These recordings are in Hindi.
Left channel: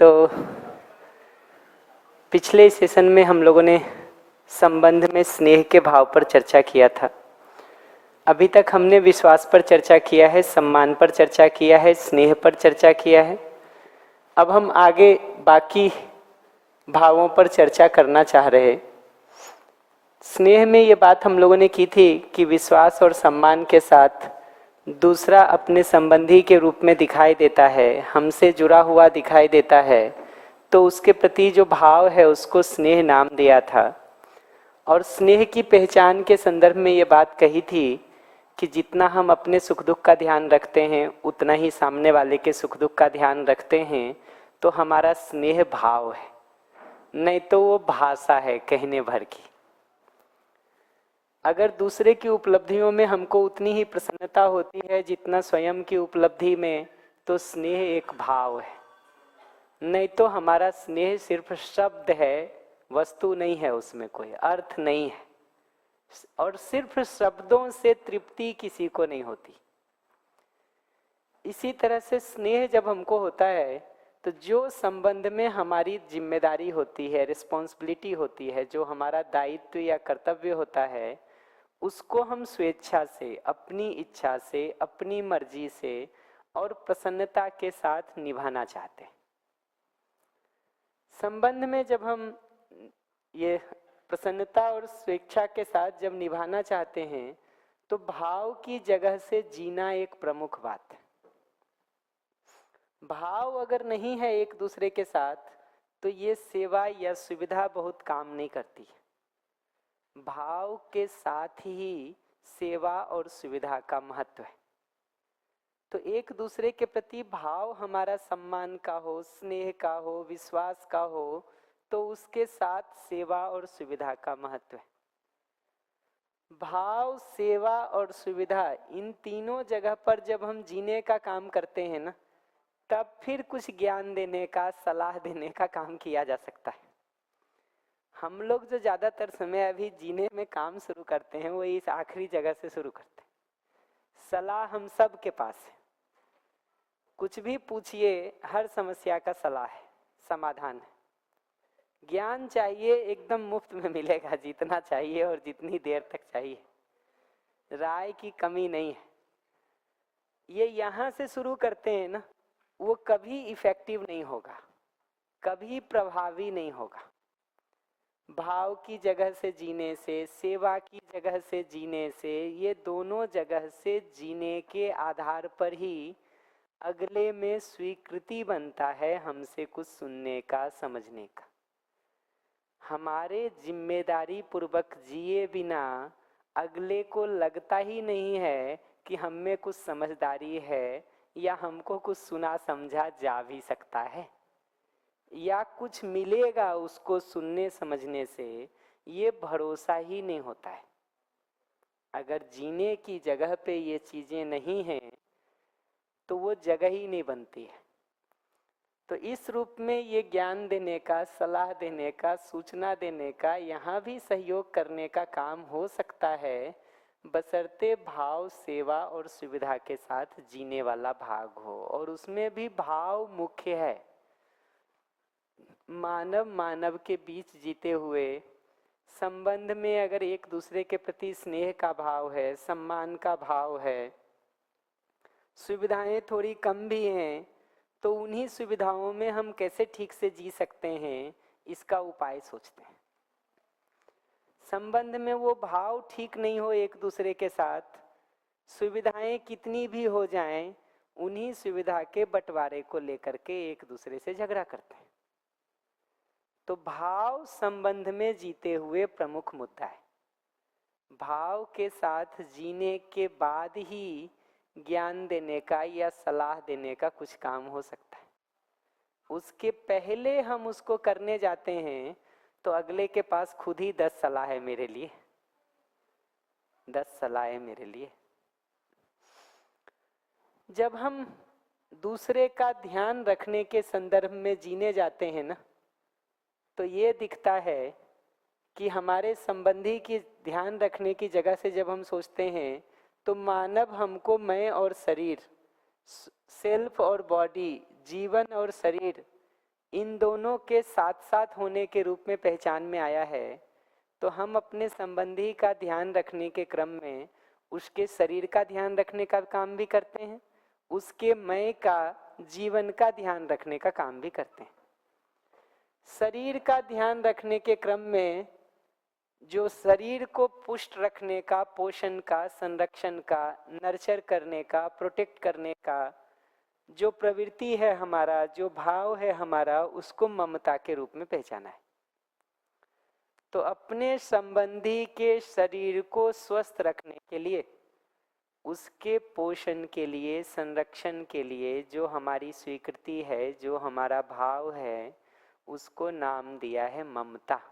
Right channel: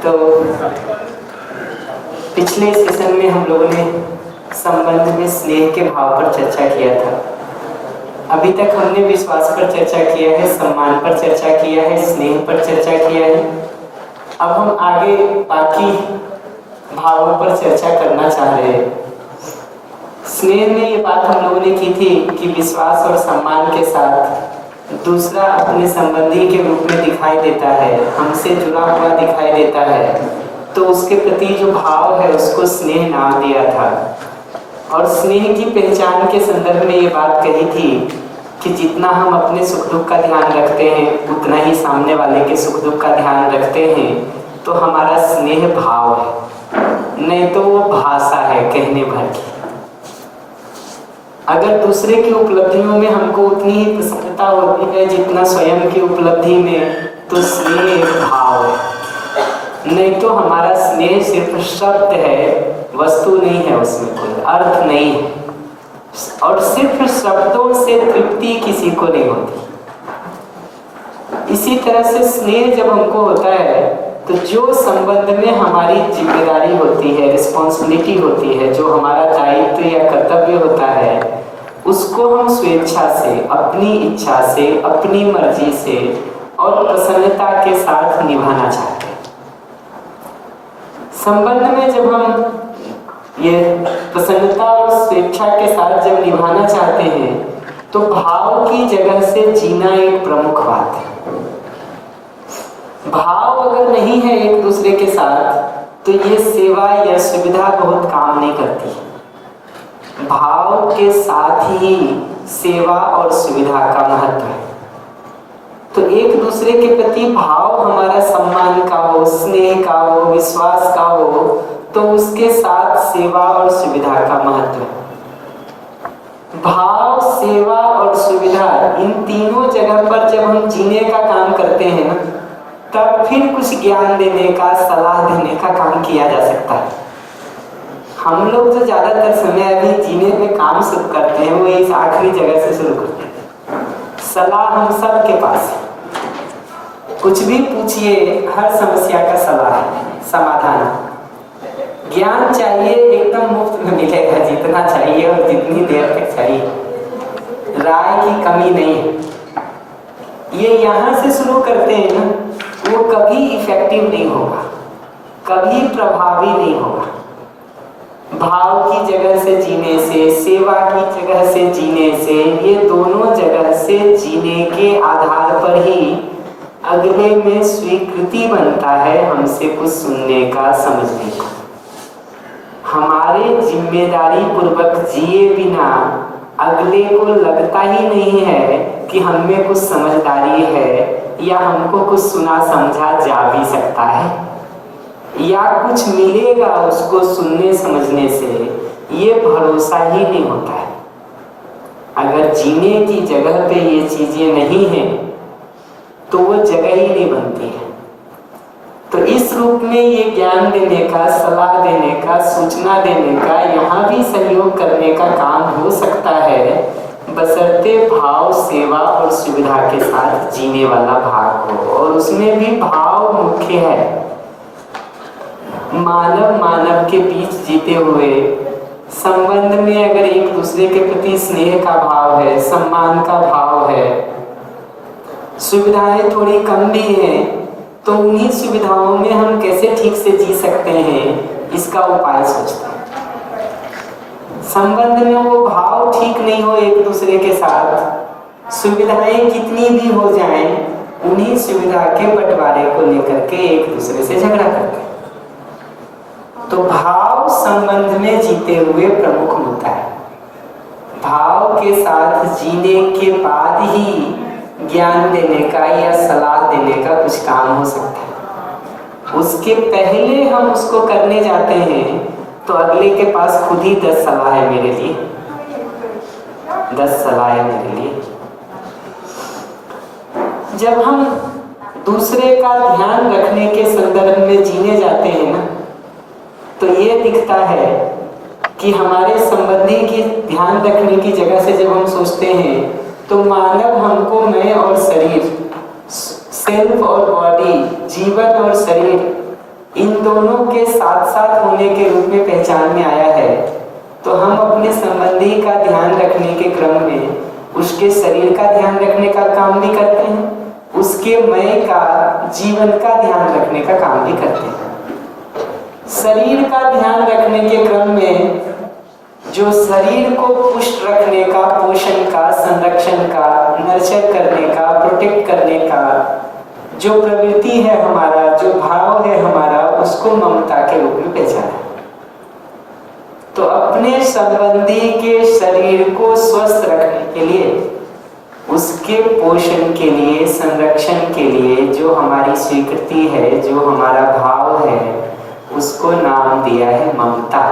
तो पिछले सेशन में हम लोगों ने संबंध में स्नेह के भाव पर चर्चा किया था। अभी तक हमने विश्वास पर चर्चा किया है, सम्मान पर चर्चा किया है, स्नेह पर चर्चा किया है। अब हम आगे बाकी भावों पर चर्चा करना चाह रहे हैं। स्नेह में ये बात हम लोगों ने की थी कि विश्वास और सम्मान के साथ दूसरा अपने संबंधी के रूप में दिखाई देता है, हमसे जुड़ा हुआ दिखाई देता है, तो उसके प्रति जो भाव है उसको स्नेह नाम दिया था। और स्नेह की पहचान के संदर्भ में ये बात कही थी कि जितना हम अपने सुख दुख का ध्यान रखते हैं उतना ही सामने वाले के सुख दुख का ध्यान रखते हैं, तो हमारा स्नेह भाव है, नहीं तो वो भाषा है कहने भर की। अगर दूसरे की उपलब्धियों में हमको उतनी ही प्रसन्नता होती है जितना स्वयं की उपलब्धि में, तो स्नेह एक भाव है, नहीं तो हमारा स्नेह सिर्फ शब्द है, वस्तु नहीं है, उसमें कोई अर्थ नहीं है। और सिर्फ शब्दों से तृप्ति किसी को नहीं होती। इसी तरह से स्नेह जब हमको होता है तो जो संबंध में हमारी जिम्मेदारी होती है, रिस्पॉन्सिबिलिटी होती है, जो हमारा दायित्व या कर्तव्य होता है, उसको हम स्वेच्छा से, अपनी इच्छा से, अपनी मर्जी से और प्रसन्नता के साथ निभाना चाहते हैं। संबंध में जब हम ये प्रसन्नता और स्वेच्छा के साथ जब निभाना चाहते हैं तो भाव की जगह से जीना एक प्रमुख बात है। भाव अगर नहीं है एक दूसरे के साथ तो ये सेवा या सुविधा बहुत काम नहीं करती। भाव के साथ ही सेवा और सुविधा का महत्व है। तो एक दूसरे के प्रति भाव हमारा सम्मान का हो, स्नेह का हो, विश्वास का हो, तो उसके साथ सेवा और सुविधा का महत्व है। भाव, सेवा और सुविधा, इन तीनों जगह पर जब हम जीने का काम करते हैं ना, तब फिर कुछ ज्ञान देने का, सलाह देने का काम किया जा सकता है। हम लोग जो ज्यादातर समय अभी जीने में काम शुरू करते हैं वो इस आखिरी जगह से शुरू करते हैं। सलाह हम सब के पास है, कुछ भी पूछिए, हर समस्या का सलाह है, समाधान है। ज्ञान चाहिए एकदम मुफ्त में मिलेगा, जितना चाहिए और जितनी देर तक चाहिए, राय की कमी नहीं है। ये यहाँ से शुरू करते हैं ना, वो कभी इफेक्टिव नहीं होगा, कभी प्रभावी नहीं होगा। भाव की जगह से जीने से, सेवा की जगह से जीने से, ये दोनों जगह से जीने के आधार पर ही अगले में स्वीकृति बनता है हमसे कुछ सुनने का, समझने का। हमारे जिम्मेदारी पूर्वक जिए बिना अगले को लगता ही नहीं है कि हम में कुछ समझदारी है या हमको कुछ सुना समझा जा भी सकता है या कुछ मिलेगा उसको सुनने समझने से, ये भरोसा ही नहीं होता है। अगर जीने की जगह पे ये चीजें नहीं हैं तो वो जगह ही नहीं बनती है। तो इस रूप में ये ज्ञान देने का, सलाह देने का, सूचना देने का, यहाँ भी सहयोग करने का काम हो सकता है, बशर्ते भाव, सेवा और सुविधा के साथ जीने वाला भाग हो। और उसमें भी भाव मुख्य है। मानव मानव के बीच जीते हुए संबंध में अगर एक दूसरे के प्रति स्नेह का भाव है, सम्मान का भाव है, सुविधाएं थोड़ी कम भी हैं, तो उन्हीं सुविधाओं में हम कैसे ठीक से जी सकते हैं, इसका उपाय सोचते हैं। संबंध में वो भाव ठीक नहीं हो एक दूसरे के साथ, सुविधाएं कितनी भी हो जाएं, उन्हीं सुविधा के बंटवारे को लेकर के एक दूसरे से झगड़ा करते हैं। तो भाव संबंध में जीते हुए प्रमुख मुद्दा है। भाव के साथ जीने के बाद ही ज्ञान देने का या सलाह देने का कुछ काम हो सकता है। उसके pहले हम उसको करने जाते हैं तो अगले के पास खुद ही 10 सलाह है मेरे लिए, 10 सलाह है मेरे लिए। जब हम दूसरे का ध्यान रखने के संदर्भ में जीने जाते हैं ना, तो ये दिखता है कि हमारे संबंधी की ध्यान रखने की जगह से जब हम सोचते हैं तो मानव हमको, मैं और शरीर, सेल्फ और बॉडी, जीवन और शरीर, दोनों के साथ साथ होने के रूप में पहचान में आया है, तो हम अपने संबंधी का ध्यान रखने के क्रम में उसके शरीर का ध्यान रखने का काम भी करते हैं, उसके मय का, जीवन का ध्यान रखने का काम भी करते हैं। शरीर का ध्यान रखने के क्रम में जो शरीर को पुष्ट रखने का, पोषण का, संरक्षण का, नर्चर करने का, प्रोटेक्ट करने का जो प्रवृत्ति है हमारा, जो भाव है हमारा, उसको ममता के रूप में पहचाना। तो अपने संबंधी के शरीर को स्वस्थ रखने के लिए, उसके पोषण के लिए, संरक्षण के लिए जो हमारी स्वीकृति है, जो हमारा भाव है, उसको नाम दिया है ममता।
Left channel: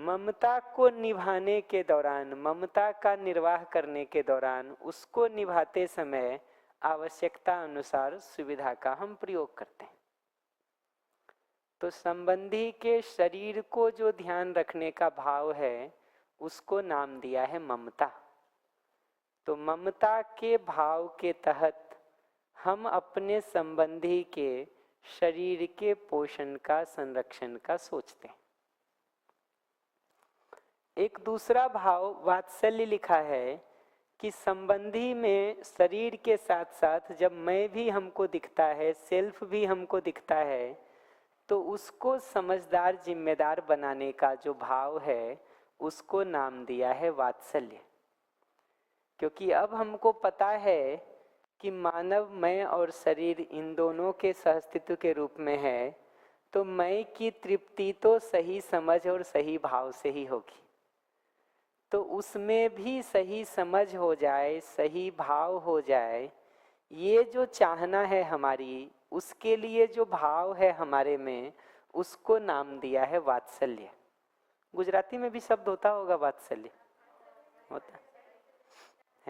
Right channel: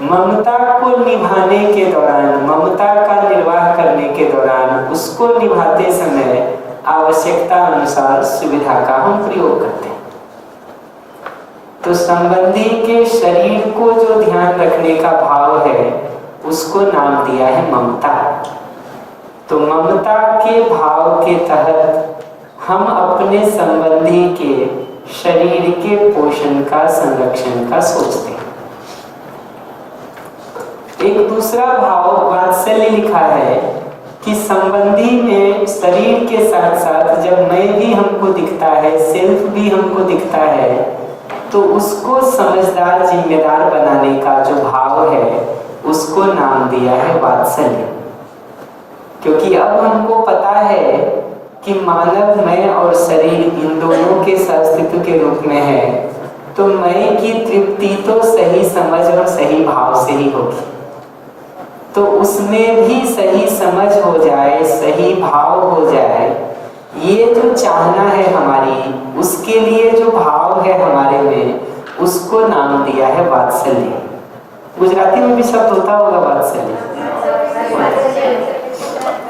ममता को निभाने के दौरान, ममता का निर्वाह करने के दौरान, उसको निभाते समय आवश्यकता अनुसार सुविधा का हम प्रयोग करते हैं। तो संबंधी के शरीर को जो ध्यान रखने का भाव है, उसको नाम दिया है ममता। तो ममता के भाव के तहत हम अपने संबंधी के शरीर के पोषण का, संरक्षण का सोचते हैं। एक दूसरा भाव वात्सल्य लिखा है कि संबंधी में शरीर के साथ साथ जब मैं भी हमको दिखता है, सेल्फ भी हमको दिखता है, तो उसको समझदार, जिम्मेदार बनाने का जो भाव है, उसको नाम दिया है वात्सल्य। क्योंकि अब हमको पता है कि मानव मैं और शरीर इन दोनों के अस्तित्व के रूप में है, तो मैं की तृप्ति तो सही समझ और सही भाव से ही होगी। तो उसमें भी सही समझ हो जाए, सही भाव हो जाए, ये जो चाहना है हमारी, उसके लिए जो भाव है हमारे में, उसको नाम दिया है वात्सल्य। गुजराती में भी शब्द होता होगा वात्सल्य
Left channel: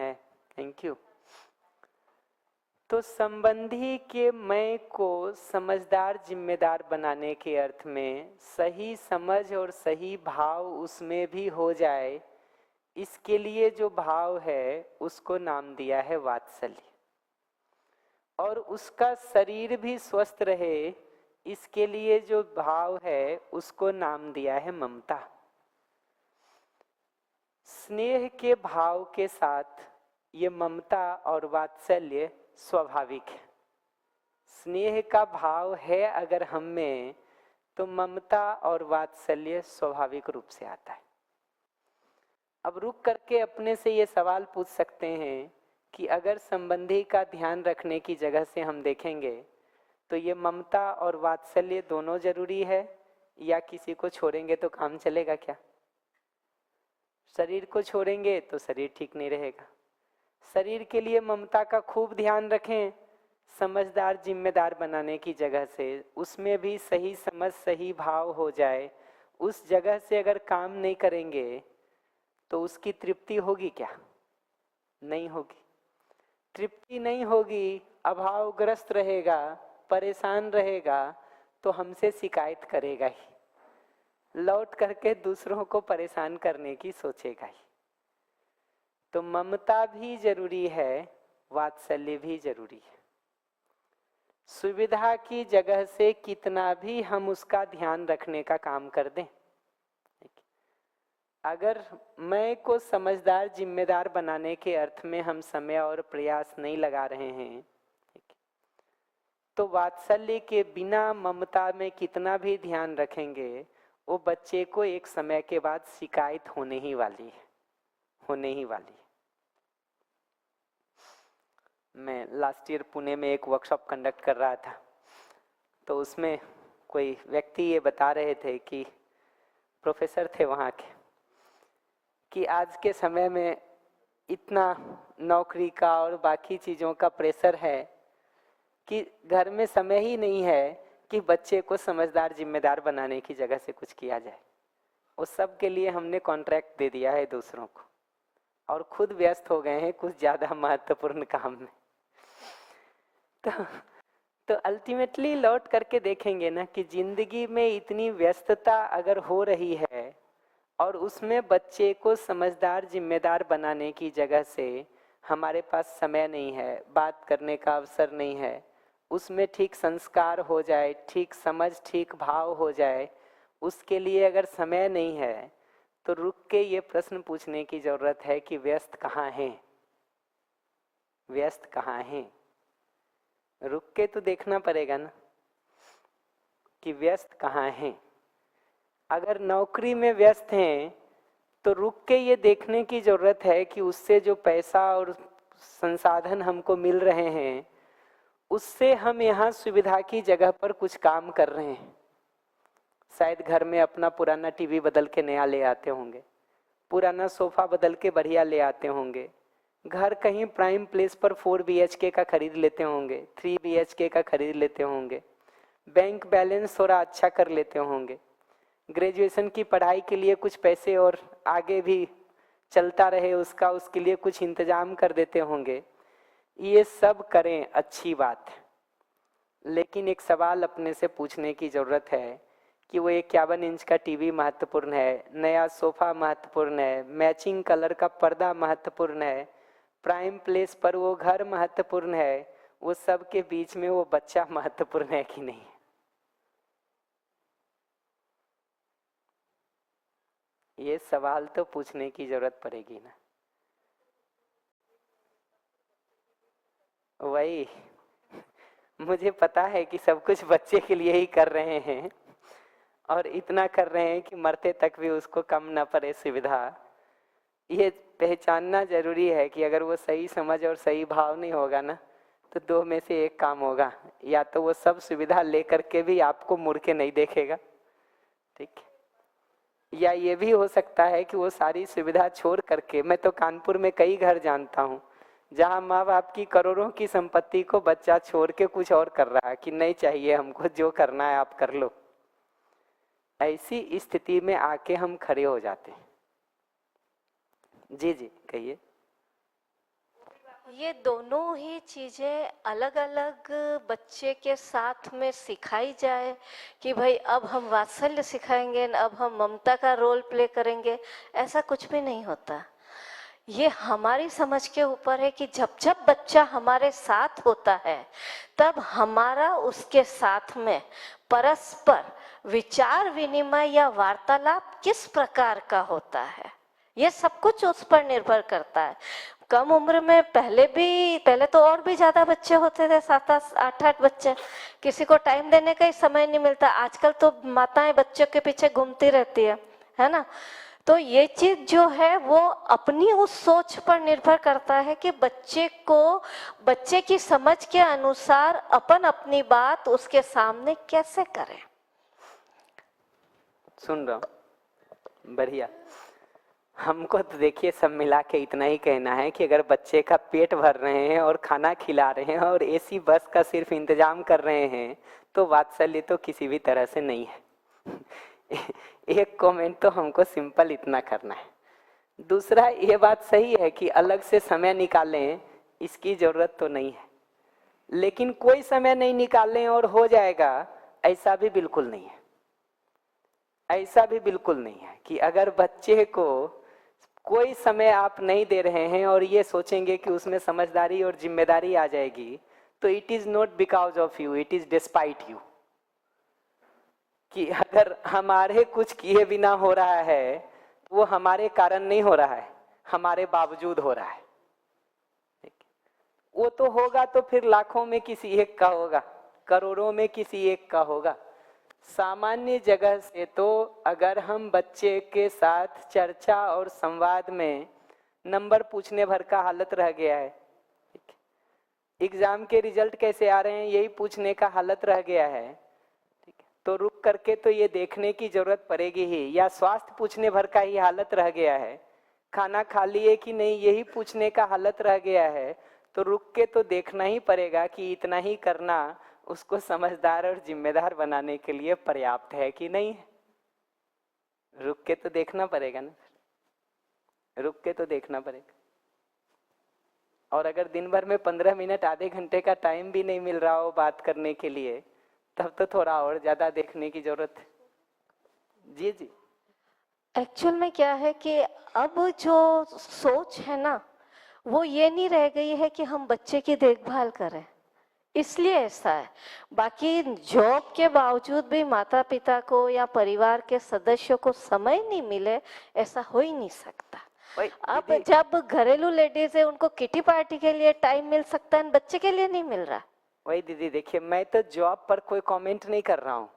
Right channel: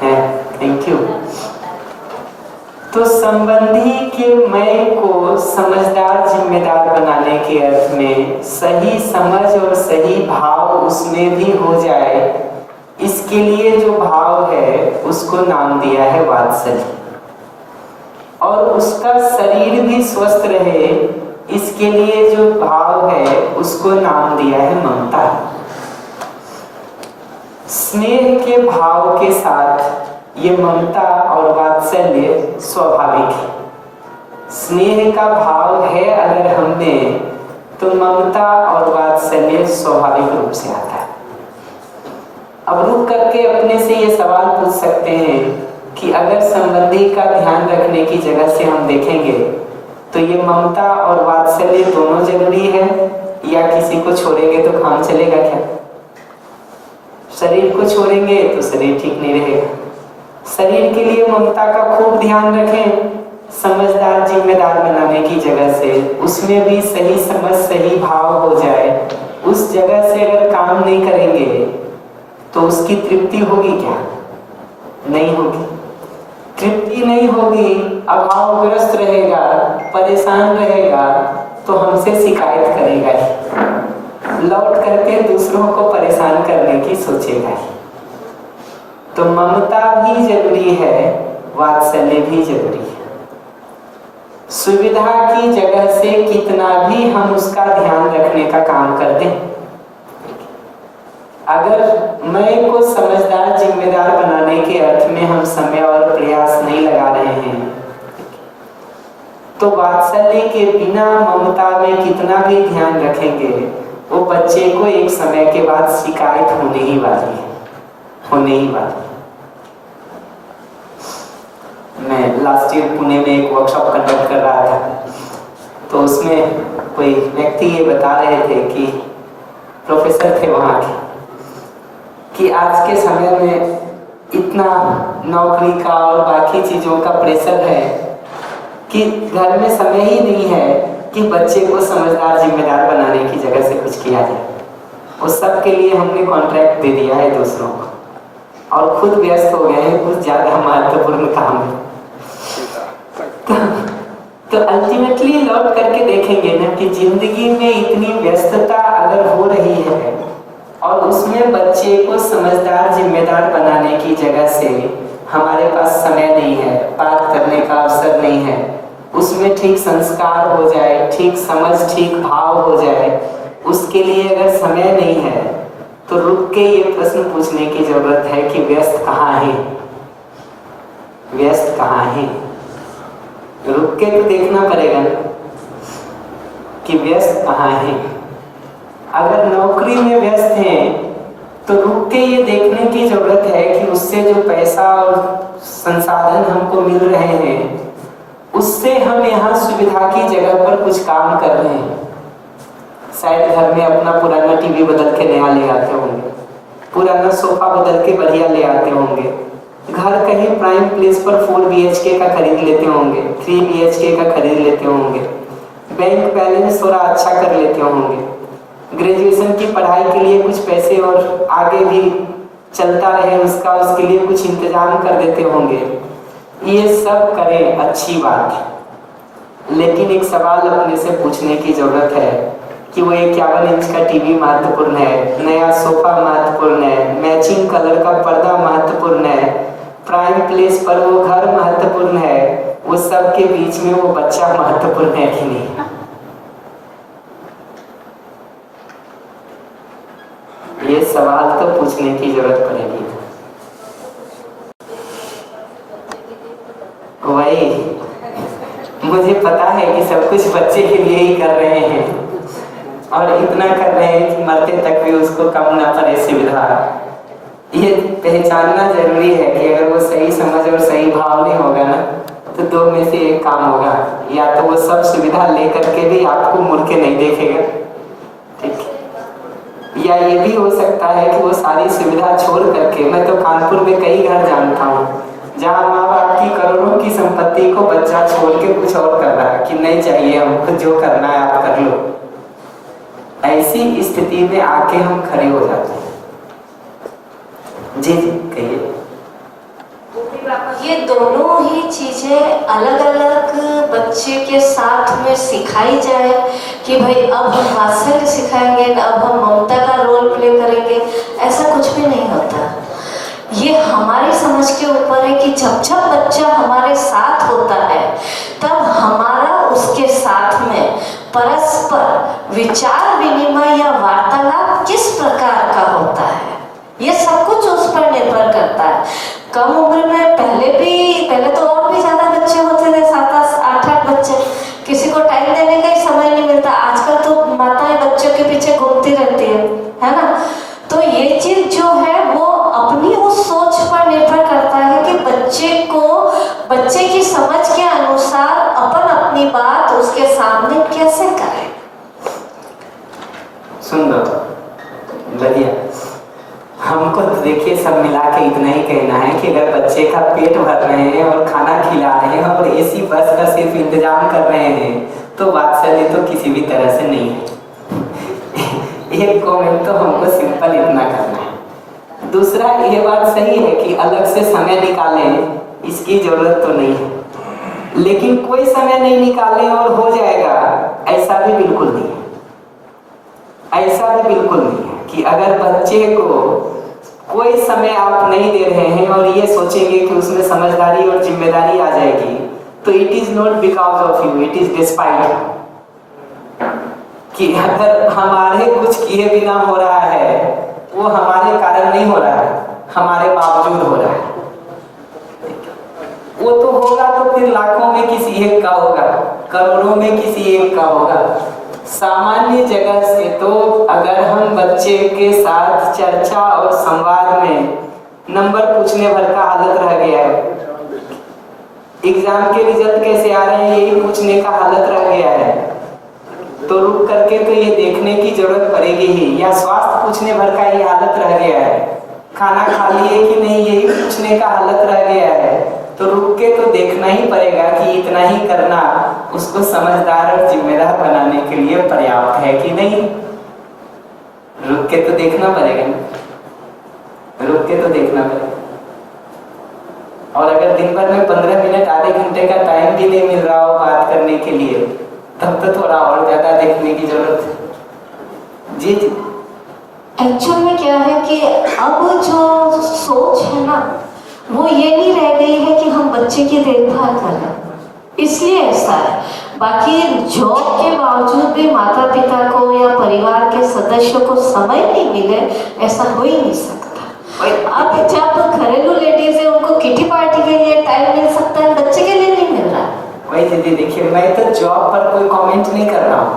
है। Thank you. तो संबंधी के मैं को समझदार, जिम्मेदार बनाने के अर्थ में सही समझ और सही भाव उसमें भी हो जाए, इसके लिए जो भाव है उसको नाम दिया है वात्सल्य। और उसका शरीर भी स्वस्थ रहे, इसके लिए जो भाव है उसको नाम दिया है ममता। स्नेह के भाव के साथ ये ममता और वात्सल्य स्वाभाविक है। स्नेह का भाव है अगर हमने, तो ममता और वात्सल्य स्वाभाविक रूप से आता है। अब रुक करके अपने से ये सवाल पूछ सकते हैं कि अगर संबंधी का ध्यान रखने की जगह से हम देखेंगे, तो ये ममता और वात्सल्य दोनों जरूरी है, या किसी को छोड़ेंगे तो काम चलेगा क्या? शरीर को छोड़ेंगे तो शरीर ठीक नहीं रहेगा। शरीर के लिए ममता का खूब ध्यान रखें, समझदार, जिम्मेदार बनाने की जगह से, उसमें भी सही समझ, सही भाव हो जाए। उस जगह से अगर काम नहीं करेंगे तो उसकी तृप्ति होगी क्या? नहीं होगी। तृप्ति नहीं होगी, अभावग्रस्त रहेगा, परेशान रहेगा, तो हमसे शिकायत करेगा ही, लौट करके दूसरों को परेशान करने की सोचेगा ही। तो ममता भी जरूरी है, वात्सल्य भी जरूरी है। सुविधा की जगह से कितना भी हम उसका ध्यान रखने का काम कर दें, अगर मैं को समझदार, जिम्मेदार बनाने के अर्थ में हम समय और प्रयास नहीं लगा रहे हैं, तो वात्सल्य के बिना ममता में कितना भी ध्यान रखेंगे, वो बच्चे को एक समय के बाद शिकायत होने ही वाली है, होने ही वाली है। मैं लास्ट ईयर पुणे में एक वर्कशॉप कंडक्ट कर रहा था, तो उसमें कोई व्यक्ति ये बता रहे थे कि प्रोफेसर थे वहाँ के, कि आज के समय में इतना नौकरी का और बाकी चीज़ों का प्रेशर है कि घर में समय ही नहीं है कि बच्चे को समझदार, जिम्मेदार बनाने की जगह से कुछ किया जाए। उस सब के लिए हमने कॉन्ट्रैक्ट दे दिया है दूसरों को और खुद व्यस्त हो गए हैं कुछ ज़्यादा महत्वपूर्ण काम में। तो अल्टीमेटली लौट करके देखेंगे ना कि जिंदगी में इतनी व्यस्तता अगर हो रही है और उसमें बच्चे को समझदार, जिम्मेदार बनाने की जगह से हमारे पास समय नहीं है, बात करने का अवसर नहीं है, उसमें उसमें ठीक संस्कार हो जाए, ठीक समझ, ठीक भाव हो जाए, उसके लिए अगर समय नहीं है तो रुक के ये प्रश्न पूछने की जरूरत है कि व्यस्त कहाँ है, व्यस्त कहाँ है। रुक के तो देखना पड़ेगा ना कि व्यस्त कहाँ है। अगर नौकरी में व्यस्त हैं तो रुक के ये देखने की जरूरत है कि उससे जो पैसा और संसाधन हमको मिल रहे हैं उससे हम यहाँ सुविधा की जगह पर कुछ काम कर रहे हैं। शायद घर में अपना पुराना टीवी बदल के नया ले आते होंगे, पुराना सोफा बदल के बढ़िया ले आते होंगे, घर कहीं प्राइम प्लेस पर 4 BHK का खरीद लेते होंगे, 3 BHK का खरीद लेते होंगे, बैंक बैलेंस थोड़ा अच्छा कर लेते होंगे, ग्रेजुएशन की पढ़ाई के लिए कुछ पैसे और आगे भी चलता रहे उसका, उसके लिए कुछ इंतजाम कर देते होंगे। ये सब करें, अच्छी बात है, लेकिन एक सवाल अपने से पूछने की जरूरत है कि वो 51 इंच का टीवी महत्वपूर्ण है, नया सोफा महत्वपूर्ण है, मैचिंग कलर का पर्दा महत्वपूर्ण है, प्राइम प्लेस पर वो घर महत्वपूर्ण है, वो सब के बीच में वो बच्चा महत्वपूर्ण है कि नहीं? ये सवाल तो पूछने की जरूरत पड़ेगी। वही मुझे पता है कि सब कुछ बच्चे के लिए ही कर रहे हैं और इतना कर रहे हैं कि मरते तक भी उसको कम ना पड़े सुविधा। ये पहचानना जरूरी है कि अगर वो सही समझ और सही भाव नहीं होगा ना तो 2 में से एक काम होगा, या तो वो सब सुविधा लेकर के भी आपको मुड़ के नहीं देखेगा, ठीक, या ये भी हो सकता है कि वो सारी सुविधा छोड़ करके, मैं तो कानपुर में कई घर जानता हूँ जहाँ माँ बाप की करोड़ों की संपत्ति को बच्चा छोड़ के कुछ और कर रहा है कि नहीं चाहिए हमको, जो करना है आप कर लो। ऐसी स्थिति में आके हम खड़े हो जाते हैं। जी जी कहिए। ये दोनों ही चीजें अलग अलग बच्चे के साथ में सिखाई जाए कि भाई अब हम हास्य सिखाएंगे, अब हम ममता का रोल प्ले करेंगे, ऐसा कुछ भी नहीं होता। ये हमारी समझ के ऊपर है कि जब जब बच्चा हमारे साथ होता है तब हमारा उसके साथ में परस्पर विचार विनिमय या वार्तालाप किस प्रकार का होता है, ये सब कुछ उस पर निर्भर करता है। कम उम्र में पहले तो और भी ज्यादा बच्चे होते थे, 7-8 बच्चे, किसी को टाइम देने का ही समय नहीं मिलता। आजकल तो माताएं बच्चों के पीछे घूमती रहती है ना। तो ये चीज जो है वो अपनी उस सोच पर निर्भर करता है कि बच्चे की समझ के अनुसार अपन अपनी बात उसके सामने कैसे करें। सुंदर, बढ़िया। हमको तो देखिए सब मिला के इतना ही कहना है कि अगर बच्चे का पेट भर रहे हैं और खाना खिला रहे हैं और एसी बस का सिर्फ इंतजाम कर रहे हैं तो वात्सल्य तो किसी भी तरह से नहीं है। एक कमेंट तो हमको सिंपल इतना करना है। दूसरा, ये बात सही है कि अलग से समय निकालें, इसकी जरूरत तो नहीं है, लेकिन कोई समय नहीं निकालें और हो जाएगा, ऐसा भी बिल्कुल नहीं है। ऐसा भी बिल्कुल नहीं है कि अगर बच्चे को कोई समय आप नहीं दे रहे हैं और ये सोचेंगे कि उसमें समझदारी और जिम्मेदारी आ जाएगी, तो it is not because of you, it is despite. कि अगर हमारे कुछ किए बिना हो रहा है वो हमारे कारण नहीं हो रहा है, हमारे बावजूद हो रहा है। वो तो होगा तो फिर लाखों में किसी एक का होगा, करोड़ों में किसी एक का होगा। सामान्य जगह से तो अगर हम बच्चे के साथ चर्चा और संवाद में नंबर पूछने भर का हालत रह गया है, एग्जाम के रिजल्ट कैसे आ रहे हैं यही पूछने का हालत रह गया है, तो रुक करके तो ये देखने की जरूरत पड़ेगी ही। या स्वास्थ्य पूछने भर का ये हालत रह गया है, खाना खा लिए कि नहीं यही पूछने का हालत रह गया है, तो रुक के तो देखना ही पड़ेगा कि इतना ही करना उसको समझदार और जिम्मेदार बनाने के लिए पर्याप्त है कि नहीं। रुक के तो देखना पड़ेगा, रुक के तो देखना पड़ेगा। और अगर दिन भर में 15 मिनट आधे घंटे का टाइम भी नहीं मिल रहा हो बात करने के लिए, तब तो थोड़ा और ज्यादा देखने की जरूरत है। जी जी। एक्चुअल में क्या है कि अब जो सोच है ना वो ये नहीं रह गई है कि हम बच्चे की देखभाल कर रहे हैं। इसलिए ऐसा है। बाकी जॉब के बावजूद भी माता पिता को या परिवार के सदस्यों को समय नहीं मिले, ऐसा हो ही नहीं सकता। अब जब घरेलू लेडीज है उनको किटी पार्टी के लिए टाइम मिल सकता है, बच्चे के लिए नहीं मिल रहा। वही दीदी देखिए, मैं तो जॉब पर कोई कमेंट नहीं कर रहा हूँ,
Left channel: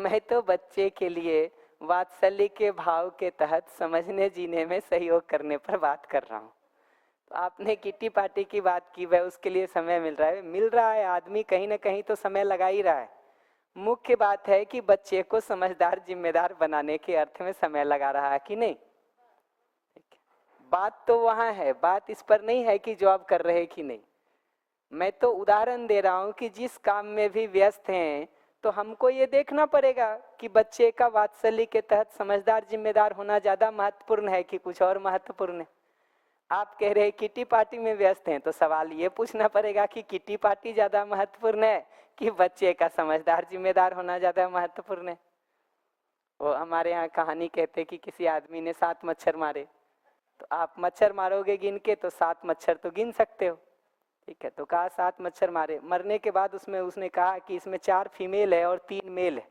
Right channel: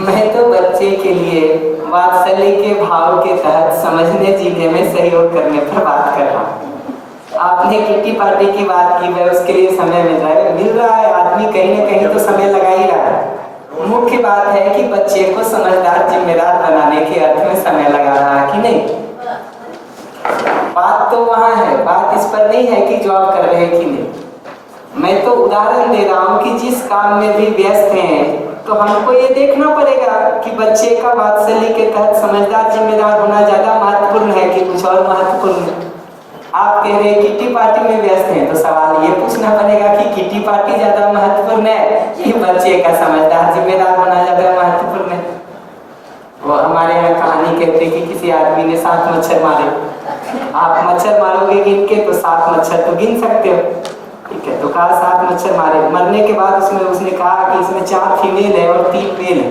मैं तो बच्चे के लिए वात्सल्य के भाव के तहत समझने जीने में सहयोग करने पर बात कर रहा हूँ। आपने किटी पार्टी की बात की है, उसके लिए समय मिल रहा है, आदमी कहीं ना कहीं तो समय लगा ही रहा है। मुख्य बात है कि बच्चे को समझदार जिम्मेदार बनाने के अर्थ में समय लगा रहा है कि नहीं। बात तो वहां है, बात इस पर नहीं है कि जॉब कर रहे हैं कि नहीं। मैं तो उदाहरण दे रहा हूँ कि जिस काम में भी व्यस्त हैं तो हमको ये देखना पड़ेगा कि बच्चे का वात्सल्य के तहत समझदार जिम्मेदार होना ज्यादा महत्वपूर्ण है कि कुछ और महत्वपूर्ण है। आप कह रहे किटी पार्टी में व्यस्त हैं तो सवाल ये पूछना पड़ेगा कि किटी पार्टी ज्यादा महत्वपूर्ण है कि बच्चे का समझदार जिम्मेदार होना ज्यादा महत्वपूर्ण है। वो हमारे यहाँ कहानी कहते कि किसी आदमी ने 7 मच्छर मारे। आप मच्छर मारोगे गिन के तो 7 मच्छर तो गिन सकते हो, ठीक है। तो कहा 7 मच्छर मारे, मरने के बाद उसने कहा कि इसमें 4 फीमेल है और 3 मेल है।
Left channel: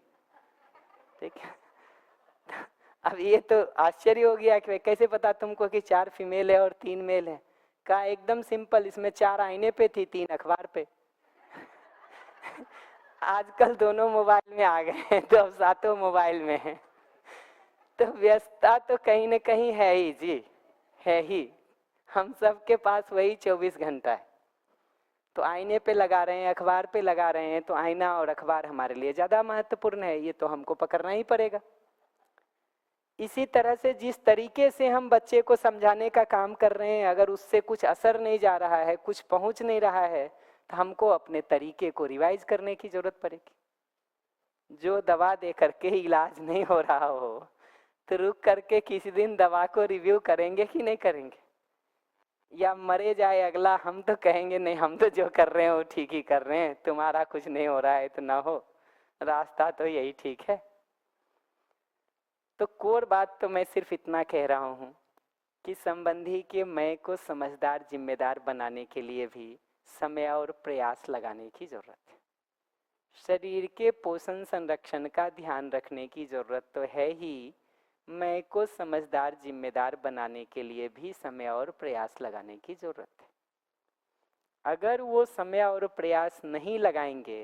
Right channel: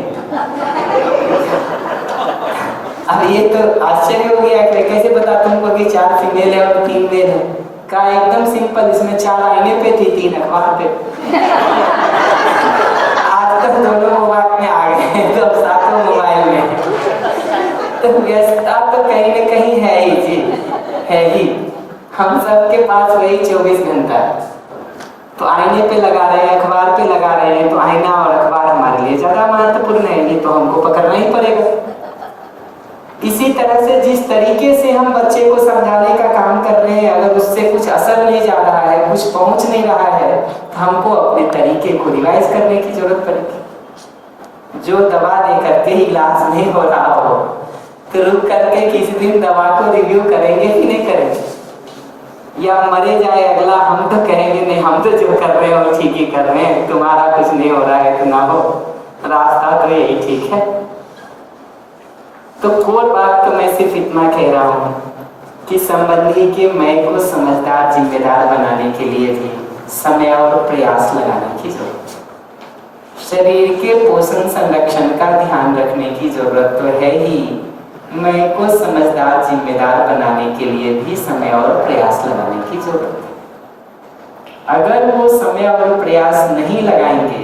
अब ये तो आश्चर्य हो गया कि कैसे बता तुमको कि 4 फीमेल है और 3 मेल है। कहा एकदम सिंपल, इसमें 4 आईने पे थी, 3 अखबार पे। आज तक दोनों मोबाइल में आ गए तो अब 7 मोबाइल में। तो व्यस्तता तो कहीं ना कहीं है ही जी, है ही। हम सबके पास वही 24 घंटा। तो आईने पे लगा रहे हैं, अखबार पे लगा रहे हैं, तो आईना और अखबार हमारे लिए ज्यादा महत्वपूर्ण है, ये तो हमको पकड़ना ही पड़ेगा। इसी तरह से जिस तरीके से हम बच्चे को समझाने का काम कर रहे हैं, अगर उससे कुछ असर नहीं जा रहा है, कुछ पहुंच नहीं रहा है, तो हमको अपने तरीके को रिवाइज करने की जरूरत पड़ेगी। जो दवा दे करके इलाज नहीं हो रहा हो तो रुक करके किसी दिन दवा को रिव्यू करेंगे कि नहीं करेंगे, या मरे जाए अगला हम तो कहेंगे नहीं हम तो जो कर रहे हैं वो ठीक ही कर रहे हैं, तुम्हारा कुछ नहीं हो रहा है तो ना हो, रास्ता तो यही ठीक है। तो कोई बात तो मैं सिर्फ इतना कह रहा हूँ कि संबंधी के मैं को समझदार जिम्मेदार बनाने के लिए भी समय और प्रयास लगाने की जरूरत है। शरीर के पोषण संरक्षण का ध्यान रखने की जरूरत तो है ही, मैं को समझदार जिम्मेदार बनाने के लिए भी समय और प्रयास लगाने की जरूरत है। अगर वो समय और प्रयास नहीं लगाएंगे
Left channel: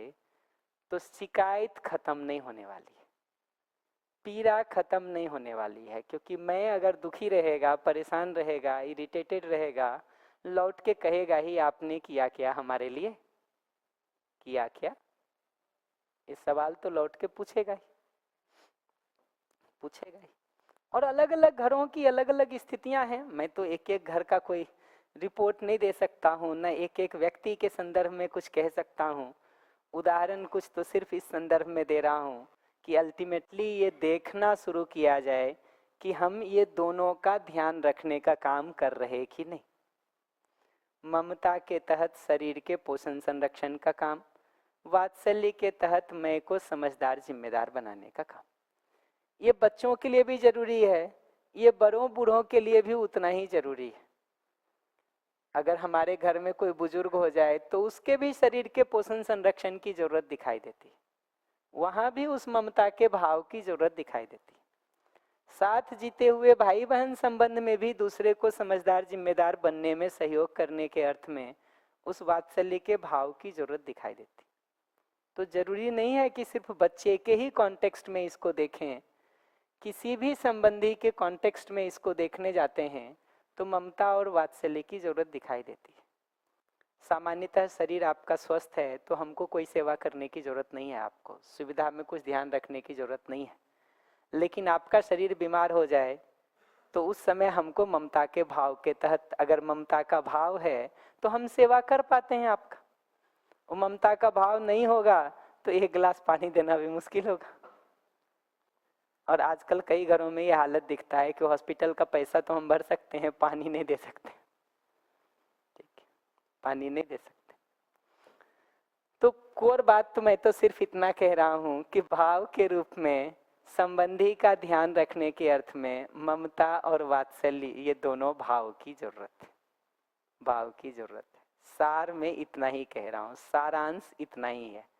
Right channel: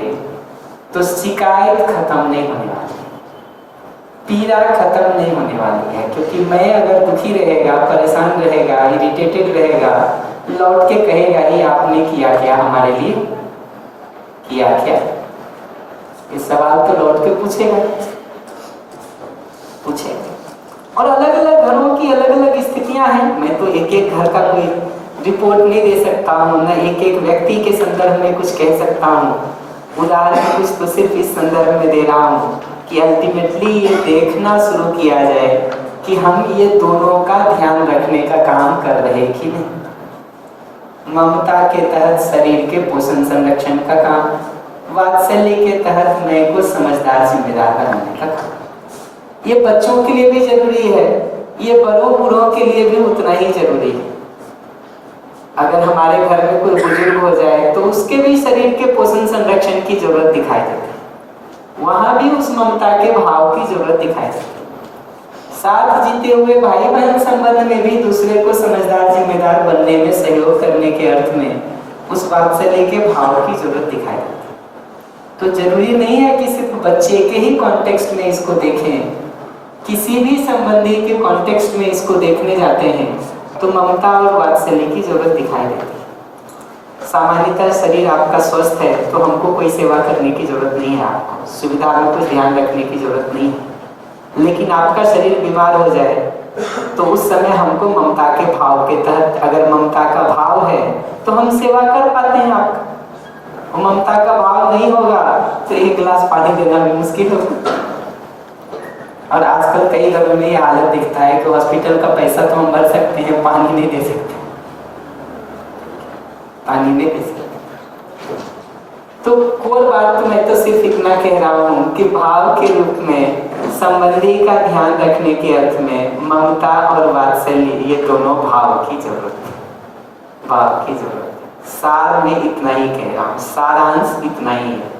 तो शिकायत खत्म नहीं होने वाली, पीड़ा खत्म नहीं होने वाली है। क्योंकि मैं अगर दुखी रहेगा, परेशान रहेगा, इरिटेटेड रहेगा, लौट के कहेगा ही आपने किया क्या हमारे लिए, किया क्या। ये सवाल तो लौट के पूछेगा। और अलग अलग घरों की अलग अलग स्थितियां हैं। मैं तो एक एक घर का कोई रिपोर्ट नहीं दे सकता हूँ, न एक एक व्यक्ति के संदर्भ में कुछ कह सकता हूँ। उदाहरण कुछ तो सिर्फ इस संदर्भ में दे रहा हूँ कि अल्टीमेटली ये देखना शुरू किया जाए कि हम ये दोनों का ध्यान रखने का काम कर रहे कि नहीं। ममता के तहत शरीर के पोषण संरक्षण का काम, वात्सल्य के तहत मैं को समझदार जिम्मेदार बनाने का काम। ये बच्चों के लिए भी जरूरी है, ये बड़ों बूढ़ों के लिए भी उतना ही जरूरी है। अगर हमारे घर में कोई बुजुर्ग हो जाए तो उसके भी शरीर के पोषण संरक्षण की जरूरत दिखाई देती है, वहां भी उस ममता के भाव की जरूरत दिखाई देती है। साथ जीते हुए भाई बहन संबंध में भी दूसरे को समझदार जिम्मेदार बनने में सहयोग करने के अर्थ में उस वात्सल्य के भाव की जरूरत दिखाई देती है। तो जरूरी नहीं है कि सिर्फ बच्चे के ही कॉन्टेक्स्ट में इसको देखें, किसी भी संबंधी के कॉन्टेक्स्ट में इसको देखने जाते हैं तो ममता और वात्सल्य की जरूरत दिखाई देती है। सामान्यतः शरीर आपका स्वस्थ है तो हमको कोई सेवा करने की जरूरत नहीं है, आपको सुविधा में कुछ ध्यान रखने की जरूरत नहीं है। लेकिन आपका शरीर बीमार हो जाए तो उस समय हमको ममता के भाव के तहत, अगर ममता का भाव है तो हम सेवा कर पाते हैं आपका। ममता का भाव नहीं होगा तो 1 गिलास पानी देना भी मुश्किल होगा। और आजकल कई घरों में यह हालत दिखता है कि हॉस्पिटल का पैसा तो हम भर सकते हैं, पानी नहीं दे सकते, पानी नहीं दे सकते। तो कोई बात तो मैं तो सिर्फ इतना कह रहा हूँ कि भाव के रूप में संबंधी का ध्यान रखने के अर्थ में ममता और वात्सल्य, ये दोनों भाव की जरूरत है, भाव की जरूरत है। सार में इतना ही कह रहा हूँ, सारांश इतना ही है,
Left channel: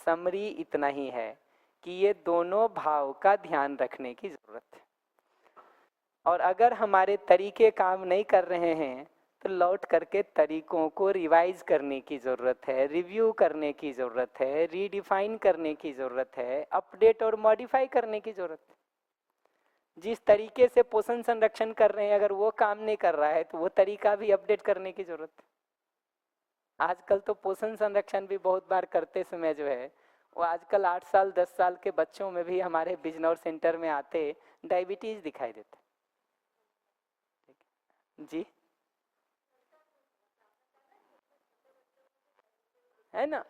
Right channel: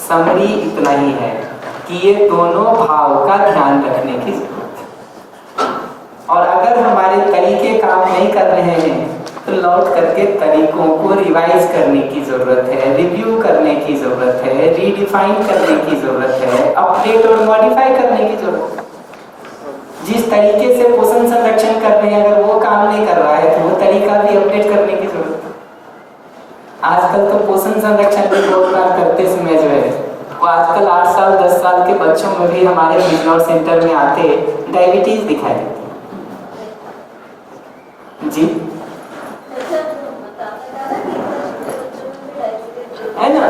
समरी इतना ही है कि ये दोनों भाव का ध्यान रखने की जरूरत है। और अगर हमारे तरीके काम नहीं कर रहे हैं तो लौट करके तरीकों को रिवाइज करने की जरूरत है, रिव्यू करने की जरूरत है, रीडिफाइन करने की जरूरत है, अपडेट और मॉडिफाई करने की जरूरत है। जिस तरीके से पोषण संरक्षण कर रहे हैं अगर वो काम नहीं कर रहा है तो वो तरीका भी अपडेट करने की जरूरत है। आजकल तो पोषण संरक्षण भी बहुत बार करते समय जो है वो आजकल 8 साल 10 साल के बच्चों में भी हमारे बिजनौर सेंटर में आते डायबिटीज दिखाई देती जी, है ना,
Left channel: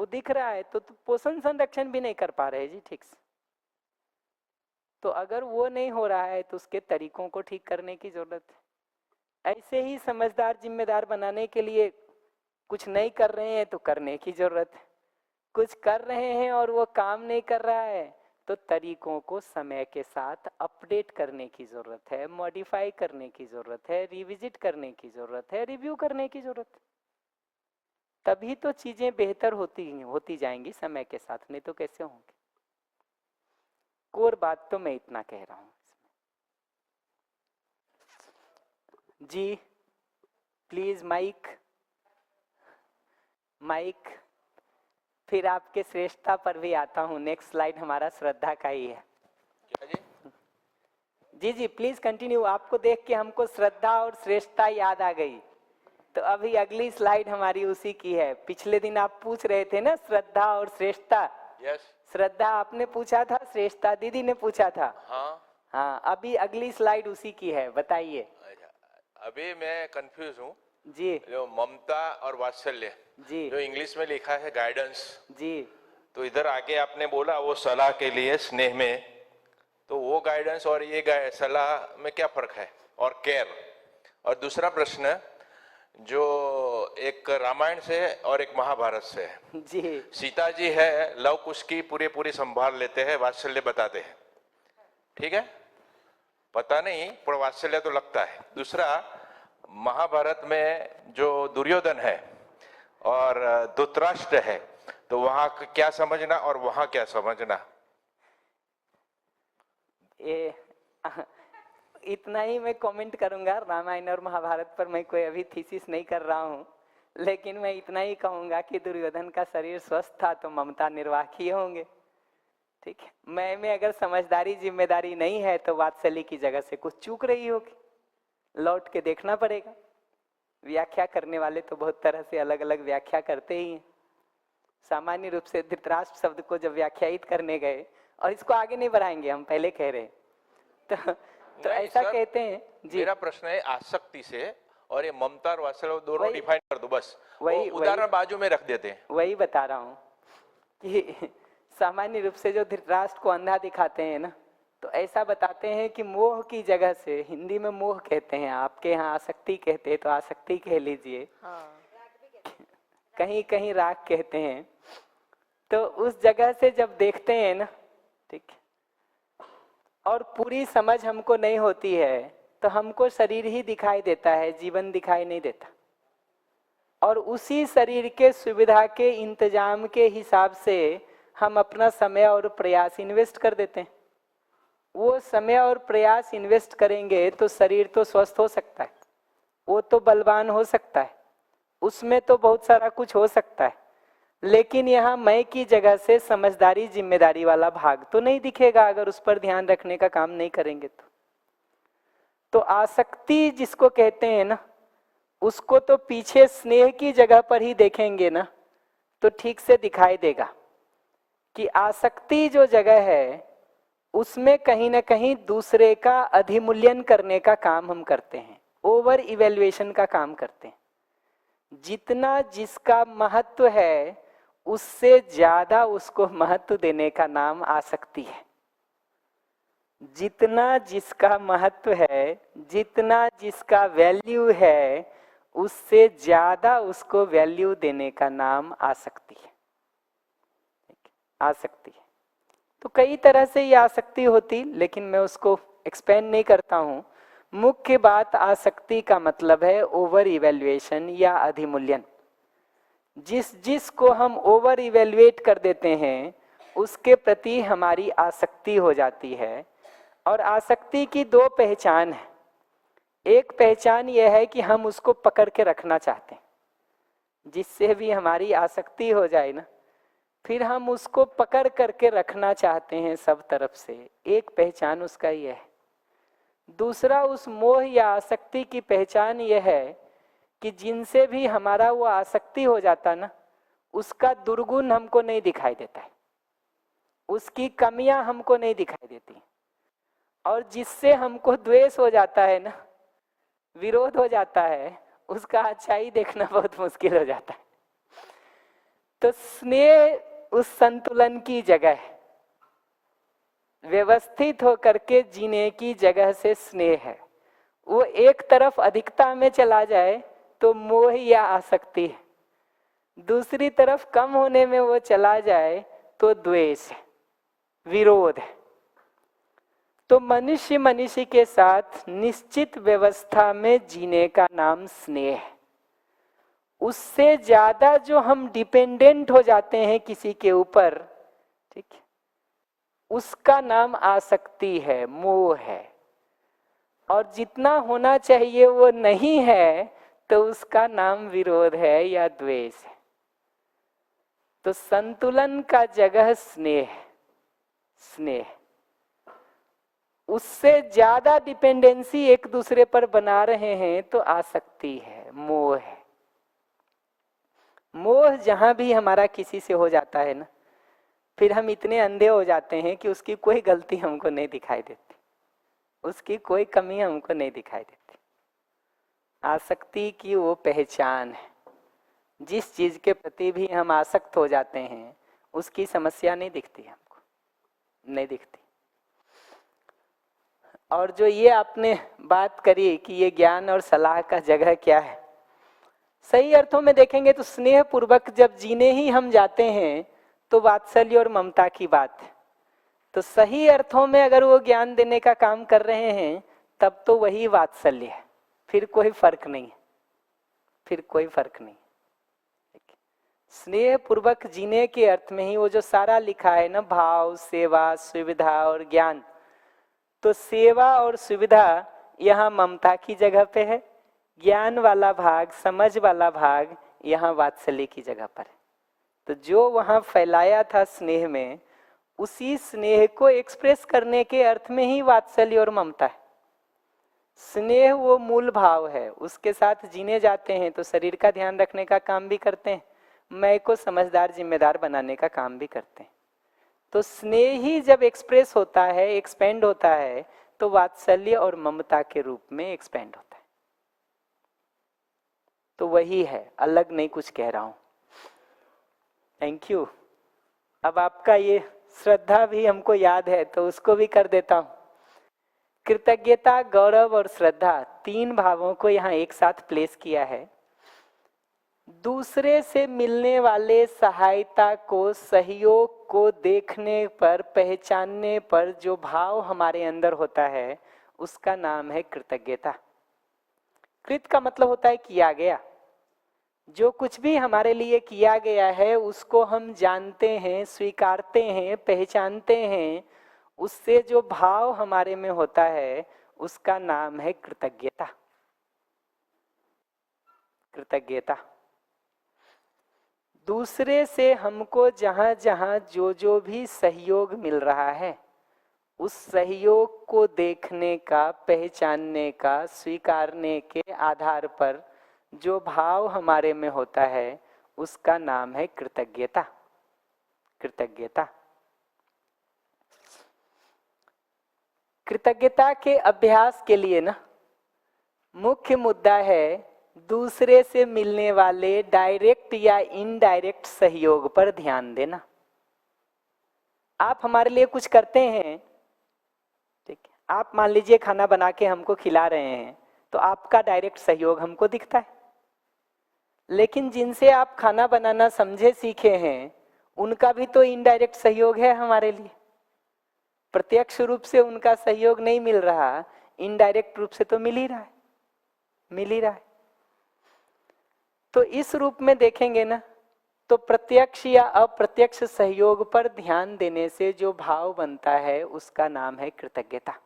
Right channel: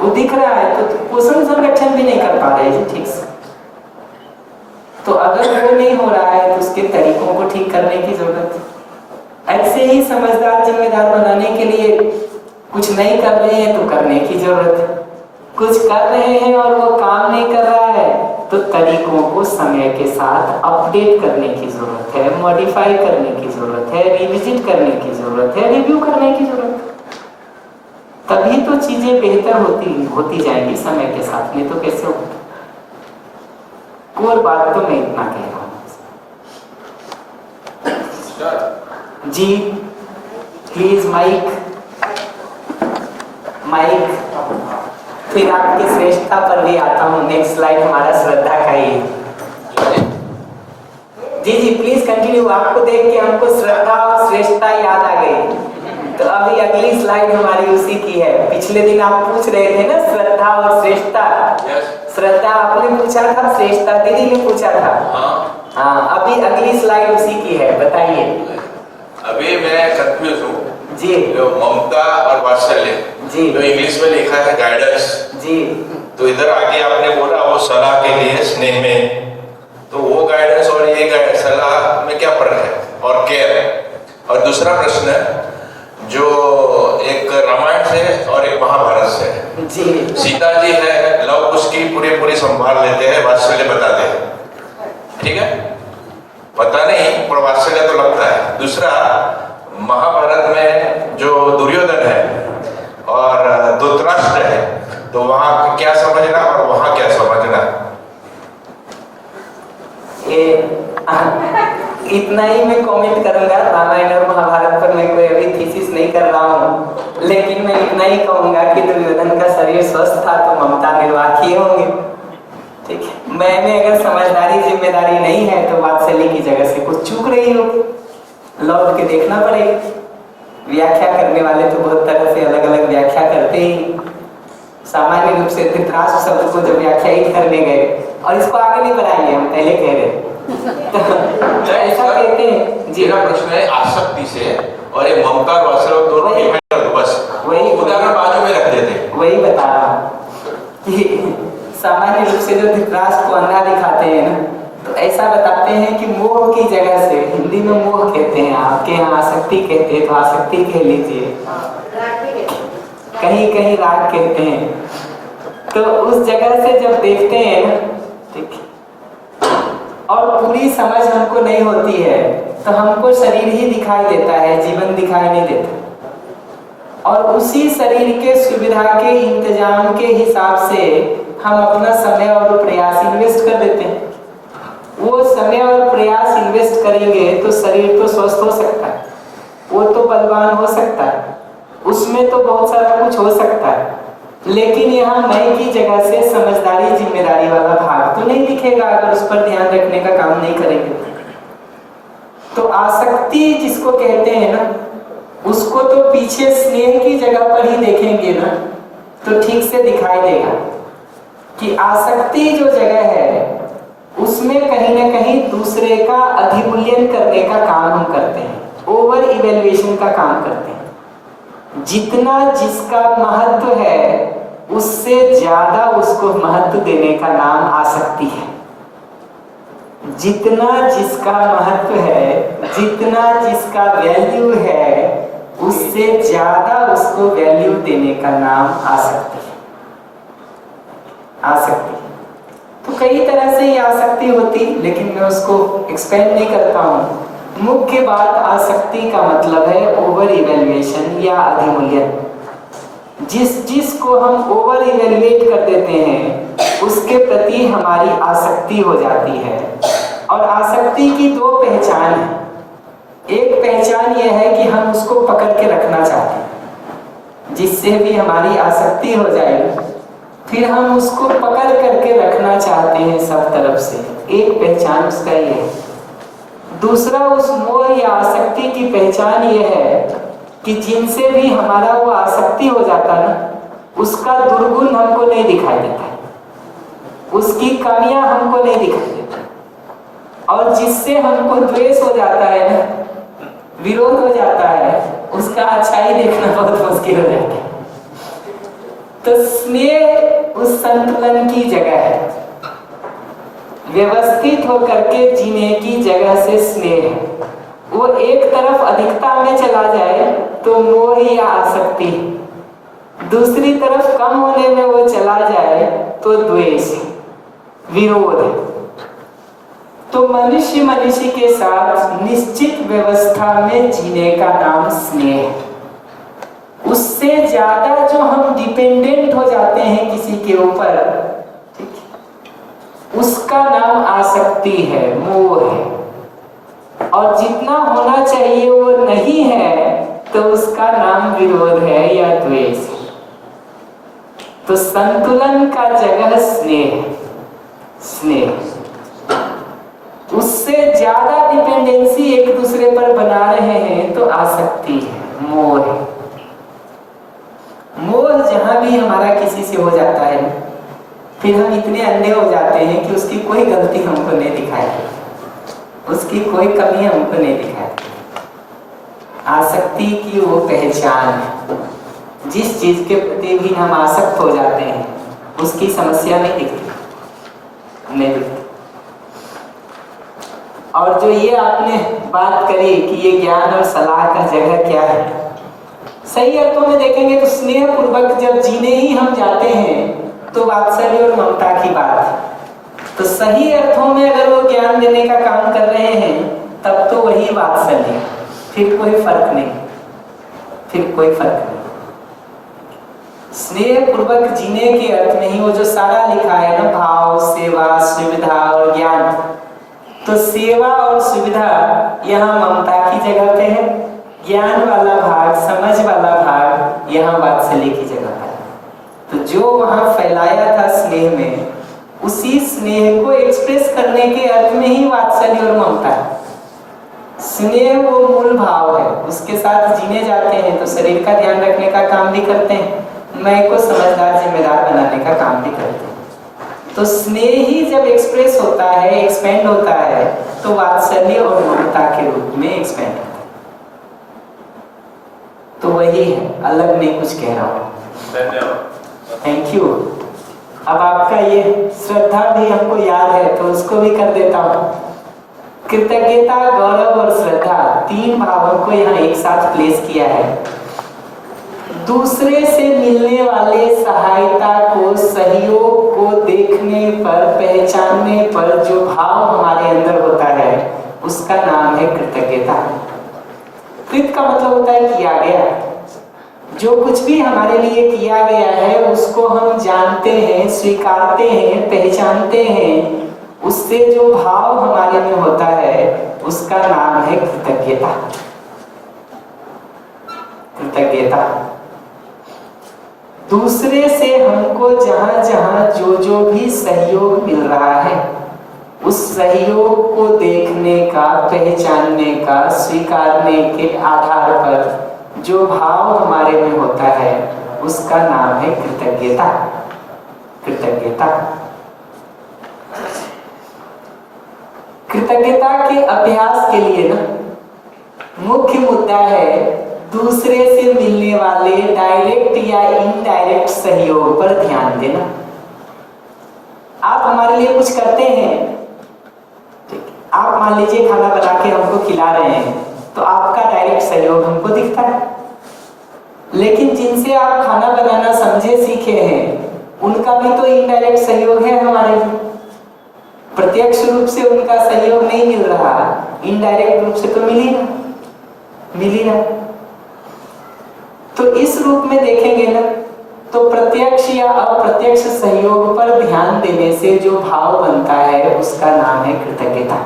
वो दिख रहा है तो पोषण संरक्षण भी नहीं कर पा रहे जी ठीक से। तो अगर वो नहीं हो रहा है तो उसके तरीकों को ठीक करने की जरूरत है। ऐसे ही समझदार जिम्मेदार बनाने के लिए कुछ नहीं कर रहे हैं तो करने की जरूरत है, कुछ कर रहे हैं और वो काम नहीं कर रहा है तो तरीकों को समय के साथ अपडेट करने की जरूरत है, मॉडिफाई करने की जरूरत है, रिविजिट करने की जरूरत है, रिव्यू करने की जरूरत है। तभी तो चीजें बेहतर होती जाएंगी समय के साथ, नहीं तो कैसे होगा। कोई बात तो मैं इतना कह रहा हूँ जी। Please mic mic. फिर आपकी श्रेष्ठता पर भी आता हूँ। नेक्स्ट स्लाइड हमारा श्रद्धा का ही है। जी जी प्लीज कंटिन्यू। आपको देख के हमको श्रद्धा और श्रेष्ठता याद आ गई, तो अभी अगली स्लाइड हमारी उसी की है। पिछले दिन आप पूछ रहे थे ना श्रद्धा और श्रेष्ठता। श्रद्धा आपने पूछा था, श्रेष्ठता दीदी ने पूछा था। हाँ अभी अगली स्लाइड उसी की है, बताइए। अभी मैं कंफ्यूज हूँ जी। जो ममता और वात्सल्य जी, जो इंग्लिश में लिखा है गाइडेंस जी, तो इधर आगे आपने बोला वो सलाह के लिए स्नेह में, तो वो गाइडेंस और ये सलाह में क्या फर्क है, और केयर। और दूसरा प्रश्न जो एक रामायण से और एक महाभारत से जी। सीता जी है, लव उसकी पूरी संभाल लेते हैं, वात्सल्य बताते हैं, ठीक है, पता नहीं पर वात्सल्य तो लगता है। दूसरा महाभारत में जो दुर्योधन है और धृतराष्ट्र है, तो वहां क्या समझना और वहां क्या समझना। ये इतना ही मैं कमेंट करूंगा। रामायण और महाभारत पर मैं कोई अभी थीसिस नहीं कर रहा हूँ, लेकिन मैं इतना ही कहूंगा कि दुर्योधन का शरीर स्वस्थ था तो ममता निर्वाह किए होंगे, ठीक है। मैंने अगर समझदारी जिम्मेदारी नहीं है तो वात्सल्य की जगह से कुछ चूक रही हो, लौट के देखना पड़ेगा। व्याख्या करने वाले तो बहुत तरह से अलग अलग व्याख्या करते ही। सामान्य रूप से धृतराष्ट्र शब्द को जब व्याख्यायित करने गए, और इसको आगे नहीं बढ़ाएंगे, हम पहले कह रहे तो ऐसा कहते हैं जी। मेरा प्रश्न है आसक्ति से और ये ममता और वात्सल्य दोनों बस वही उदाहरण बाजू में रख देते, वही बता रहा हूँ कि सामान्य रूप से जो धृतराष्ट्र को अंधा दिखाते हैं ना, तो ऐसा बताते हैं कि मोह की जगह से, हिंदी में मोह कहते हैं, आपके यहाँ आसक्ति कहते हैं तो आसक्ति कह लीजिए, कहीं कहीं राग कहते हैं। तो उस जगह से जब देखते हैं ना, ठीक, और पूरी समझ हमको नहीं होती है तो हमको शरीर ही दिखाई देता है, जीवन दिखाई नहीं देता। और उसी शरीर के सुविधा के इंतजाम के हिसाब से हम अपना समय और प्रयास इन्वेस्ट कर देते हैं। वो समय और प्रयास इन्वेस्ट करेंगे तो शरीर तो स्वस्थ हो सकता है, वो तो बलवान हो सकता है, उसमें तो बहुत सारा कुछ हो सकता है, लेकिन यहाँ मैं की जगह से समझदारी जिम्मेदारी वाला भाग तो नहीं दिखेगा अगर उस पर ध्यान रखने का काम नहीं करेंगे। तो आसक्ति जिसको कहते हैं ना, उसको तो पीछे स्नेह की जगह पर ही देखेंगे ना तो ठीक से दिखाई देगा कि आसक्ति जो जगह है उसमें कहीं ना कहीं दूसरे का अधिमूल्यन करने का काम हम करते हैं, ओवर इवेल्युएशन का काम करते हैं। जितना जिसका महत्व है उससे ज्यादा उसको महत्व देने का नाम आसक्ति है। जितना जिसका महत्व है, जितना जिसका वैल्यू है, उससे ज्यादा उसको वैल्यू देने का नाम आसक्ति है। आसक्ति तो कई तरह से ही आसक्ति होती, लेकिन मैं उसको एक्सपेंड नहीं करता हूँ। मुख्य बात आसक्ति का मतलब है ओवर इवेल्युएशन या अधिमूल्यन। जिस को हम ओवर इवेल्युएट कर देते हैं उसके प्रति हमारी आसक्ति हो जाती है। और आसक्ति की दो पहचान है। एक पहचान यह है कि हम उसको पकड़ के रखना चाहते हैं, जिससे भी हमारी आसक्ति हो जाएगी फिर हम उसको पकड़ करके रखना चाहते हैं सब तरफ से। एक पहचान उसका ये है। दूसरा उस मोह या आसक्ति की पहचान ये है कि जिनसे भी हमारा वो आसक्ति हो जाता ना, उसका दुर्गुण हमको नहीं दिखाई देता, उसकी कमियां हमको नहीं दिखाई देता। और जिससे हमको द्वेष हो जाता है ना, विरोध हो जाता है, उसका अच्छाई देखना बहुत मुश्किल हो जाता है। तो स्नेह उस संतुलन की जगह है। व्यवस्थित होकर के जीने की जगह से स्नेह है। वो एक तरफ अधिकता में चला जाए तो मोह या आसक्ति, दूसरी तरफ कम होने में वो चला जाए तो द्वेष, विरोध है। तो मनुष्य के साथ निश्चित व्यवस्था में जीने का नाम स्नेह है। उससे ज्यादा जो हम डिपेंडेंट हो जाते हैं किसी के ऊपर, उसका नाम आसक्ति है, मोह है। और जितना होना चाहिए वो नहीं है तो उसका नाम विरोध है या द्वेष है। तो संतुलन का जगह स्नेह, उससे ज्यादा डिपेंडेंसी एक दूसरे पर बना रहे हैं तो आसक्ति है, मोह है। मोह जहां भी हमारा किसी से हो जाता है फिर हम इतने अंधे हो जाते हैं कि उसकी कोई गलती हमको नहीं दिखाई, उसकी कोई कमी हमको नहीं दिखाई। आसक्ति की वो पहचान है। जिस चीज के प्रति भी हम आसक्त हो जाते हैं उसकी समस्या नहीं दिखती। और जो ये आपने बात करी कि ये ज्ञान और सलाह का जगह क्या है, सही अर्थों में देखेंगे तो स्नेह पूर्वक जब जीने ही हम जाते हैं तो वात्सल्य और ममता की बात है। तो सही अर्थों में अगर वो ज्ञान देने का काम कर रहे हैं तब तो वही वात्सल्य, फिर कोई फर्क नहीं। स्नेह पूर्वक जीने के अर्थ में ही वो जो सारा लिखा है ना, भाव, सेवा, सुविधा और ज्ञान, तो सेवा और सुविधा यहाँ ममता की जगह पे है, ज्ञान वाला भाग, समझ वाला भाग यहाँ वात्सल्य की जगह पे है। तो जो वहां फैलाया था स्नेह में, उसी स्नेह को एक्सप्रेस करने के अर्थ में ही वात्सल्य और ममता है। स्नेह वो मूल भाव है, उसके साथ जीने जाते हैं तो शरीर का ध्यान रखने का काम भी करते हैं, मैं को समझदार जिम्मेदार बनाने का काम भी करते हैं। तो स्नेह ही जब एक्सप्रेस होता है, एक्सपेंड होता है, तो वात्सल्य और ममता के रूप में एक्सपेंड होता है। तो वही है, अलग नहीं कुछ कह रहा हूँ। Thank you. अब आपका ये श्रद्धा भी हमको याद है तो उसको भी कर देता हूँ। कृतज्ञता, गौरव और श्रद्धा, तीन भावों को यहाँ एक साथ प्लेस किया है। दूसरे से मिलने वाले सहायता को, सहयोग को देखने पर, पहचानने पर जो भाव हमारे अंदर होता है उसका नाम है कृतज्ञता। कृत का मतलब होता है किया गया। जो कुछ भी हमारे लिए किया गया है उसको हम जानते हैं, स्वीकारते हैं, पहचानते हैं, उससे जो भाव हमारे में होता है उसका नाम है कृतज्ञता। दूसरे से हमको जहां जहां जो भी सहयोग मिल रहा है उस सहयोग को देखने का, पहचानने का, स्वीकारने के आधार पर जो भाव हमारे में होता है उसका नाम है कृतज्ञता। कृतज्ञता के अभ्यास के लिए ना मुख्य मुद्दा है दूसरे से मिलने वाले डायरेक्ट या इनडायरेक्ट सहयोग पर ध्यान देना। आप हमारे लिए कुछ करते हैं, आप मान लीजिए खाना बना के हमको खिला रहे हैं तो आपका डायरेक्ट सहयोग हमको दिखता है, लेकिन जिनसे आप खाना बनाना समझे सीखे हैं उनका भी तो इनडायरेक्ट सहयोग है हमारे लिए। प्रत्यक्ष रूप से उनका सहयोग नहीं मिल रहा, इनडायरेक्ट रूप से तो मिल ही रहा। तो इस रूप में देखेंगे ना, तो प्रत्यक्ष या अप्रत्यक्ष सहयोग पर ध्यान देने से जो भाव बनता है उसका नाम है कृतज्ञता।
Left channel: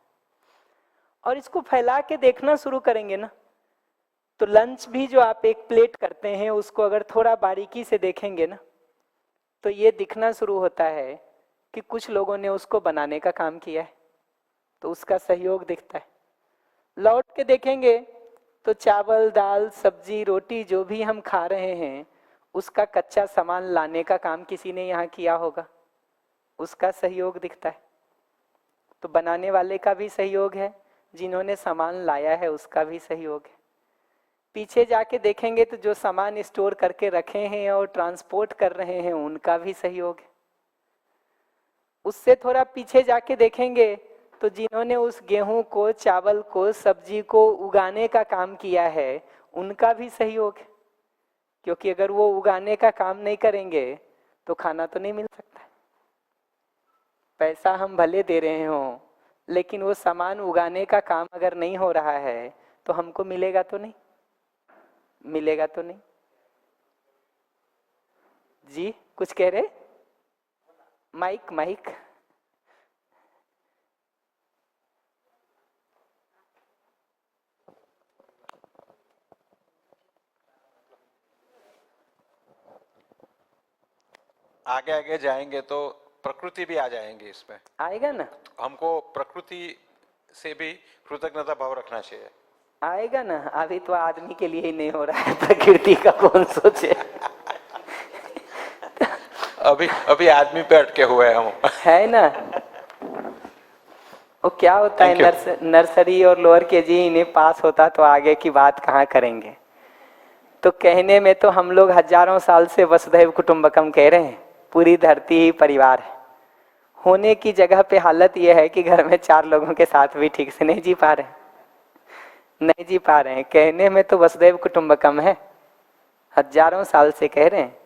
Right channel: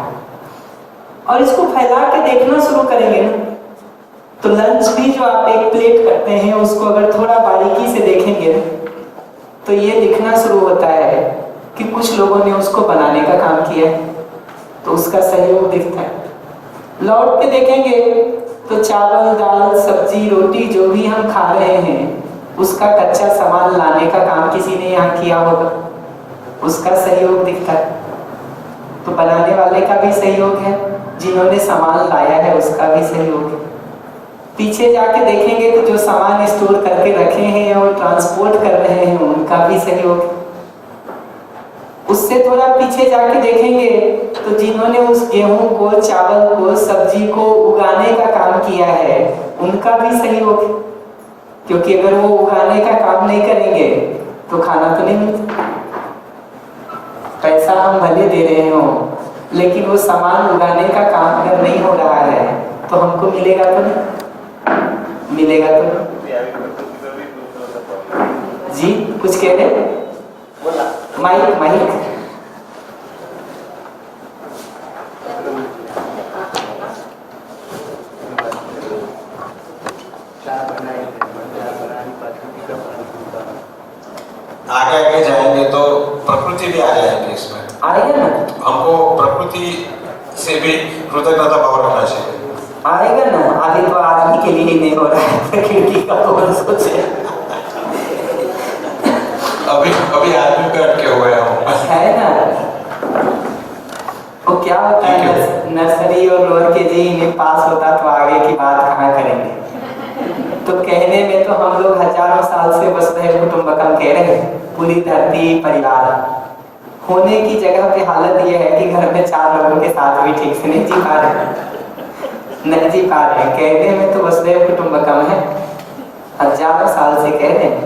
और इसको फैला के देखना शुरू करेंगे ना, तो लंच भी जो आप एक प्लेट करते हैं उसको अगर थोड़ा बारीकी से देखेंगे ना, तो ये दिखना शुरू होता है कि कुछ लोगों ने उसको बनाने का काम किया है, तो उसका सहयोग दिखता है। लौट के देखेंगे तो चावल, दाल, सब्जी, रोटी जो भी हम खा रहे हैं उसका कच्चा सामान लाने का काम किसी ने यहाँ किया होगा, उसका सहयोग दिखता है। तो बनाने वाले का भी सहयोग है, जिन्होंने सामान लाया है उसका भी सहयोग है। पीछे जाके देखेंगे तो जो सामान स्टोर करके रखे हैं और ट्रांसपोर्ट कर रहे हैं उनका भी सहयोग है। उससे थोड़ा पीछे जाके देखेंगे तो जिन्होंने उस गेहूं को, चावल को, सब्जी को उगाने का काम किया है उनका भी सहयोग है, क्योंकि अगर वो उगाने का काम नहीं करेंगे तो खाना तो नहीं मिलता। पैसा हम भले दे रहे हो लेकिन वो सामान उगाने का काम अगर नहीं हो रहा है तो हमको मिलेगा तो नहीं, मिलेगा तो नहीं। जी कुछ कह रहे? माइक आगे जाएंगे तो प्रकृति भी आ जाएंगे इसमें, आएगा ना, हमको प्रकृति से भी कृतज्ञता भाव रखना चाहिए। आएगा ना। अभी तो आदमी के लिए नहीं हो रहा है, प्रकृति का बहुत सोचे। अभी आदमी पे अटके हुए है ना। वो क्या होता है, नर्सरी और लोअर केजी में पास होता तो आगे की बात कहाँ करेंगे। तो कहने में तो हम लोग हजारों साल से वसुधैव कुटुंबकम कह रहे हैं, पूरी धरती परिवार होने की जगह पे हालत यह है कि घर में 4 लोगों के साथ भी ठीक से नहीं जी पा रहे हैं। कहने में तो वसुधैव कुटुंबकम है, हजारों साल से कह रहे हैं।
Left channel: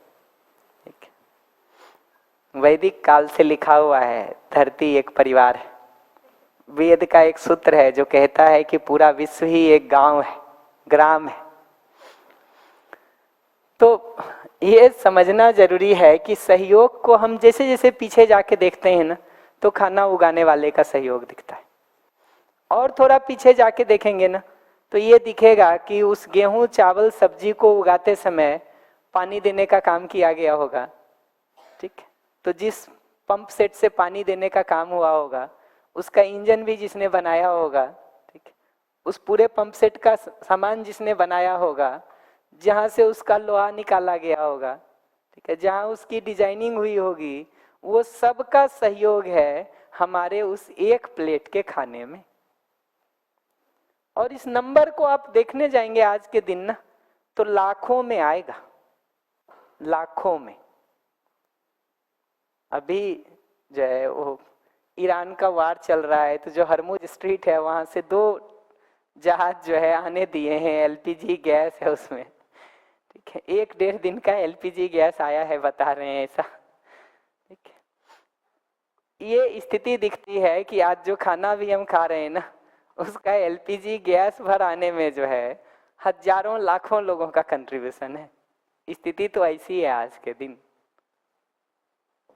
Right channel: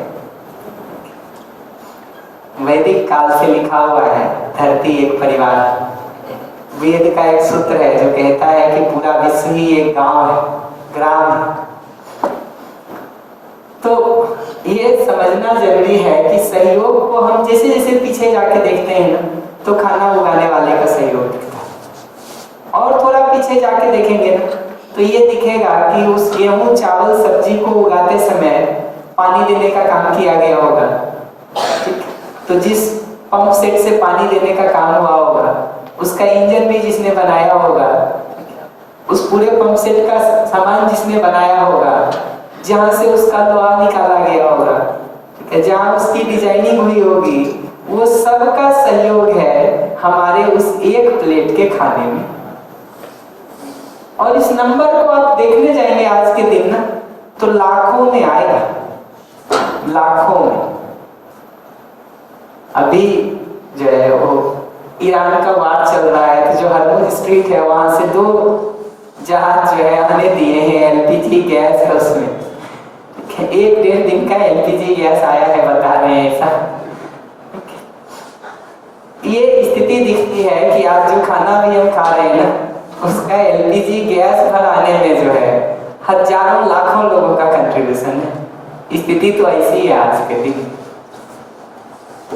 वैदिक काल से लिखा हुआ है धरती एक परिवार। वेद का एक सूत्र है जो कहता है कि पूरा विश्व ही एक गांव है, ग्राम है। तो ये समझना जरूरी है कि सहयोग को हम जैसे जैसे पीछे जाके देखते हैं ना, तो खाना उगाने वाले का सहयोग दिखता है। और थोड़ा पीछे जाके देखेंगे ना तो ये दिखेगा कि उस गेहूं, चावल, सब्जी को उगाते समय पानी देने का काम किया गया होगा। तो जिस पंप सेट से पानी देने का काम हुआ होगा उसका इंजन भी जिसने बनाया होगा, उस पूरे पंप सेट का सामान जिसने बनाया होगा, जहां से उसका लोहा निकाला गया होगा, जहां उसकी डिजाइनिंग हुई होगी, वो सबका सहयोग है हमारे उस एक प्लेट के खाने में। और इस नंबर को आप देखने जाएंगे आज के दिन ना, तो लाखों में आएगा, लाखों में। अभी जो है वो ईरान का वार चल रहा है, तो जो हरमुज स्ट्रीट है वहां से 2 जहाज जो है हमें दिए हैं, एलपीजी गैस है उसमें। 1-1.5 दिन का एलपीजी गैस आया है, बता रहे हैं ऐसा। ये स्थिति दिखती है कि आज जो खाना भी हम खा रहे हैं ना, उसका एलपीजी गैस पर आने में जो है हजारों लाखों लोगों का कंट्रीब्यूशन है। स्थिति तो ऐसी है आज के दिन,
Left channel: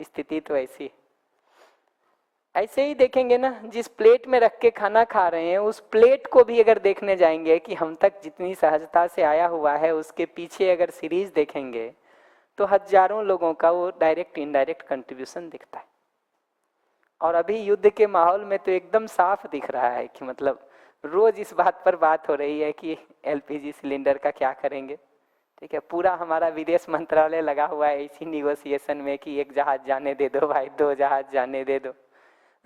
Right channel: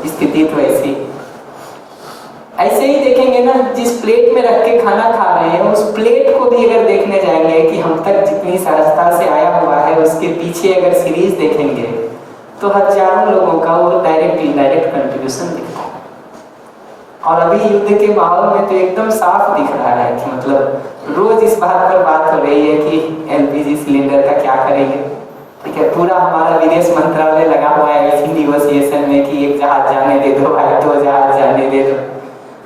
स्थिति तो ऐसी। ऐसे ही देखेंगे ना, जिस प्लेट में रख के खाना खा रहे हैं उस प्लेट को भी अगर देखने जाएंगे कि हम तक जितनी रास्ता से आया हुआ है उसके पीछे अगर सीरीज देखेंगे तो हजारों लोगों का वो डायरेक्ट इनडायरेक्ट कंट्रीब्यूशन दिखता है। और अभी युद्ध के माहौल में तो एकदम साफ दिख रहा है कि मतलब रोज इस बात पर बात हो रही है कि एलपीजी सिलेंडर का क्या करेंगे। ठीक है, पूरा हमारा विदेश मंत्रालय लगा हुआ है इसी निगोशिएशन में कि 1 जहाज जाने दे दो भाई, 2 जहाज जाने दे दो।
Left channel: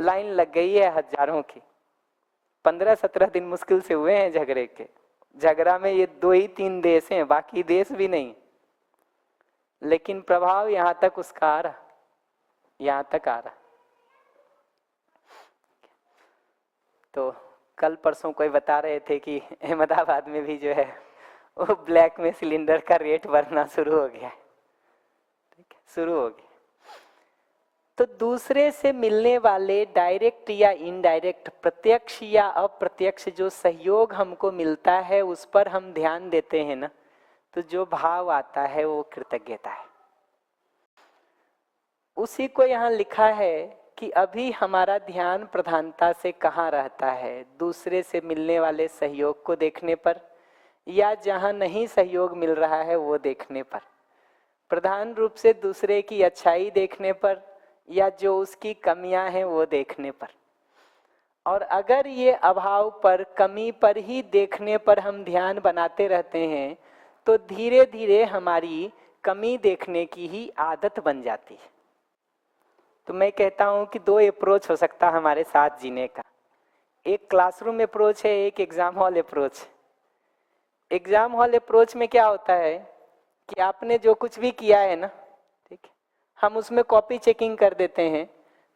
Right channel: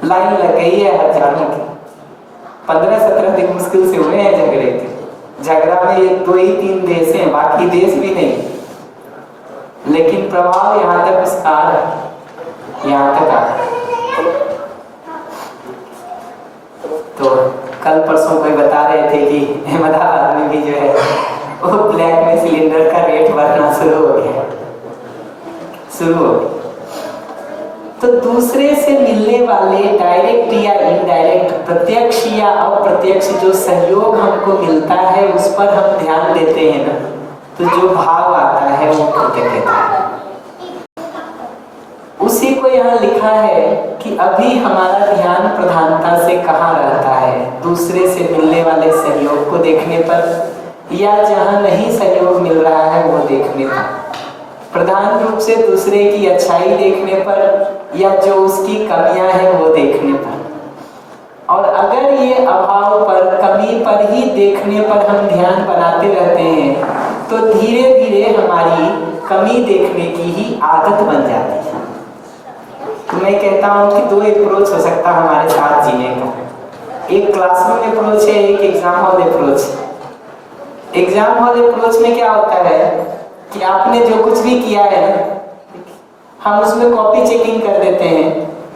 लाइन लग गई है हजारों की। 15-17 दिन मुश्किल से हुए हैं झगड़े के। झगड़ा में ये 2 ही 3 देश हैं, बाकी देश भी नहीं, लेकिन प्रभाव यहाँ तक विस्तार है, यहाँ तक आ। तो कल परसों में बता रहे थे कि अहमदाबाद में भी जो है वो ब्लैक में सिलेंडर का रेट बढ़ना शुरू हो गया, शुरू हो गया। तो दूसरे से मिलने वाले डायरेक्ट या इनडायरेक्ट, प्रत्यक्ष या अप्रत्यक्ष जो सहयोग हमको मिलता है उस पर हम ध्यान देते हैं ना, तो जो भाव आता है वो कृतज्ञता है। उसी को यहाँ लिखा है कि अभी हमारा ध्यान प्रधानता से कहाँ रहता है, दूसरे से मिलने वाले सहयोग को देखने पर, या जहाँ नहीं सहयोग मिल रहा है वो देखने पर, प्रधान रूप से दूसरे की अच्छाई देखने पर या जो उसकी कमियां हैं वो देखने पर। और अगर ये अभाव पर, कमी पर ही देखने पर हम ध्यान बनाते रहते हैं तो धीरे धीरे हमारी कमी देखने की ही आदत बन जाती है। मैं कहता हूँ कि दो अप्रोच हो सकता है हमारे साथ जीने का, एक क्लासरूम अप्रोच है, एक exam hall approach. Exam hall approach में क्या होता है कि आपने जो कुछ भी किया है ना, हम उसमें कॉपी चेकिंग कर देते हैं,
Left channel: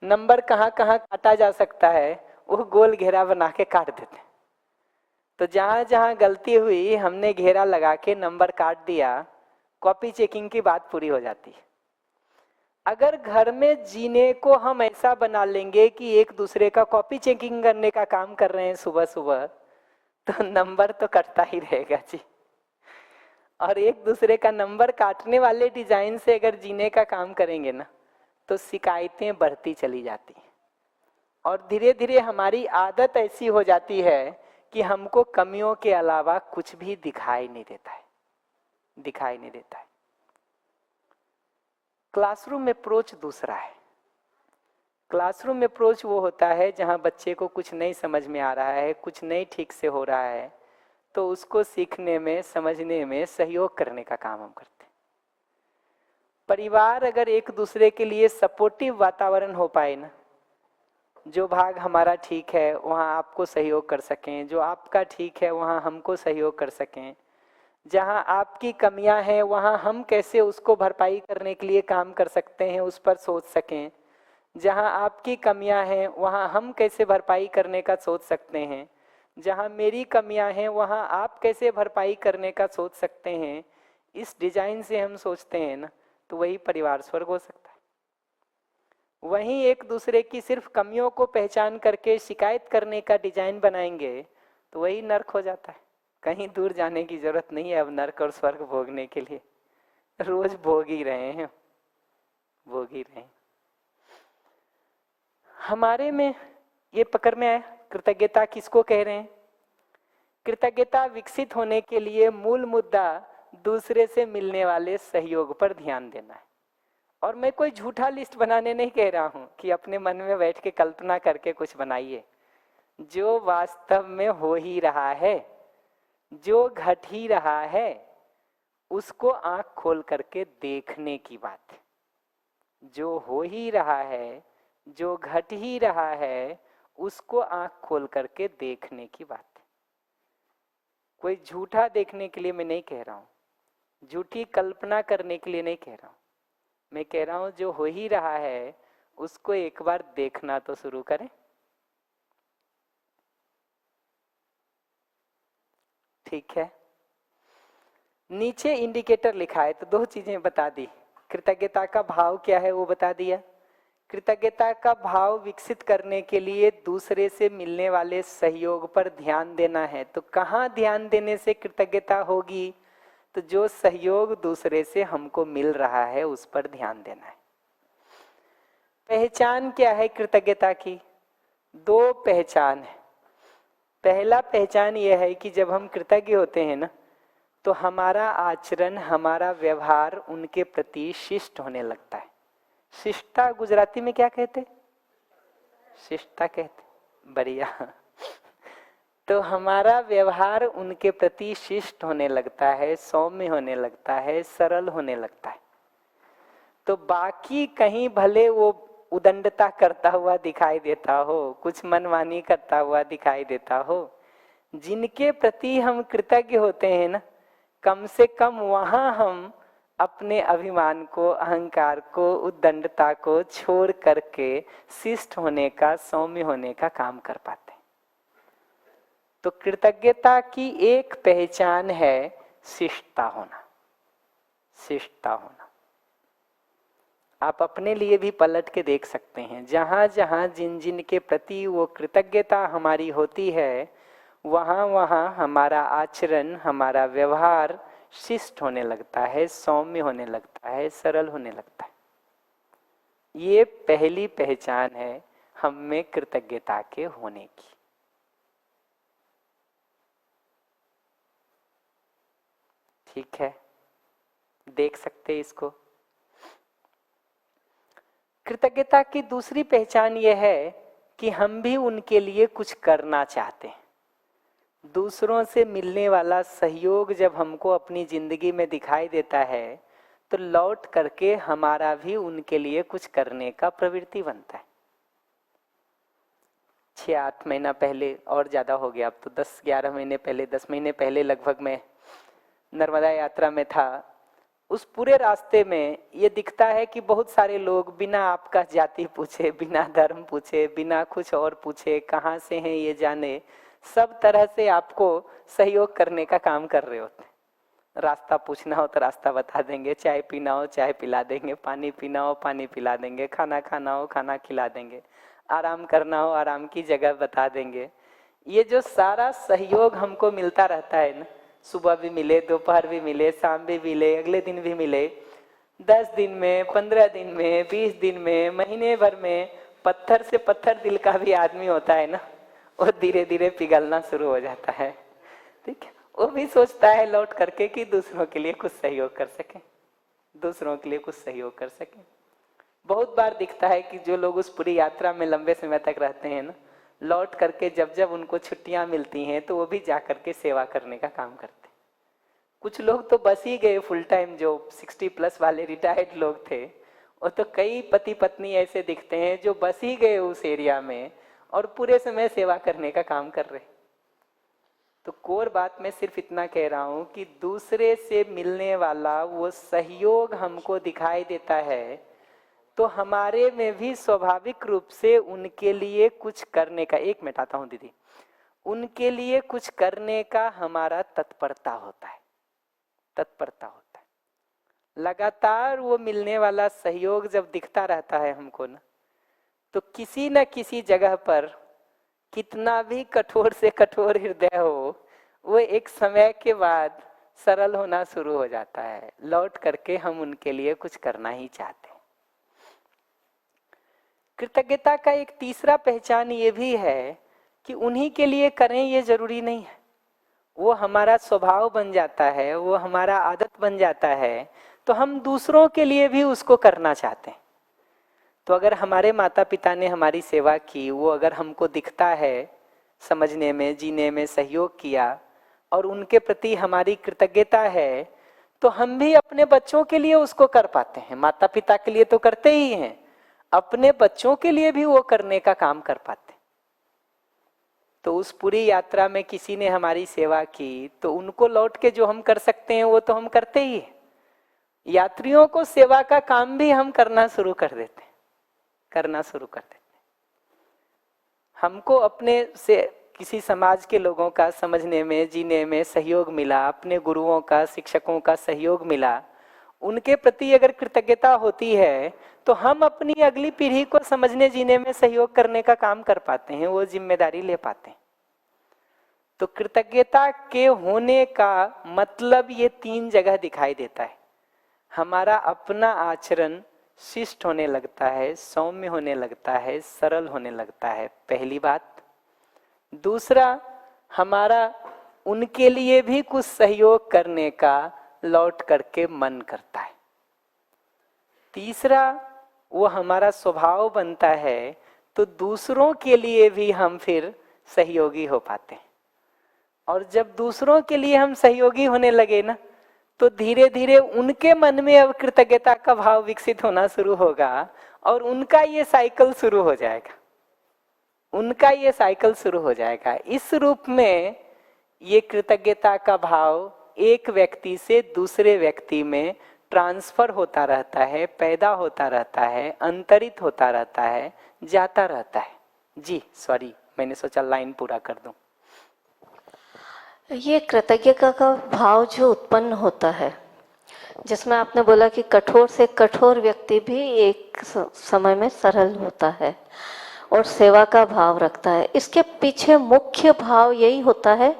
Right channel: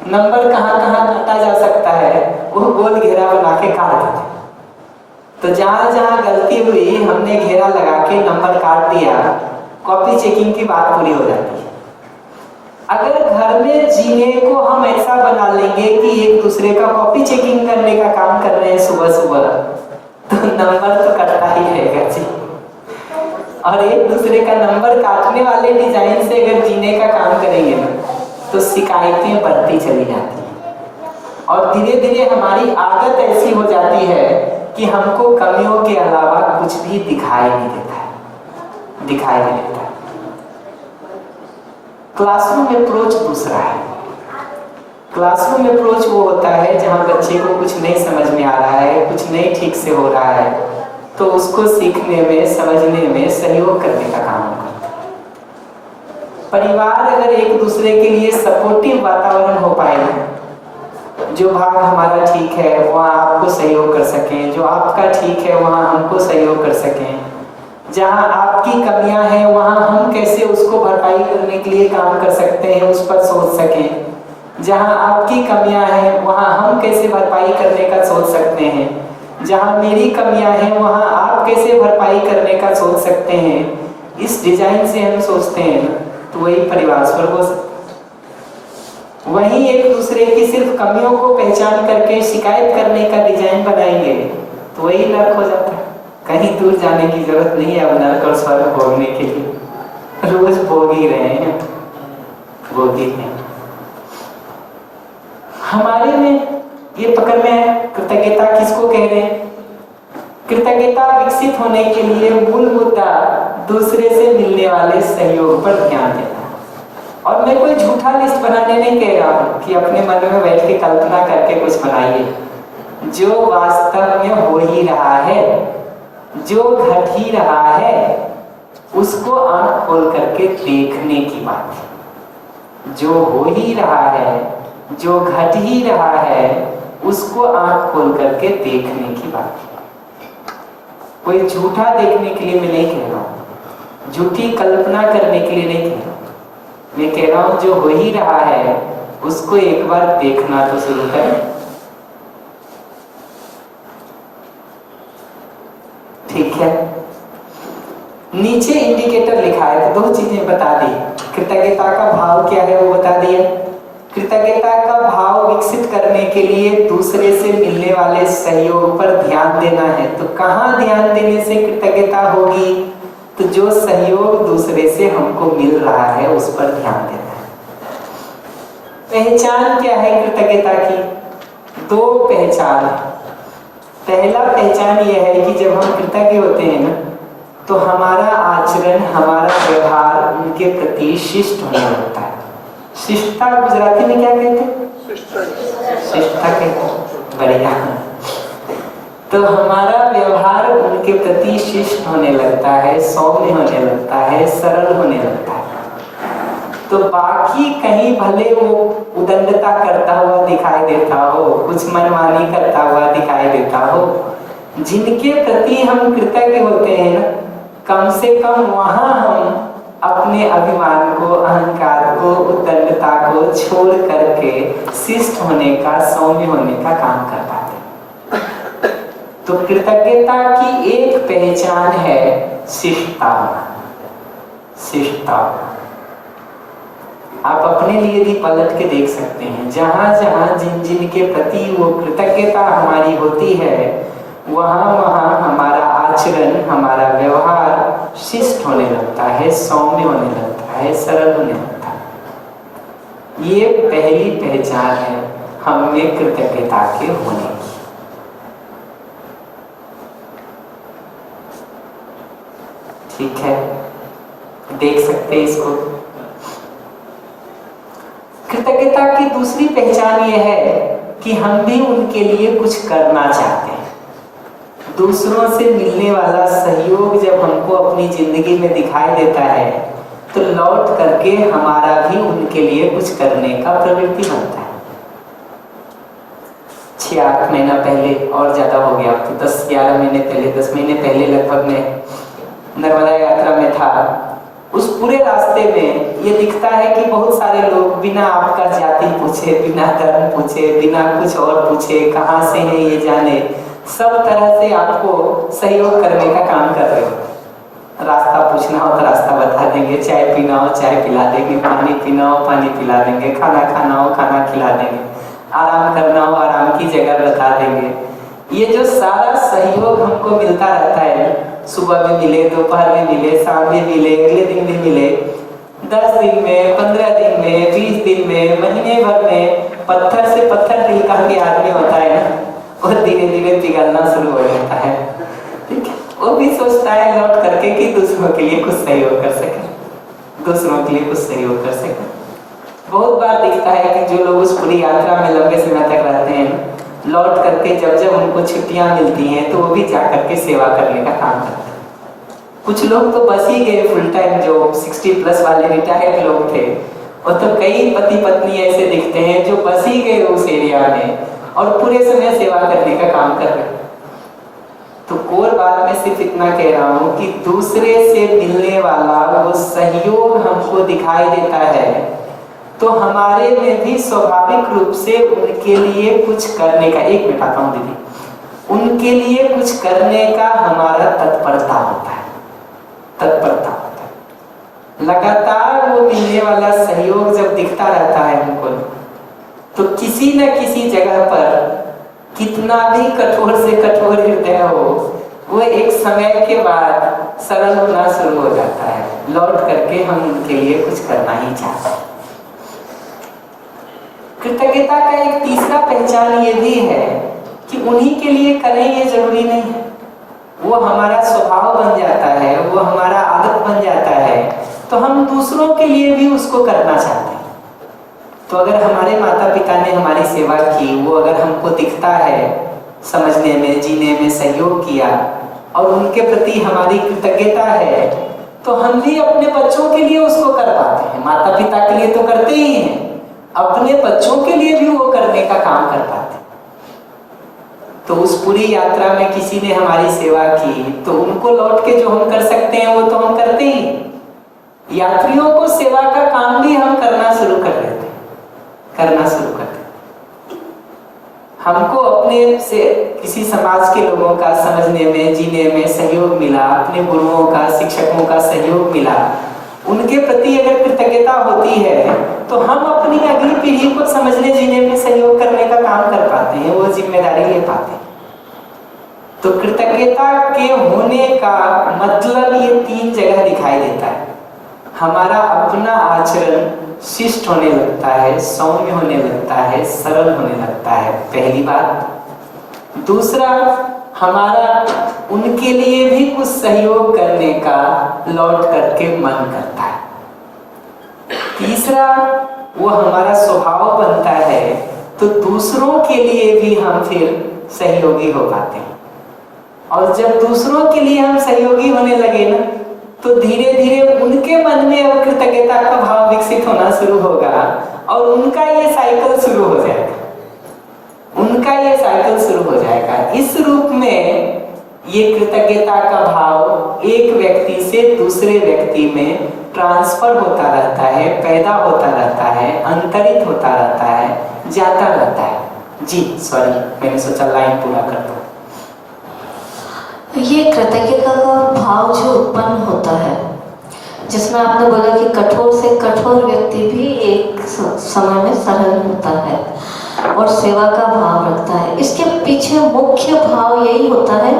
नंबर कहाँ कहाँ काटा जा सकता है वो गोल घेरा बना के काट देते हैं। तो जहाँ जहाँ गलती हुई हमने घेरा लगा के नंबर काट दिया, कॉपी चेकिंग की बात पूरी हो जाती है। अगर घर में जीने को हम ऐसा बना लेंगे कि एक दूसरे का कॉपी चेकिंग करने का काम कर रहे हैं सुबह सुबह, तो नंबर तो कटता ही रहेगा जी। और एक दूसरे का नंबर काटने वाले डिजाइन से अगर जीने का काम करेंगे ना, तो शिकायतें बढ़ती चली जाती हैं और धीरे धीरे हमारी आदत ऐसी हो जाती है कि हमको कमियों के अलावा कुछ भी दिखाई नहीं देता है, दिखाई नहीं देता। क्लासरूम अप्रोच दूसरा है। क्लासरूम अप्रोच वो होता है जहाँ बच्चे को कुछ नहीं समझ में आ रहा है, कुछ नहीं ठीक से हो रहा है, तो उसको सीखने में, समझने में सहयोग करने का काम होगा। परिवार अगर एक दूसरे के लिए सपोर्टिव वातावरण हो पाए, जो भाग हमारा ठीक है वहाँ आपको सहयोग कर सकें, जो आपका ठीक है वहाँ हमको सहयोग कर सकें, जहाँ आपकी कमियां हैं वहाँ हम कैसे उसको भरपाई करने के लिए काम कर सकते हैं उस पर सोच सकें, जहाँ आपकी कमियां हैं वहाँ हम कैसे भरपाई करने का सोच सकते हैं, जहाँ मेरी कमियां हैं वहाँ आप कैसे भरपाई करने का सोच सकते हैं। इस डिजाइन से हम सोचते हैं तो वही परिवार स्वर्ग हो सकता। वहीं एक दूसरे की सिर्फ कमियों को पहचान करके शिकायत करने का डिजाइन बनाएंगे तो वही नर्क हो जाता है। कहीं दूर जाने की जरूरत नहीं है अब नर्क और स्वर्ग भोगने के लिए, रोज भोग ही रहे हैं, भोग ही हैं। हमारे में ये पकड़ में कृतज्ञता किसको कह रहे हैं? कृतज्ञता विकसित होने के लिए मूल मुद्दा दूसरे से मिलने वाले सहयोग पर ध्यान देना। और मैं कोई झूठा लिस्ट बनाने नहीं कह रहा हूँ कि अपने मन में बैठ के कल्पना करके कुछ बनाइए, जो वास्तव में हो ही रहा है, जो घट ही रहा है उसको आंख खोल करके देखने की बात है। जो हो ही रहा है, जो घट ही रहा है उसको आंख खोल करके देखने की बात है। कोई झूठा देखने के लिए मैं नहीं कह रहा हूँ, झूठी कल्पना करने के लिए नहीं कह रहा हूँ, मैं कह रहा हूँ जो हो ही रहा है उसको एक बार देखना तो शुरू करें। ठीक है, नीचे इंडिकेटर लिखा है तो दो चीजें बता दी। कृतज्ञता का भाव क्या है वो बता दिए। कृतज्ञता का भाव विकसित करने के लिए दूसरे से मिलने वाले सहयोग पर ध्यान देना है। तो कहाँ ध्यान देने से कृतज्ञता होगी? तो जो सहयोग दूसरे से हमको मिल रहा है उस पर ध्यान देना है। पहचान क्या है कृतज्ञता की? दो पहचान। पहला पहचान यह है कि जब हम कृतज्ञ होते हैं ना तो हमारा आचरण, हमारा व्यवहार उनके प्रति शिष्ट होने लगता है। शिष्टता गुजराती में क्या कहते हैं? शिष्टता कहते हैं। बढ़िया। तो हमारा व्यवहार उनके प्रति शिष्ट होने लगता है, सौम्य होने लगता है, सरल होने लगता है। तो बाकी कहीं भले वो उदंडता करता हुआ दिखाई देता हो, कुछ मनमानी करता हुआ दिखाई देता हो, जिनके प्रति हम कृतज्ञ होते हैं ना, कम से कम वहां हम अपने अभिमान को, अहंकार को, उदंडता को छोड़ करके शिष्ट होने का, सौम्य होने का काम कर पाते। तो कृतज्ञता की एक पहचान है शिष्टता। शिष्टता आप अपने लिए भी पलट के देख सकते हैं। जहाँ जहाँ जिन जिन के प्रति वो कृतज्ञता हमारी होती है, वहाँ वहाँ हमारा आचरण, हमारा व्यवहार शिष्ट होने लगता है, सौम्य होने लगता है, सरल होने लगता है। ये पहली पहचान है हम में कृतज्ञता के होने की। ठीक है, देख सकते हैं इसको। कृतज्ञता की दूसरी पहचान ये है कि हम भी उनके लिए कुछ करना चाहते हैं। दूसरों से मिलने वाला सहयोग जब हमको अपनी जिंदगी में दिखाई देता है, तो लौट करके हमारा भी उनके लिए कुछ करने का प्रवृत्ति बनता है। 6-8 महीना पहले, और ज्यादा हो गया, तो 10-11 महीने पहले, 10 महीने पहले लगभग में नर्मदा यात्रा में था। उस पूरे रास्ते में ये दिखता है कि बहुत सारे लोग बिना आपका जाति पूछे, बिना धर्म पूछे, बिना कुछ और पूछे, कहाँ से है ये जाने, सब तरह से आपको सहयोग करने का काम कर रहे हो। रास्ता पूछना हो तो रास्ता बता देंगे, चाय पीना हो चाय पिला देंगे, पानी पीना हो पानी पिला देंगे, खाना खाना हो खाना खिला देंगे, आराम करना हो आराम की जगह बता देंगे। ये जो सारा सहयोग हमको मिलता रहता है, सुबह में मिले, दोपहर में मिले, शाम में मिले, अगले दिन में मिले, 10 दिन में, 15 दिन में, 20 दिन में, महीने भर में, पत्थर से पत्थर दिल का भी आदमी होता है ना, और धीरे धीरे पिघलना शुरू हो जाता है। ठीक है, वो भी सोचता है लौट करके कि दूसरों के लिए कुछ सहयोग कर सके, दूसरों के लिए कुछ सहयोग कर सके। बहुत बार दिखता है कि जो लोग उस पूरी यात्रा में लंबे समय तक रहते हैं, लौट करके जब जब उनको छुट्टियां मिलती हैं तो वो भी जा करके सेवा करने का काम करते हैं। कुछ लोग तो बस ही गए फुल टाइम, जो 60+ वाले रिटायर्ड लोग थे, और तो कई पति पत्नी ऐसे दिखते हैं जो बस ही गए उस एरिया में और पूरे समय सेवा करने का काम कर रहे हैं। तो कोर बात में सिर्फ इतना कह रहा हूँ कि दूसरे से मिलने वाला वो सहयोग हमको दिखाई देता है, तो हमारे में भी स्वाभाविक रूप से उनके लिए कुछ करने का, एक मिनट आता हूँ दीदी, उनके लिए कुछ करने का हमारा तत्परता होता है, तत्परता होता है। लगातार वो मिलने वाला सहयोग जब दिखता रहता है हमको, तो किसी न किसी जगह पर कितना भी कठोर से कठोर हृदय हो, वो एक समय के बाद सरल होना शुरू हो जाता है। लौट करके हम उनके लिए कुछ करना ही चाहते हैं। कृतज्ञता का एक तीसरा पहचान ये भी है कि उन्हीं के लिए करें ये जरूरी नहीं है, वो हमारा स्वभाव बन जाता है, वो हमारा आदत बन जाता है, तो हम दूसरों के लिए भी उसको करना चाहते हैं। तो अगर हमारे माता पिता ने हमारी सेवा की, वो अगर हमको दिखता है समझने में, जीने में सहयोग किया और उनके प्रति हमारी कृतज्ञता है, तो हम भी अपने बच्चों के लिए उसको कर पाते हैं। माता पिता के लिए तो करते ही हैं, अपने बच्चों के लिए भी वो करने का काम कर पाते। तो उस पूरी यात्रा में किसी ने हमारी सेवा की, तो उनको लौट के जो हम कर सकते हैं वो तो हम करते ही। यात्रियों को सेवा का काम भी हम करना शुरू कर देते, करना शुरू करते। हमको अपने से किसी समाज के लोगों का समझने में, जीने में सहयोग मिला, अपने गुरुओं का, शिक्षकों का सहयोग मिला, उनके प्रति अगर कृतज्ञता होती है, तो हम अपनी अगली पीढ़ी को समझने, जीने में सहयोग करने का काम कर पाते हैं, वो जिम्मेदारी ले पाते हैं। तो कृतज्ञता के होने का मतलब ये 3 जगह दिखाई देता है। हमारा अपना आचरण शिष्ट होने लगता है, सौम्य होने लगता है, सरल होने लगता है, पहली बात। दूसरा, हमारा उनके लिए भी कुछ सहयोग करने का लौट करके मन करता है। तीसरा, वो हमारा स्वभाव बनता है, तो दूसरों के लिए भी हम फिर सहयोगी हो पाते हैं। और जब दूसरों के लिए हम सहयोगी होने लगे ना, तो धीरे धीरे उनके मन में वो कृतज्ञता का भाव विकसित होना शुरू होगा और उनका ये साइकिल शुरू हो जाएगा, उनका ये साइकिल शुरू हो जाएगा। इस रूप में ये कृतज्ञता का भाव एक व्यक्ति से दूसरे व्यक्ति में ट्रांसफर होता रहता है, पैदा होता रहता है, अंतरित होता रहता है, जाता रहता है। जी सॉरी, मैंने सोचा लाइन पूरा कर दो। ये कृतज्ञता का भाव जो उत्पन्न होता है, जिसमें आपने बोला कि कठोर से कठोर व्यक्ति भी समय में सरल होता है और सेवा का भाव रखता है। इसके पीछे मुख्य भाव यही होता है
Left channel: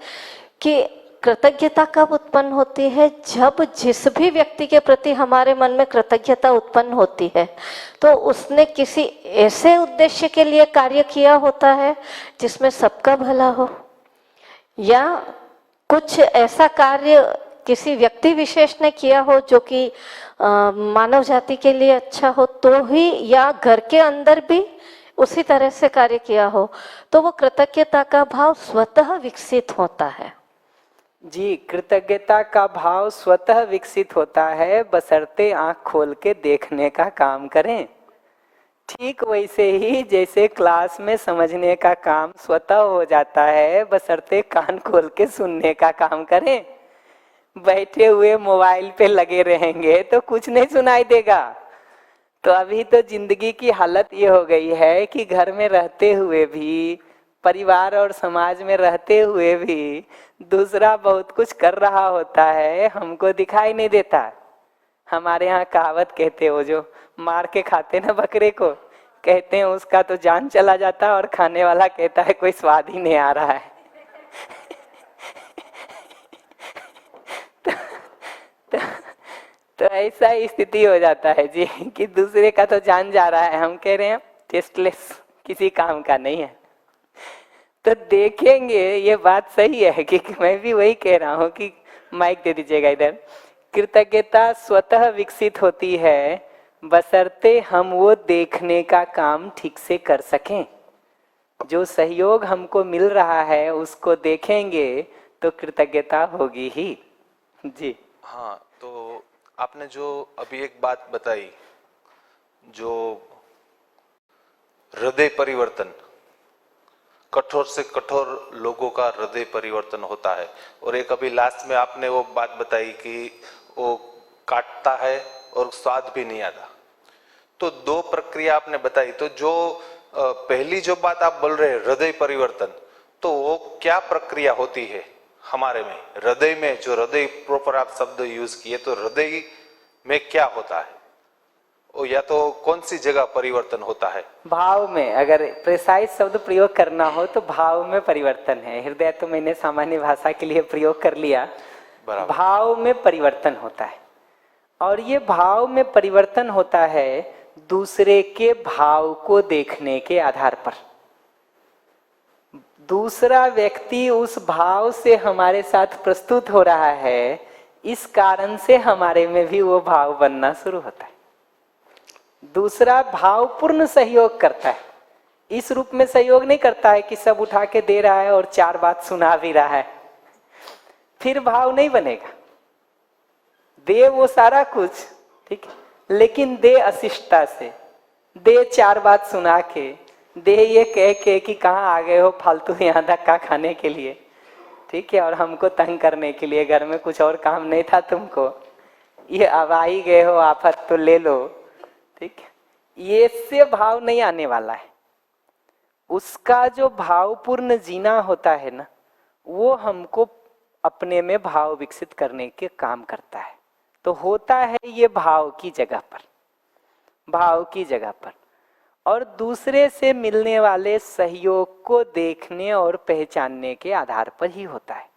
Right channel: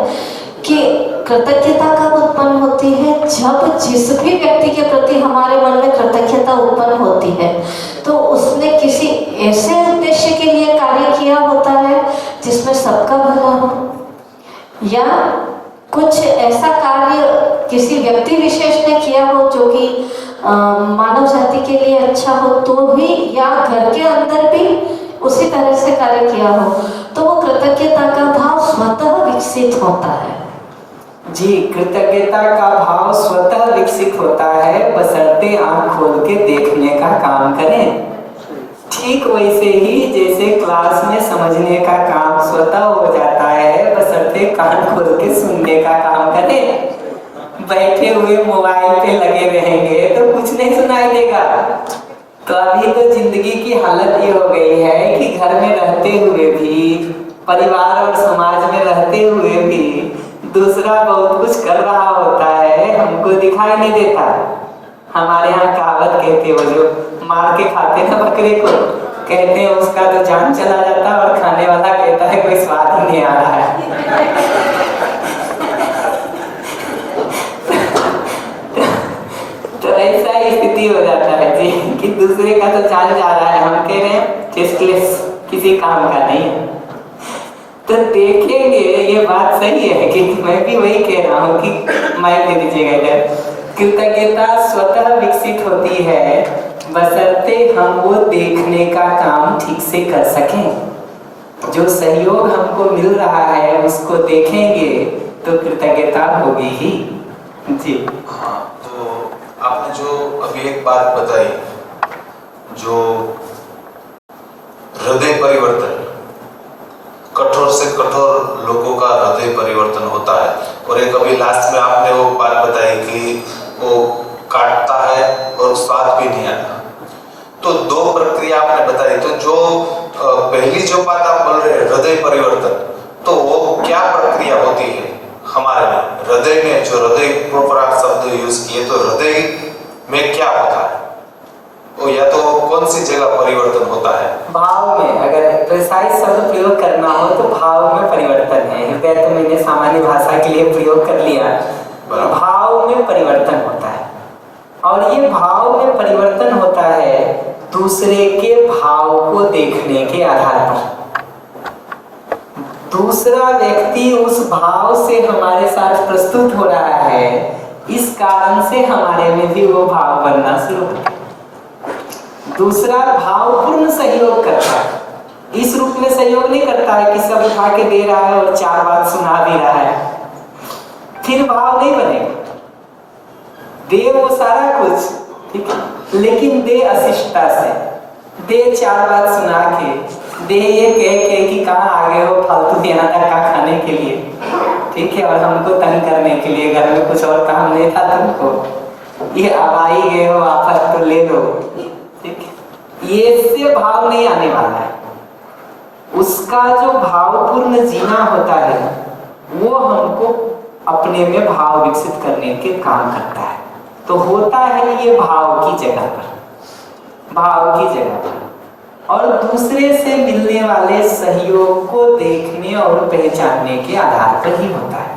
कि कृतज्ञता कब उत्पन्न होती है, जब जिस भी व्यक्ति के प्रति हमारे मन में कृतज्ञता उत्पन्न होती है तो उसने किसी ऐसे उद्देश्य के लिए कार्य किया होता है जिसमें सबका भला हो, या कुछ ऐसा कार्य किसी व्यक्ति विशेष ने किया हो जो कि मानव जाति के लिए अच्छा हो तो भी, या घर के अंदर भी उसी तरह से कार्य किया हो, तो वो कृतज्ञता का भाव स्वतः विकसित होता है। जी, कृतज्ञता का भाव स्वतः विकसित होता है, बशर्ते आंख खोल के देखने का काम करें। ठीक वैसे ही जैसे क्लास में समझने का काम स्वतः हो जाता है, बशर्ते कान खोल के सुनने का काम करें। बैठे हुए मोबाइल पे लगे रहेंगे तो कुछ नहीं सुनाई देगा। तो अभी तो जिंदगी की हालत ये हो गई है कि घर में रहते हुए भी, परिवार और समाज में रहते हुए भी दूसरा बहुत कुछ कर रहा होता है, हमको दिखाई नहीं देता। हमारे यहाँ कहावत कहते, वो जो मार के खाते हैं बकरे को, कहते हैं उसका तो जान चला जाता है और खाने वाला कहता है कोई स्वाद ही नहीं आ रहा है। तो ऐसा ही स्थिति हो जाता है जी कि दूसरे का तो जान जा रहा है, हम कह रहे हैं टेस्टलेस, किसी काम का नहीं। तो देखेंगे, ये बात सही है कि मैं भी वही कह रहा हूँ कि माइक दे दीजिएगा इधर। कृतज्ञता स्वतः विकसित होती है बशर्ते हम वो देखने का काम ठीक से कर सकें। जो सहयोग हमको मिल रहा है उसको देखेंगे तो कृतज्ञता होगी ही। जी हाँ, तो आपने जो अभी एक बात बताई, जो हृदय परिवर्तन, कठोर से कठोर लोगों का हृदय परिवर्तन होता है, और एक अभी लास्ट में आपने वो बात बताई कि वो काटता है और स्वाद भी नहीं आता। तो दो प्रक्रिया आपने बताई, तो जो पहली जो बात आप बोल रहे हैं हृदय परिवर्तन, तो वो क्या प्रक्रिया होती है हमारे में, हृदय में? जो हृदय प्रॉपर आप शब्द यूज किए, तो हृदय में क्या होता है वो, या तो कौन सी जगह परिवर्तन होता है? भाव में, अगर प्रिसाइज शब्द प्रयोग करना हो तो भाव में परिवर्तन है। हृदय तो मैंने सामान्य भाषा के लिए प्रयोग कर लिया। भाव में परिवर्तन होता है, और ये भाव में परिवर्तन होता है दूसरे के भाव को देखने के आधार पर। दूसरा व्यक्ति उस भाव से हमारे साथ प्रस्तुत हो रहा है, इस कारण से हमारे में भी वो भाव बनना शुरू होता है। दूसरा भावपूर्ण सहयोग करता है, इस रूप में सहयोग नहीं करता है कि सब उठा के दे रहा है और चार बात सुना भी रहा है, फिर भाव नहीं बनेगा। दे वो सारा कुछ, ठीक है, लेकिन दे अशिष्टता से, दे चार बात सुना के, दे ये कह के कि कहाँ आ गए हो फालतू देना का खाने के लिए, ठीक है, और हमको तंग करने के लिए, घर में कुछ और काम नहीं था तुमको, ये अब आ ही गए हो आपस को ले लो, ठीक है, ये इससे भाव नहीं आने वाला है। उसका जो भावपूर्ण जीना होता है वो हमको अपने में भाव विकसित करने के काम करता है। तो होता है ये भाव की जगह पर, भाव की जगह पर, और दूसरे से मिलने वाले सहयोग को देखने और पहचानने के आधार पर ही होता है,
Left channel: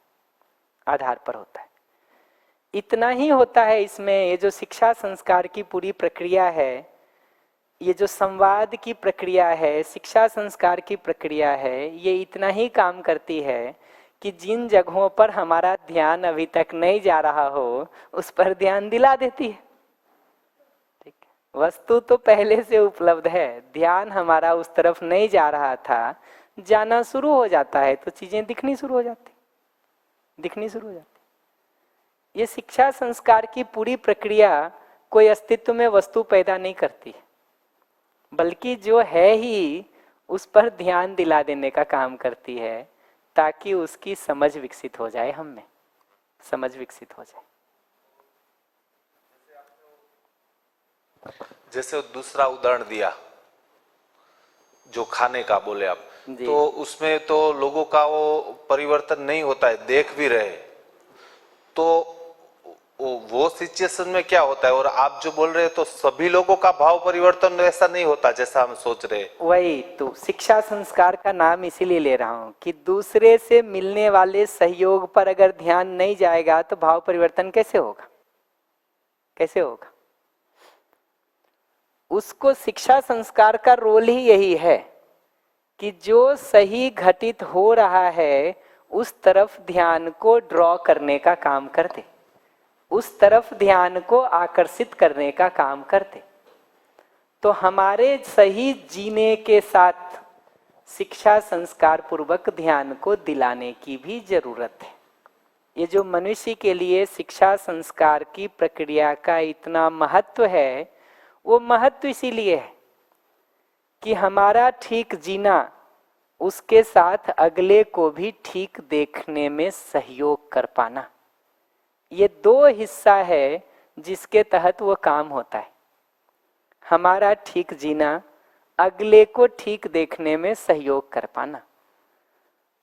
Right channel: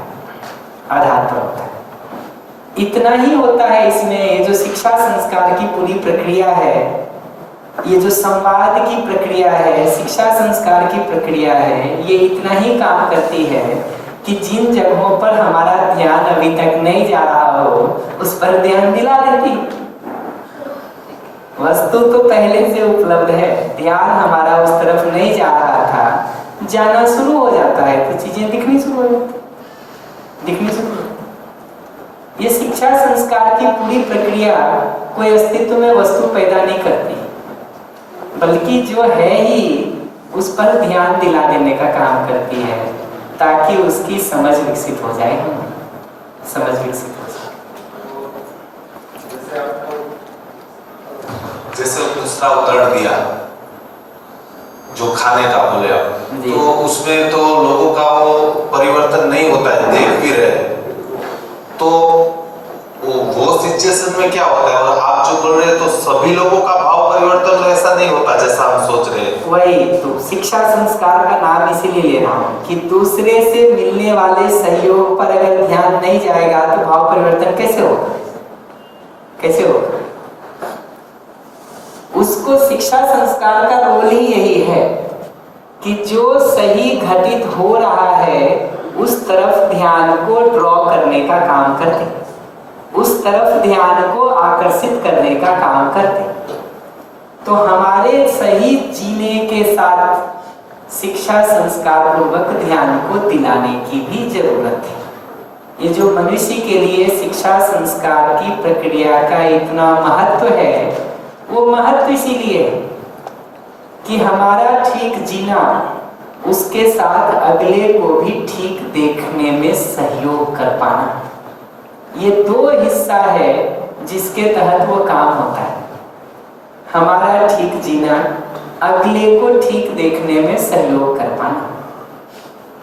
आधार पर होता है। इतना ही होता है इसमें। ये जो शिक्षा संस्कार की पूरी प्रक्रिया है, ये जो संवाद की प्रक्रिया है, शिक्षा संस्कार की प्रक्रिया है, ये इतना ही काम करती है कि जिन जगहों पर हमारा ध्यान अभी तक नहीं जा रहा हो उस पर ध्यान दिला देती। वस्तु तो पहले से उपलब्ध है, ध्यान हमारा उस तरफ नहीं जा रहा था, जाना शुरू हो जाता है तो चीजें दिखनी शुरू हो जाती, दिखनी शुरू हो जाती। ये शिक्षा संस्कार की पूरी प्रक्रिया कोई अस्तित्व में वस्तु पैदा नहीं करती, बल्कि जो है ही उस पर ध्यान दिला देने का काम करती है ताकि उसकी समझ विकसित हो जाए, समझ विकसित हो जाए। जैसे दूसरा उदाहरण दिया जो खाने का बोले आप, तो उसमें तो लोगों का वो परिवर्तन नहीं होता है, देख भी रहे, तो वो सिचुएशन में क्या होता है? और आप जो बोल रहे हैं तो सभी लोगों का भाव परिवर्तन तो ऐसा नहीं जैसा हम सोच रहे हैं। वही तो शिक्षा संस्कार का नाम इसीलिए ले रहा हूँ कि दूसरे से मिलने वाले सहयोग पर अगर ध्यान नहीं जाएगा तो भाव परिवर्तन कैसे होगा, कैसे होगा? उसको शिक्षा संस्कार का रोल ही यही है कि जो सही घटित हो रहा है उस तरफ ध्यान को ड्रॉ करने का काम करते, उस तरफ ध्यान को आकर्षित करने का काम करते। तो हमारे सही जीने के साथ शिक्षा संस्कार पूर्वक ध्यान को दिलाने की भी जरूरत है। ये जो मनुष्य के लिए शिक्षा संस्कार की प्रक्रिया का इतना महत्व है, वो महत्व इसीलिए है कि हमारा ठीक जीना उसके साथ अगले को भी ठीक देखने में सहयोग कर पाना, ये दो हिस्सा है जिसके तहत वो काम होता है। हमारा ठीक जीना अगले को ठीक देखने में सहयोग कर पाना,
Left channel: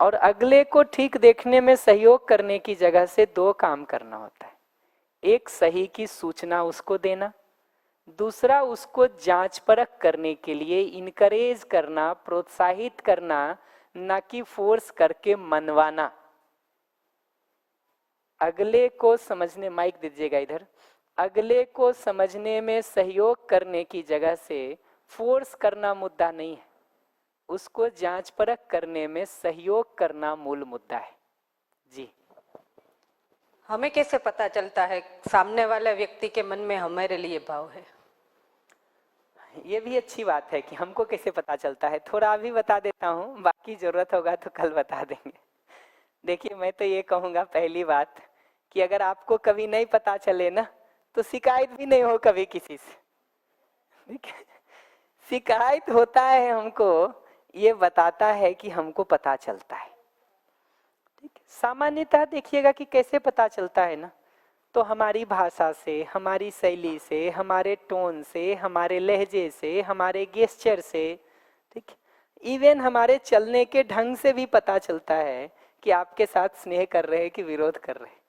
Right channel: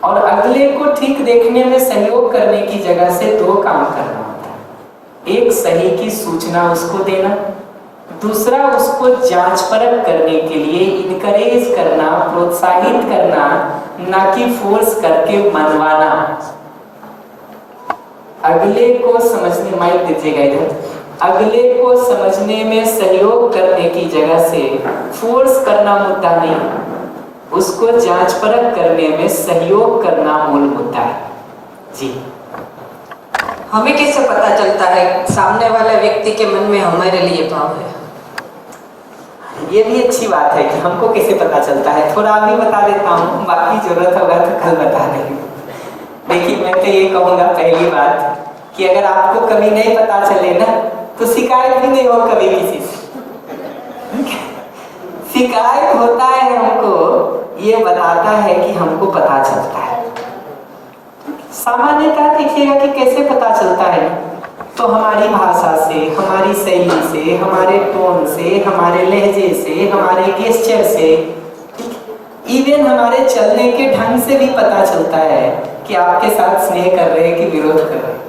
और अगले को ठीक देखने में सहयोग करने की जगह से दो काम करना होता है। एक सही की सूचना उसको देना, दूसरा उसको जांच परख करने के लिए इनकरेज करना, प्रोत्साहित करना, ना कि फोर्स करके मनवाना। अगले को समझने, माइक दीजिएगा इधर, अगले को समझने में सहयोग करने की जगह से फोर्स करना मुद्दा नहीं, उसको जांच परख करने में सहयोग करना मूल मुद्दा है। जी, हमें कैसे पता चलता है सामने वाले व्यक्ति के मन में हमारे लिए भाव है? ये भी अच्छी बात है कि हमको कैसे पता चलता है। थोड़ा अभी बता देता हूँ, बाकी जरूरत होगा तो कल बता देंगे। देखिए, मैं तो ये कहूँगा पहली बात कि अगर आपको कभी नहीं पता चले ना तो शिकायत भी नहीं हो कभी किसी से। शिकायत होता है हमको, ये बताता है कि हमको पता चलता है। सामान्यतः देखिएगा कि कैसे पता चलता है, तो हमारी भाषा से, हमारी शैली से, हमारे टोन से, हमारे लहजे से, हमारे गेस्चर से, इवन हमारे चलने के ढंग से भी पता चलता है कि आपके साथ स्नेह कर रहे हैं कि विरोध कर रहे हैं।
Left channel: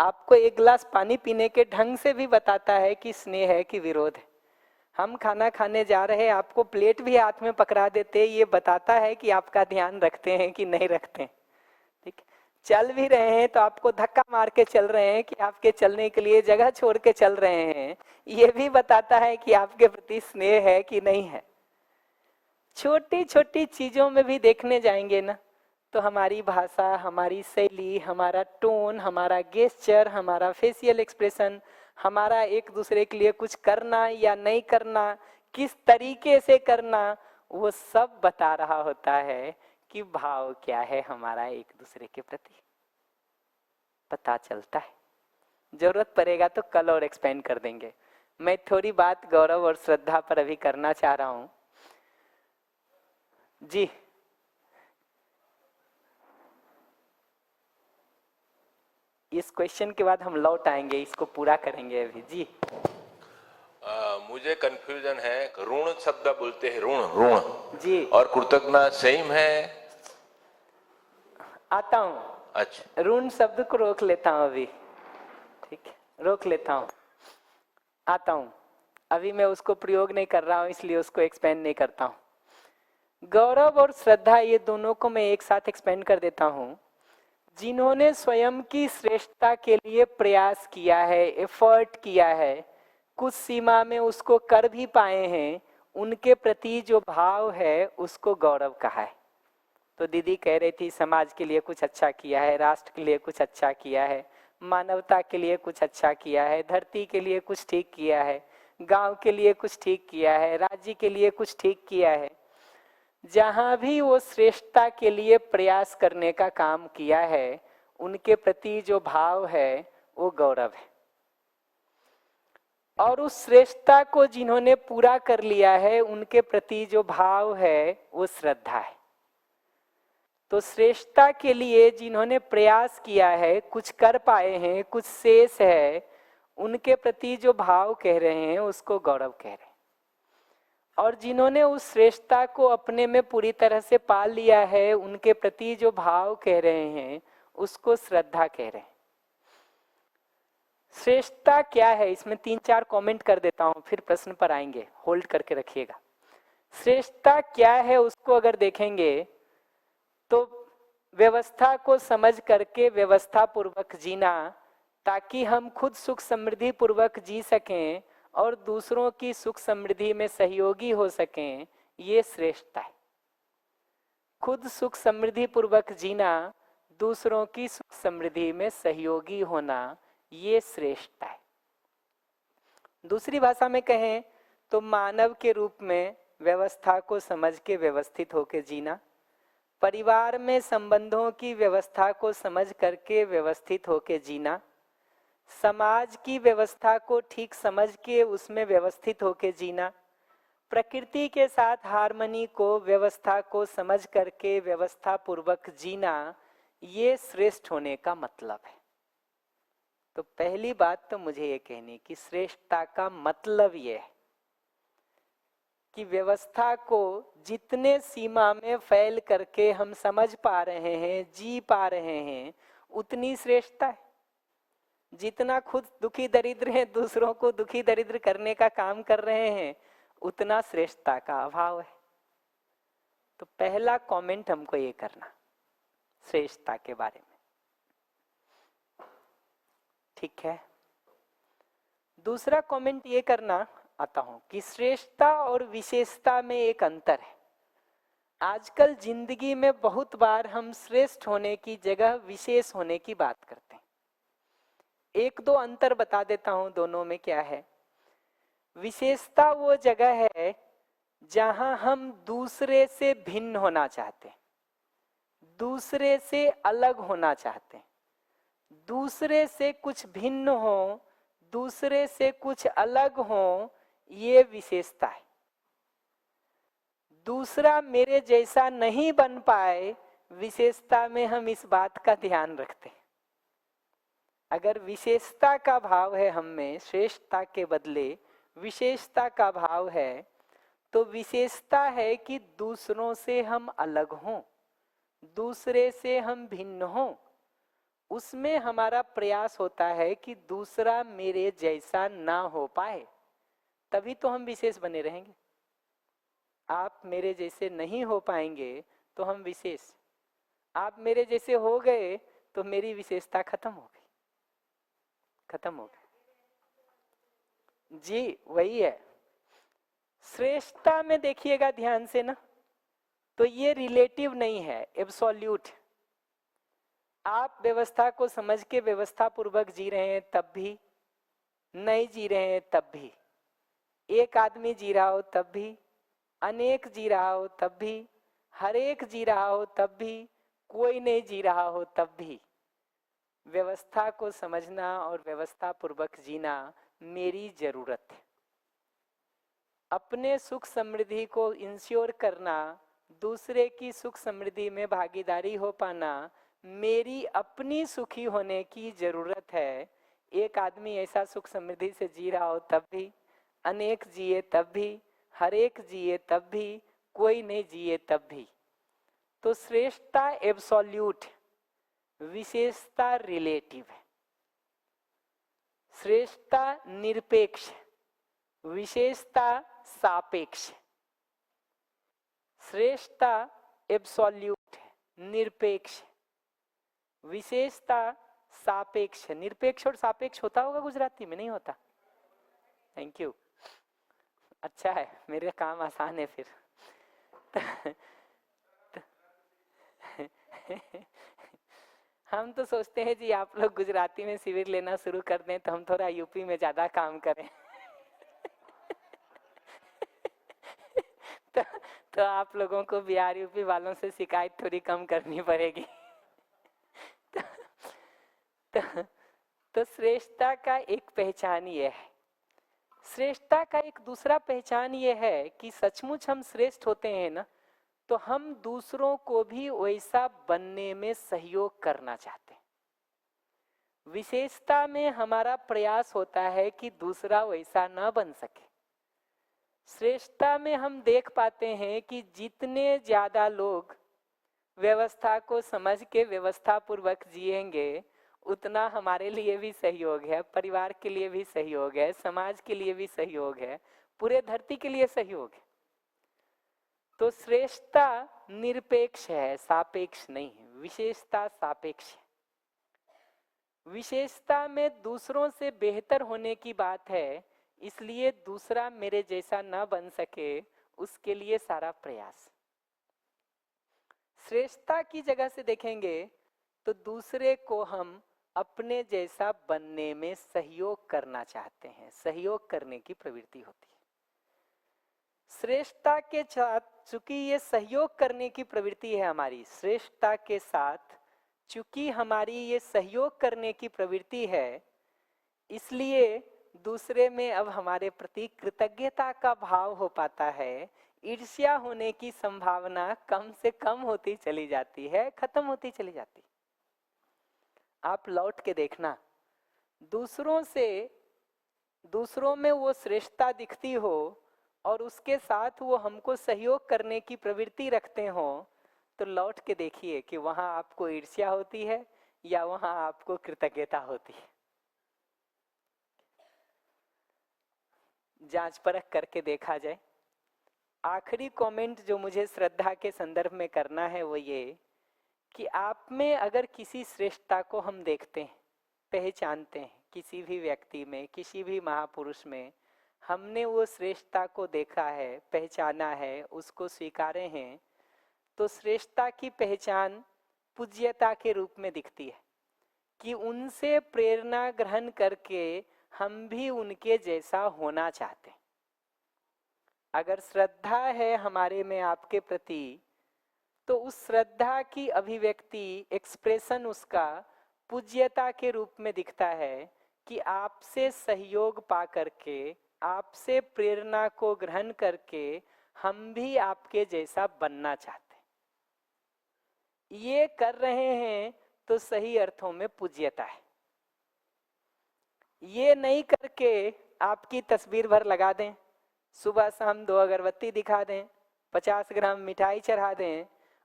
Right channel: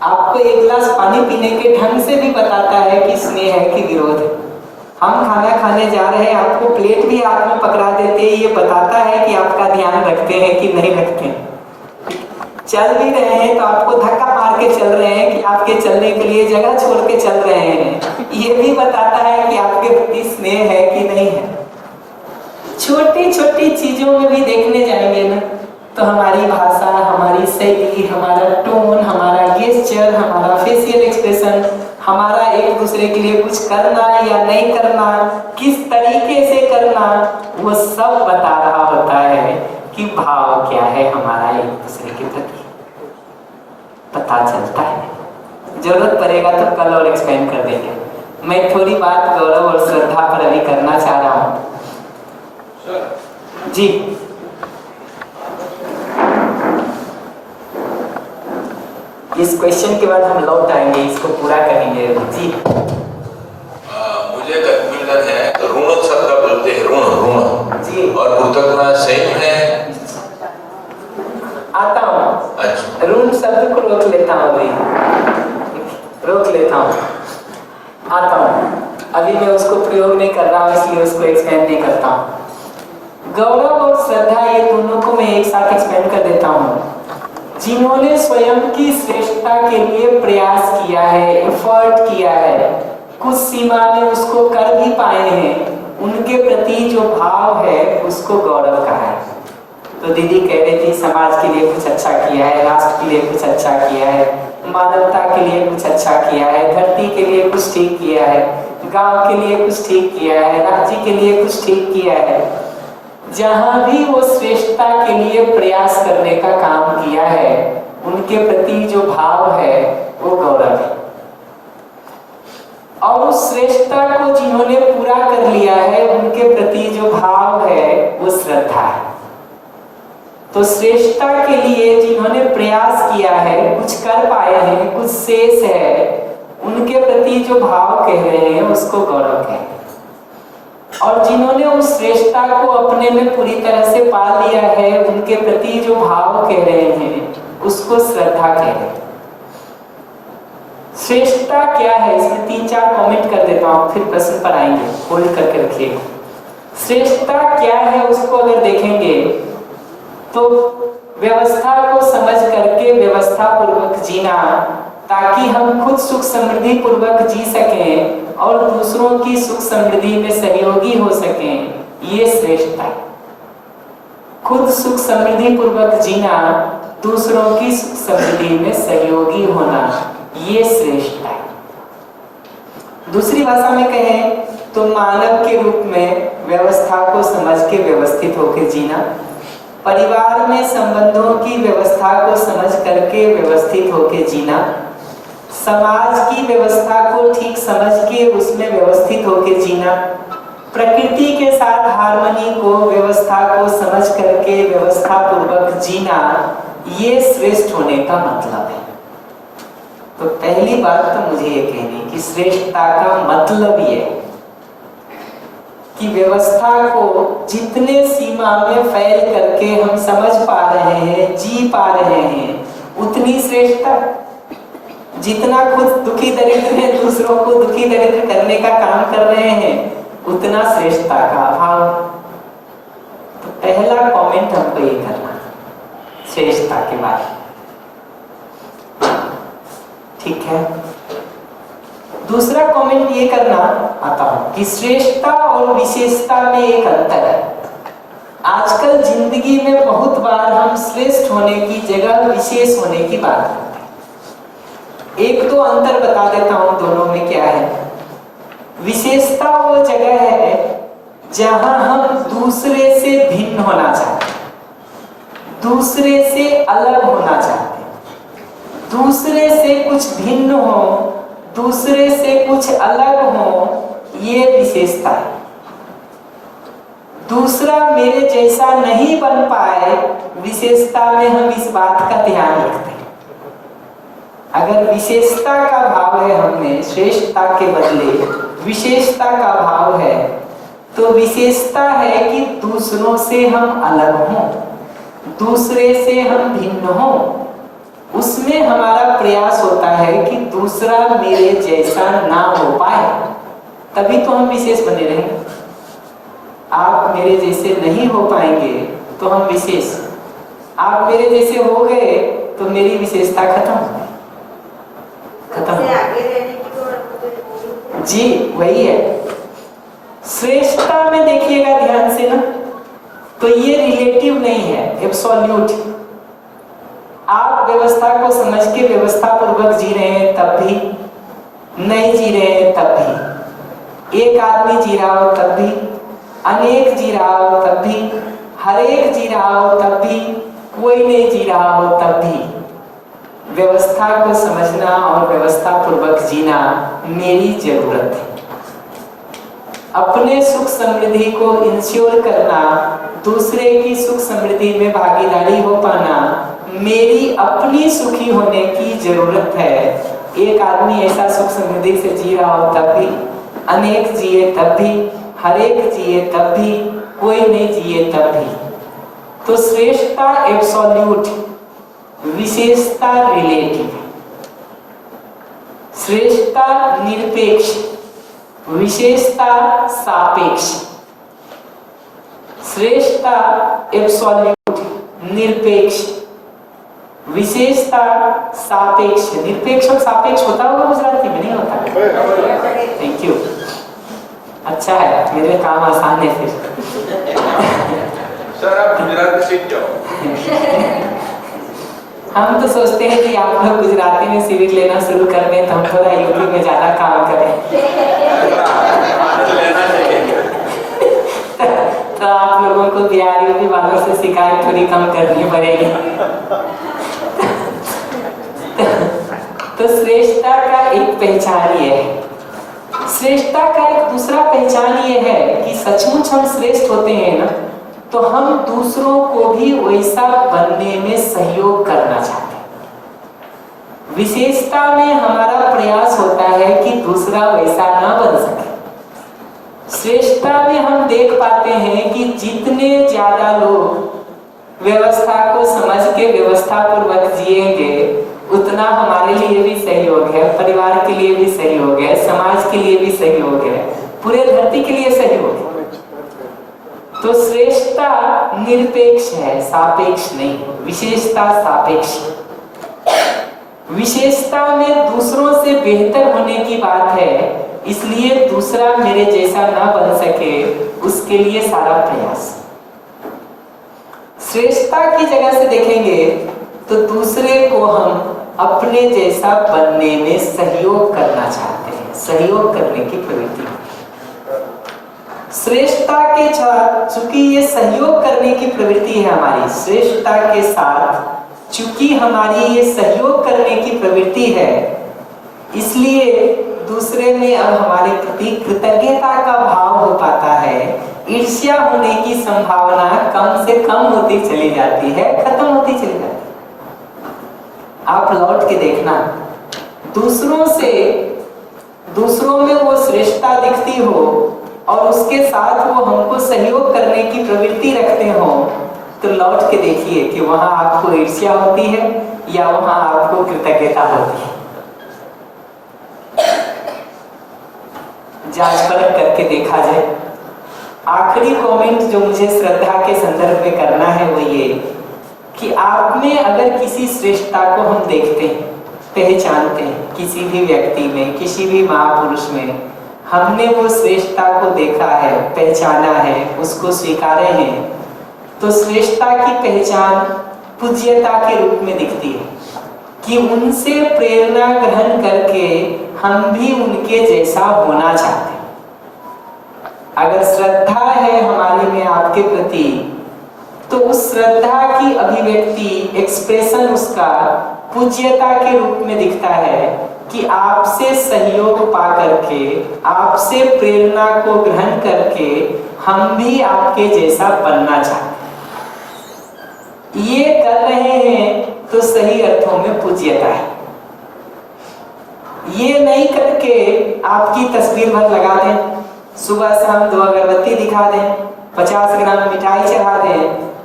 आपको एक गिलास पानी पीने के ढंग से भी बताता है कि स्नेह है कि विरोध है। हम खाना खाने जा रहे हैं, आपको प्लेट भी हाथ में पकड़ा देते हैं, ये बताता है कि आपका ध्यान रखते हैं कि नहीं रखते हैं। चल भी रहे हैं तो आपको धक्का मार के चल रहे हैं कि आपके चलने के लिए जगह छोड़ के चल रहे हैं, ये भी बताता है कि आपके प्रति स्नेह है कि नहीं है। छोटी छोटी चीजों में भी देखने जाएंगे ना तो हमारी भाषा, हमारी शैली, हमारा टोन, हमारा गेस्चर, हमारा फेशियल एक्सप्रेशन, हमारा एक दूसरे के लिए कुछ करना या नहीं करना, किस तरीके से करना, वो सब बता रहा होता है कि भाव क्या है हमारा एक दूसरे के प्रति। पता चलता है। जरूरत पड़ेगा तो कल और एक्सप्लेन कर देंगे। मैं थोड़ी बात गौरव और श्रद्धा पर अभी करना चाह रहा हूँ। जी, इस क्वेश्चन के बाद हम लौट आएंगे, इसको पूरा करेंगे। जी, मुझे कंफ्यूजन है, ऋण शब्द बोलते हैं, ऋण जी, और कृतज्ञता सेम है। आता हूँ। अच्छा, ऋण शब्द को रोक लेता हूँ, अभी रोक लेता हूँ, आता हूँ। अभी मैं उसको प्रयोग नहीं कर रहा हूँ, इसलिए उसको एक्सप्लेन नहीं करता हूँ। गौरव और श्रद्धा, ये दोनों को मैं एक साथ एक्सप्लेन कर देता हूँ। जिन्होंने स्वयं की श्रेष्ठता के लिए प्रयास किया है, एफर्ट किया है, कुछ सीमा में उसको कर भी पाए हैं, उनके प्रति जो भाव है उसको गौरव कहा है। तो दीदी कह रही थी समाज के लिए कुछ अच्छा किया है, राष्ट्र के लिए कुछ अच्छा किया है, मानवता के लिए कुछ अच्छा किया है, धरती के लिए कुछ ठीक किया है, गांव के लिए कुछ ठीक किया है, राज्य के लिए कुछ ठीक किया है। जहां भी वो श्रेष्ठता के लिए प्रयास करने का काम किया है, उनके प्रति जो भाव है वो गौरव है। और उस श्रेष्ठता को जिन्होंने पूरा कर लिया है, उनके प्रति जो भाव है वो श्रद्धा है। तो श्रेष्ठता के लिए जिन्होंने प्रयास किया है, कुछ कर पाए हैं, कुछ शेष है, उनके प्रति जो भाव कह रहे हैं उसको गौरव कहें। और जिन्होंने उस श्रेष्ठता को अपने में पूरी तरह से पा लिया है, उनके प्रति जो भाव कह रहे हैं उसको श्रद्धा कह रहे हैं। श्रेष्ठता क्या है, इसमें 3-4 कमेंट कर देता हूँ, फिर प्रश्न पर आएंगे, होल्ड करके रखिए। श्रेष्ठता क्या है उसको अगर देखेंगे तो व्यवस्था को समझ करके व्यवस्था पूर्वक जीना, ताकि हम खुद सुख समृद्धि पूर्वक जी सकें और दूसरों की सुख समृद्धि में सहयोगी हो सकें, ये श्रेष्ठता है। खुद सुख समृद्धि पूर्वक जीना, दूसरों की सुख समृद्धि में सहयोगी होना, ये श्रेष्ठता है। दूसरी भाषा में कहें तो मानव के रूप में व्यवस्था को समझ के व्यवस्थित होकर जीना, परिवार में संबंधों की व्यवस्था को समझ करके व्यवस्थित होकर जीना, समाज की व्यवस्था को ठीक समझ के उसमें व्यवस्थित होकर जीना, प्रकृति के साथ हार्मनी को व्यवस्था को समझ करके व्यवस्था पूर्वक जीना, ये श्रेष्ठ होने का मतलब है। तो पहली बात तो मुझे ये कहनी कि श्रेष्ठता का मतलब ये कि व्यवस्था को जितने सीमा में फैल करके हम समझ पा रहे हैं, जी पा रहे हैं, उतनी श्रेष्ठता। जितना खुद दुखी दरिद्र है, दूसरों को दुखी दरिद्र करने का काम कर रहे हैं, उतना श्रेष्ठता का अभाव। तो पहला कमेंट हमको ये करना श्रेष्ठता के बारे में, ठीक है। दूसरा कमेंट ये करना आता हूं कि श्रेष्ठता और विशेषता में एक अंतर है। आजकल जिंदगी में बहुत बार हम श्रेष्ठ होने की जगह विशेष होने की बात करते हैं। एक तो अंतर बता देता हूं दोनों में क्या है। विशेषता वो जगह है जहां हम दूसरे से भिन्न होना चाहते हैं, दूसरे से अलग होना चाहते हैं, दूसरे से कुछ भिन्न हो, दूसरे से कुछ अलग हो, ये विशेषता है। दूसरा मेरे जैसा नहीं बन पाए, विशेषता में हम इस बात का ध्यान रखते हैं। अगर विशेषता का भाव है हमें, श्रेष्ठता के बदले विशेषता का भाव है, तो विशेषता है कि दूसरों से हम अलग हों, दूसरे से हम भिन्न हों। उसमें हमारा प्रयास होता है कि दूसरा मेरे जैसा ना हो पाए, तभी तो हम विशेष बने रहेंगे। आप मेरे जैसे नहीं हो पाएंगे तो हम विशेष, आप मेरे जैसे हो गए तो मेरी विशेषता खत्म जी, वही है। श्रेष्ठता में देखिएगा ध्यान से ना, तो ये रिलेटिव नहीं है, एब्सोल्यूट। आप व्यवस्था को समझ के व्यवस्था पूर्वक जी रहे हैं तब भी, नहीं जी रहे हैं तब भी, एक आदमी जी रहा हो तब भी, अनेक जी रहा हो तब भी, हर एक जी रहा हो तब भी, कोई नहीं जी रहा हो तब भी, व्यवस्था को समझना और व्यवस्था पूर्वक जीना मेरी जरूरत है। अपने सुख समृद्धि को इंश्योर करना, दूसरे की सुख समृद्धि में भागीदारी हो पाना मेरी अपनी सुखी होने की जरूरत है। एक आदमी ऐसा सुख समृद्धि से जी रहा हो तब भी, अनेक जिए तब भी, हर एक जिए तब भी, कोई नहीं जिए तब भी। तो श्रेष्ठता एब्सोल्यूट, विशेषता रिलेटिव। श्रेष्ठता निरपेक्ष, विशेषता सापेक्ष। श्रेष्ठता एब्सोल्यूट निरपेक्ष, विशेषता सापेक्ष। निरपेक्ष और सापेक्ष होता होगा गुजराती में, नहीं होता? थैंक यू, अच्छा है, मेरे काम आसान है फिर। सर आप गुजराती सीख जाओ। हम तो सोचते हैं कि आप लोग गुजराती में सिविल लेना शुरू कर दें तो हम थोड़ा यूपी में ज्यादा काम करें। तो आप लोगों को बिहार यूपी वालों से शिकायत थोड़ी कम करनी पड़ेगी। तो श्रेष्ठता का एक पहचान ये है। श्रेष्ठता का एक दूसरा पहचान ये है कि सचमुच हम श्रेष्ठ होते हैं ना, तो हम दूसरों को भी वैसा बनने में सहयोग करना चाहते हैं। विशेषता में हमारा प्रयास होता है कि दूसरा वैसा ना बन सके। श्रेष्ठता में हम देख पाते हैं कि जितने ज्यादा लोग व्यवस्था को समझ के व्यवस्था पूर्वक जिएंगे, उतना हमारे लिए भी सहयोग है, परिवार के लिए भी सहयोग है, समाज के लिए भी सहयोग है, पूरे धरती के लिए सहयोग है। तो श्रेष्ठता निरपेक्ष है, सापेक्ष नहीं। विशेषता सापेक्ष। विशेषता में दूसरों से बेहतर होने की बात है, इसलिए दूसरा मेरे जैसा ना बन सके उसके लिए सारा प्रयास। श्रेष्ठता की जगह से देखेंगे तो दूसरे को हम अपने जैसा बनने में सहयोग करना चाहते हैं, सहयोग करने की प्रवृत्ति। श्रेष्ठता के साथ चूंकि ये सहयोग करने की प्रवृत्ति है हमारी, श्रेष्ठता के साथ चूंकि हमारी ये सहयोग करने की प्रवृत्ति है, इसलिए दूसरे में अब हमारे प्रति कृतज्ञता का भाव हो पाता है। ईर्ष्या होने की संभावना कम से कम होती चली जाती है, खत्म होती चली जाती है। आप लौट के देखना, दूसरों में वो श्रेष्ठता दिखती हो और उसके साथ वो हमको सहयोग करने की प्रवृत्ति रखते हो, तो लौट के देखिए कि वहां आपको ईर्ष्या होती है या वहां आपको कृतज्ञता होती है। जांच परख करके देखा जाए। आखिरी कमेंट जो मुझे श्रद्धा के संदर्भ में करना है वो ये कि आप में अगर किसी श्रेष्ठता को हम देखते हैं, पहचानते हैं, किसी भी व्यक्ति में, किसी भी महापुरुष में हमने वो श्रेष्ठता को देखा है, पहचाना है, उसको स्वीकारे हैं, तो श्रेष्ठता की पहचान पूज्यता के रूप में दिखती है कि उनसे प्रेरणा ग्रहण करके हम भी उनके जैसा होना चाहते हैं। अगर श्रद्धा है हमारे में आपके प्रति, तो उस श्रद्धा की अभिव्यक्ति, एक्सप्रेशन उसका पूज्यता के रूप में दिखता है कि आपसे सहयोग पा करके, आपसे प्रेरणा को ग्रहण करके हम भी आपके जैसा बनना चाहते हैं। ये कर रहे हैं तो सही अर्थों में पूज्यता है। ये नहीं करके आपकी तस्वीर भर लगा दें, सुबह शाम 2 अगरबत्ती दिखा दें, 50 ग्राम मिठाई चढ़ा दें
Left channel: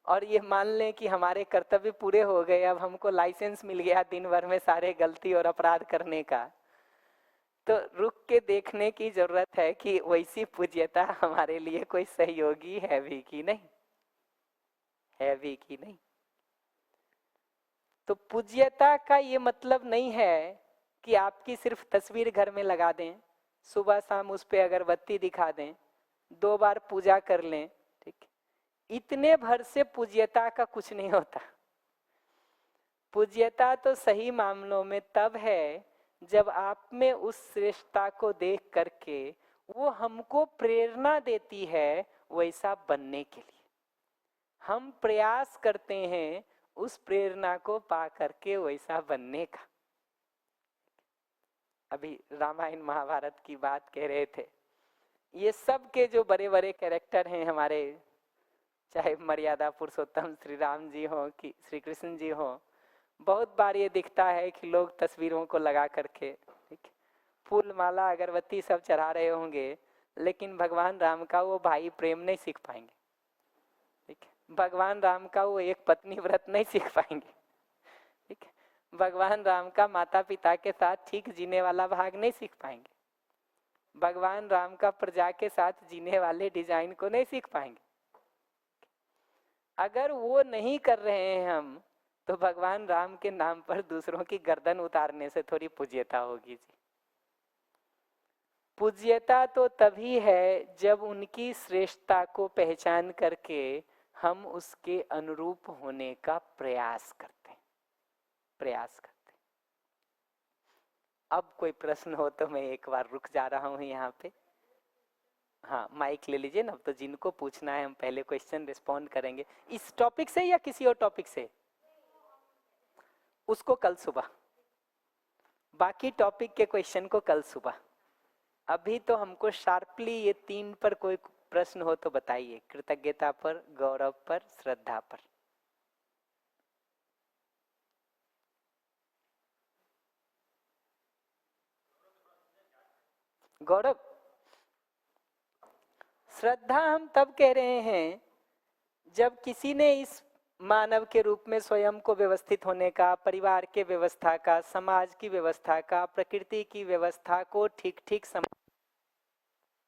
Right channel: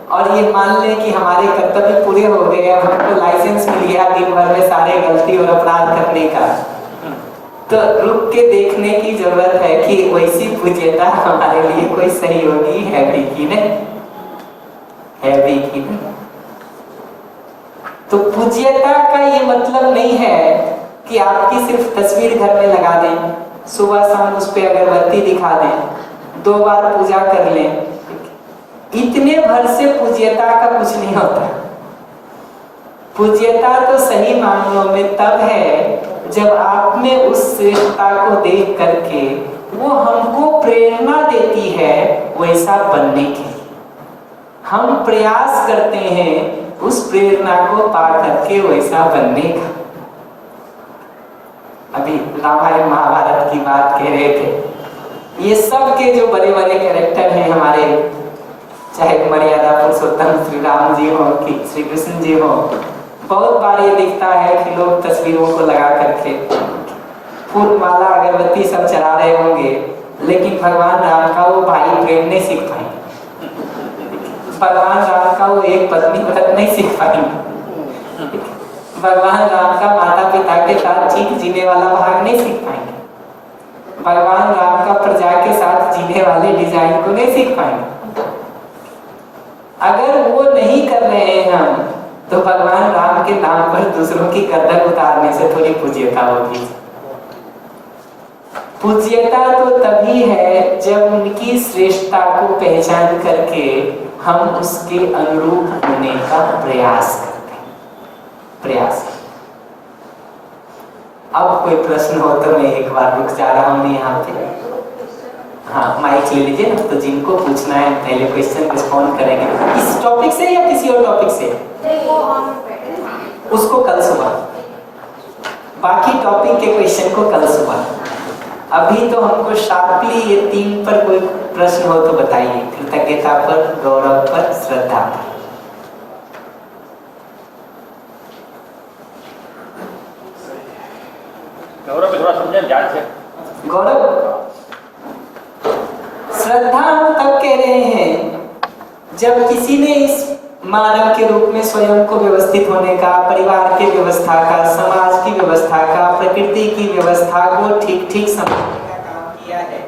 और ये मान लें कि हमारे कर्तव्य पूरे हो गए, अब हमको लाइसेंस मिल गया दिन भर में सारे गलती और अपराध करने का, तो रुक के देखने की जरूरत है कि वैसी पूज्यता हमारे लिए कोई सहयोगी है भी कि नहीं, है भी कि नहीं। तो पूज्यता का ये मतलब नहीं है कि आपकी सिर्फ तस्वीर घर में लगा दें, सुबह शाम उस पर अगरबत्ती दिखा दें, 2 बार पूजा कर लें, इतने भर से पूज्यता का कुछ नहीं होता। पूज्यता तो सही मामलों में तब है जब आप में उस श्रेष्ठता को देख करके वो हमको प्रेरणा देती है वैसा बनने के लिए। हम प्रयास करते हैं उस प्रेरणा को पा करके वैसा बनने का। अभी रामायण महाभारत की बात कह रहे थे, ये सब के जो बड़े बड़े कैरेक्टर हैं हमारे, चाहे मर्यादा पुरुषोत्तम श्री राम जी हो कि श्री कृष्ण जी हो, बहुत बार ये दिखता है कि लोग तस्वीरों को लगा करके फूल माला अगरबत्ती सब चढ़ा रहे होंगे, लेकिन भगवान राम का वो भाई प्रेम नहीं सीख पाएंगे, भगवान राम का वो एक पत्नी व्रत नहीं सीख पाएंगे, भगवान राम का माता पिता के साथ जीने वाला भाग नहीं सीख पाएंगे, भगवान राम का प्रजा के साथ जीने वाले डिजाइन को नहीं सीख पाएंगे। अगर वो नहीं कर रहे हैं हम, तो भगवान राम के नाम पर दूसरों की गर्दन उतारने से थोड़ी पूज्यता होगी। पूज्यता तो तभी है जब उनकी श्रेष्ठता को पहचान करके हम उसके अनुरूप होने का प्रयास करते हैं, प्रयास। अब कोई प्रश्न हो तो मैं एक बार रुक जा रहा हूँ यहाँ पे। हाँ, माइक ले लीजिए ना, तो जिनको पूछना है पहले क्वेश्चन रिस्पॉन्ड करेंगे इस टॉपिक से या किसी और टॉपिक से, उसको कल सुबह, बाकी टॉपिक के क्वेश्चन को कल सुबह। अभी तो हमको शार्पली ये 3 पर कोई प्रश्न हो तो बताइए, कृतज्ञता पर, गौरव पर, श्रद्धा पर। गौरव पे थोड़ा समझें ध्यान से। गौरव, श्रद्धा हम तब कह रहे हैं जब किसी ने इस मानव के रूप में स्वयं को व्यवस्थित होने का, परिवार की व्यवस्था का, समाज की व्यवस्था का, प्रकृति की व्यवस्था को ठीक ठीक समझने का काम किया है।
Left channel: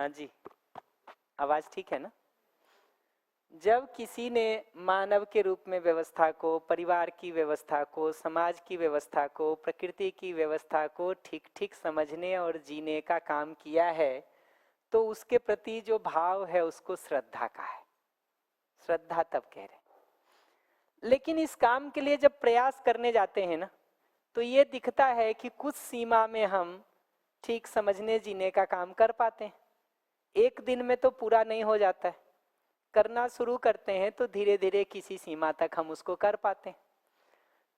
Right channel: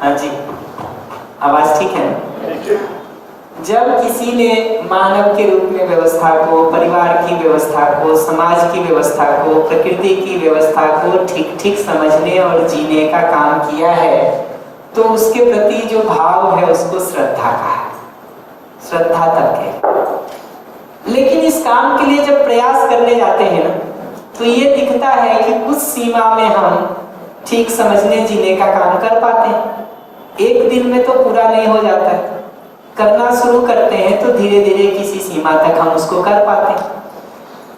हाँ जी, आवाज ठीक है ना? जब किसी ने मानव के रूप में व्यवस्था को, परिवार की व्यवस्था को, समाज की व्यवस्था को, प्रकृति की व्यवस्था को ठीक ठीक समझने और जीने का काम किया है, तो उसके प्रति जो भाव है उसको श्रद्धा कहा है। श्रद्धा तक है। लेकिन इस काम के लिए जब प्रयास करने जाते हैं ना, तो ये दिखता है कि कुछ सीमा में हम ठीक समझने जीने का काम कर पाते हैं। एक दिन में तो पूरा नहीं हो जाता है। करना शुरू करते हैं तो धीरे धीरे किसी सीमा तक हम उसको कर पाते हैं।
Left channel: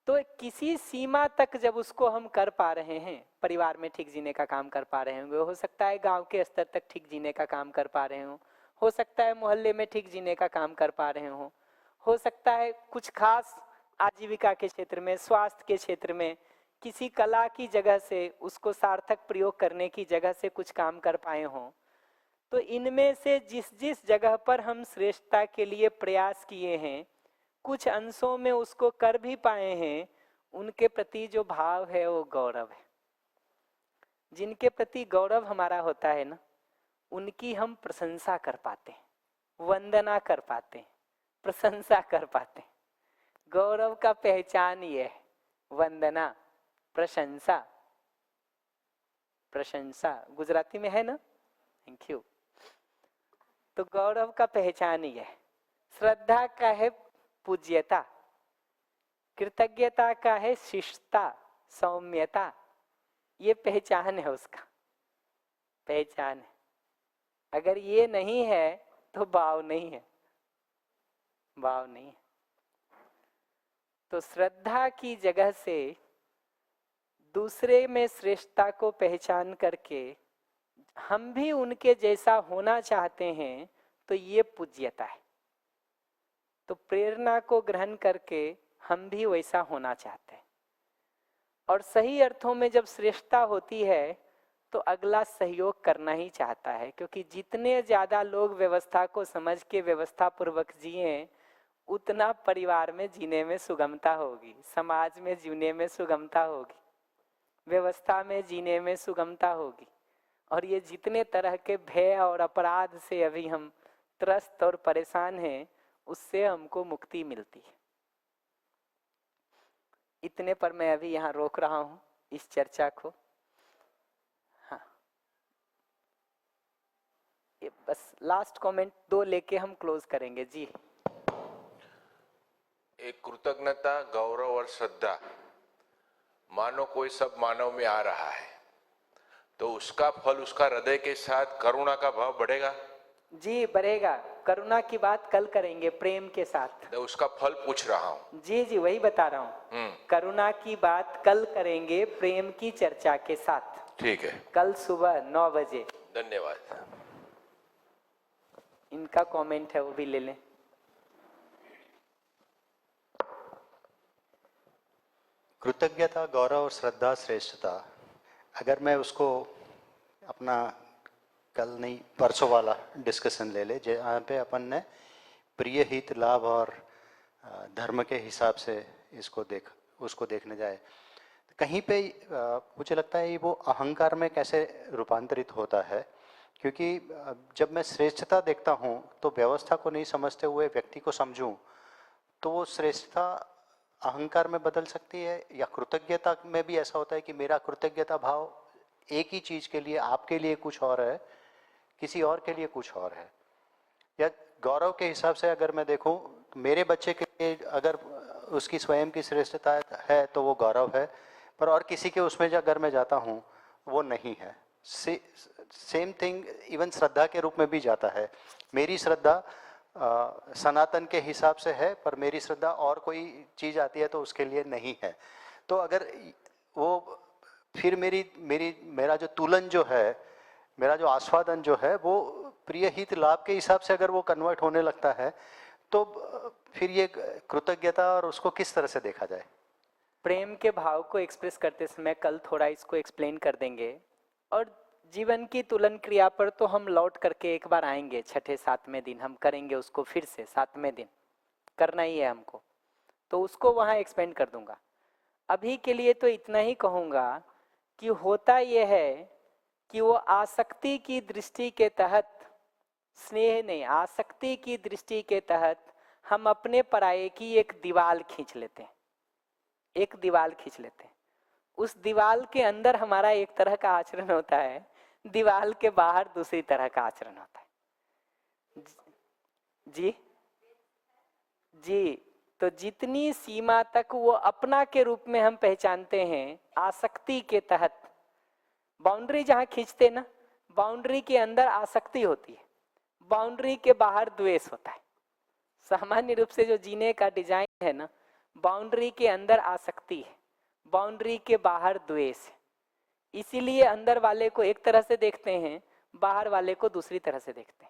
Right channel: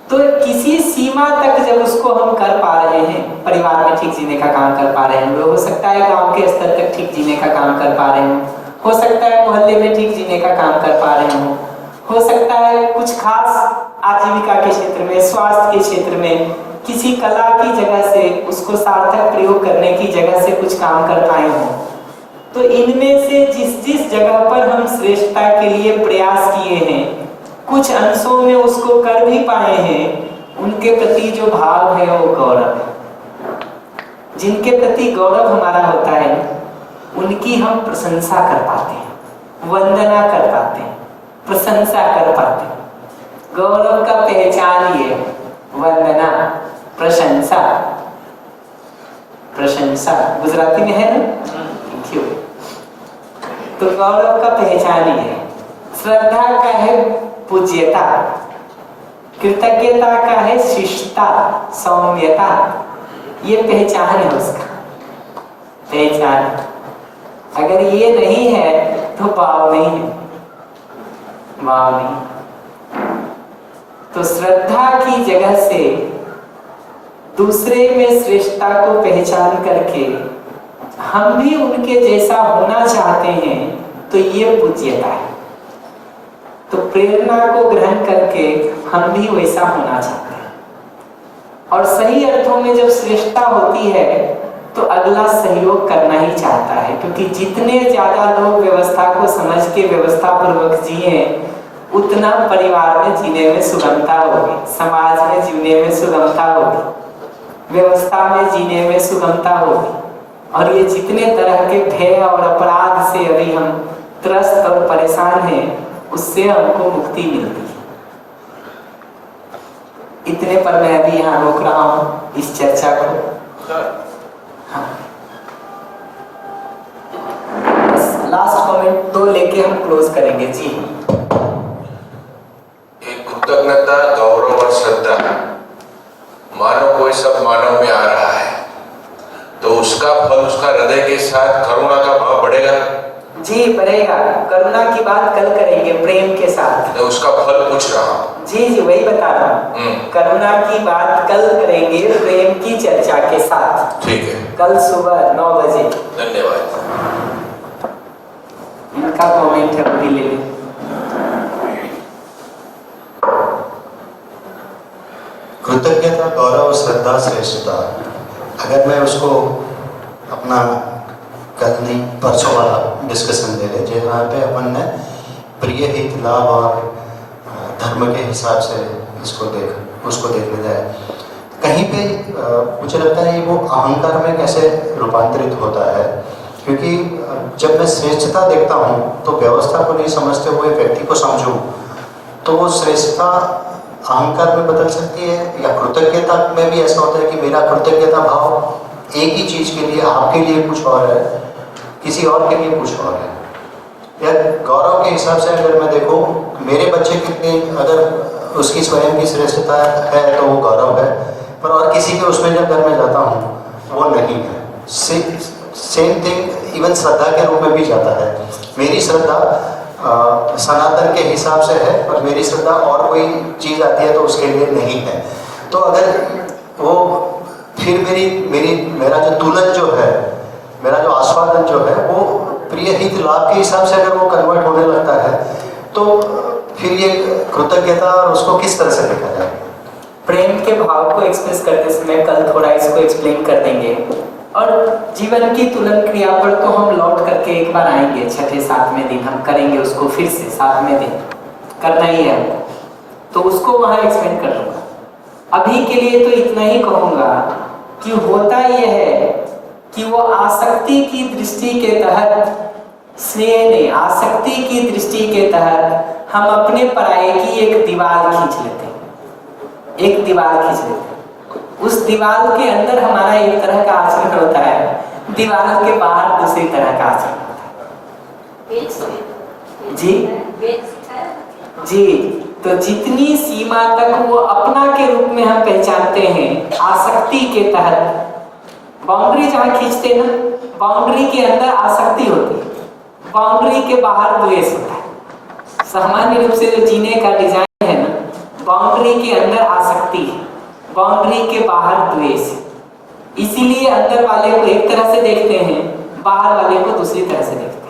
तो किसी सीमा तक जब उसको हम कर पा रहे हैं, परिवार में ठीक जीने का काम कर पा रहे हैं, हो सकता है गांव के स्तर तक ठीक जीने का काम कर पा रहे हो सकता है मोहल्ले में ठीक जीने का काम कर पा रहे हो सकता है कुछ खास आजीविका के क्षेत्र में, स्वास्थ्य के क्षेत्र में, किसी कला की जगह से उसको सार्थक प्रयोग करने की जगह से कुछ काम कर पाए हो। तो इनमें से जिस जिस जगह पर हम श्रेष्ठता के लिए प्रयास किए हैं, कुछ अंशों में उसको कर भी पाए हैं, उनके प्रति जो भाव है वो गौरव है। जिनके प्रति गौरव हमारा होता है उनकी हम प्रशंसा कर पाते हैं, वंदना कर पाते हैं, प्रशंसा कर पाते हैं। गौरव का पहचान ये वंदना, प्रशंसा। प्रशंसा गुजराती में है ना? क्यों? तो गौरव का पहचान ही है। श्रद्धा का है पूज्यता, कृतज्ञता का है शिष्टता, सौम्यता। ये पहचान है उसका, पहचान। अगर ये नहीं है तो भाव नहीं है, भाव नहीं। तो श्रद्धा की जगह से दूसरे में श्रेष्ठता को पहचान करके हम भी उनके जैसा होना चाहते हैं, तो ये पूज्यता है। तो प्रेरणा को ग्रहण करके हम भी वैसा होना चाहते हैं। और सही अर्थों में जब श्रेष्ठता होती है तो अगला सहयोग करना ही चाहता है, क्योंकि जितने ज्यादा लोग व्यवस्था को समझ के व्यवस्था पूर्वक जिए उतना परिवार में जीने में सुगमता होगी, समाज में जीने में सुगमता होगी, व्यवस्था में जीने में सुगमता होगी। और ये जितने तरह के भय और अपराध से अभी हम त्रस्त और परेशान हैं, उससे हमको मुक्ति मिलती है। इतने पर मैं अभी यहाँ रोक रहा हूँ इस चर्चा को। हाँ, लास्ट कमेंट 2 लेके हम क्लोज करेंगे जी। एक कृतज्ञता, गौरव और श्रद्धा, मानव कोई सब मानव में आ रहा है, तो उसका फल उसका हृदय के साथ करुणा का भाव बढ़ेगा जी, बढ़ेगा। करुणा की बात कल करेंगे, प्रेम के साथ। तो उसका फल पूछ रहा हूँ। जी जी, वही बता रहा हूँ। करुणा की बात कल करेंगे प्रेम की चर्चा के साथ। ठीक है, कल सुबह 9 बजे। धन्यवाद। इनका कमेंट है, अभी ले लें। कृतज्ञता, गौरव, श्रद्धा, श्रेष्ठता, अगर मैं उसको अपना कल नहीं परसों वाला डिस्कशन ले लें, जहाँ पे अपन ने प्रिय हित, लाभ और धर्म के हिसाब से उसको देखने जाए, कहीं पे मुझे लगता है वो अहंकार में कैसे रूपांतरित होता है। क्योंकि जब मैं श्रेष्ठता देखता हूँ तो व्यवस्था को नहीं समझते हुए व्यक्ति को समझूं, तो वो श्रेष्ठता अहंकार में बदल सकती है। या कृतज्ञता में भी ऐसा होता है कि मेरा कृतज्ञता भाव एक ही चीज के लिए, आपके लिए कुछ और है, किसी और के लिए कुछ और है। या गौरव के हिसाब से अगर मैं देखूं, मेरे बच्चे कितनी, अगर उसकी स्वयं की श्रेष्ठता है तो वो गौरव है, और किसी के उसमें जब घर में जाता हूँ वो नहीं है। सेम थिंग इवन श्रद्धा के रूप में भी जाता है। मेरी श्रद्धा सनातन के हिसाब से है, और मेरी श्रद्धा और कोई चीज आती है तो उसके लिए नहीं है। तो अगर वो फिर मेरा जो तुलन जो है, मेरा जो आस्वादन जो है, वो प्रिय हित लाभ के हिसाब से अगर वो कन्वर्ट होने लगता है, तो फिर ये कृतज्ञता उसको किस तरह से देखा जाए। प्रेम के भाव को एक्सप्रेस करते समय कल थोड़ा इसको एक्सप्लेन कर देंगे। और जीवन की तुलन क्रिया पर तो हम लौट करके एक बार आएंगे, 6ठे-7वें दिन हम करेंगे उसको फिर से, 7वें दिन करना ही है हमको, तो उसको वहां एक्सप्लेन कर लूंगा। अभी के लिए तो इतना ही कहूंगा कि होता यह है कि वो आसक्ति की दृष्टि के तहत स्नेह नहीं, आसक्ति की दृष्टि के तहत हम अपने पराये की एक दीवार खींच लेते हैं, एक दीवार खींच लेते हैं। उस दीवार के अंदर हमारा एक तरह का आचरण होता है, दीवार के बाहर दूसरी तरह का आचरण होता है। जी, तो जितनी सीमा तक वो अपना के रूप में हम पहचानते हैं आसक्ति के तहत, बाउंड्री जहां खींचते ना, बाउंड्री के अंदर आसक्ति होती है, बाउंड्री के बाहर द्वेष होता है। सामान्य रूप से जो जीने का डिजाइन है ना, बाउंड्री के अंदर आसक्ति है, बाउंड्री के बाहर द्वेष। इसीलिए अंदर वाले को एक तरह से देखते हैं, बाहर वाले को दूसरी तरह से देखते हैं।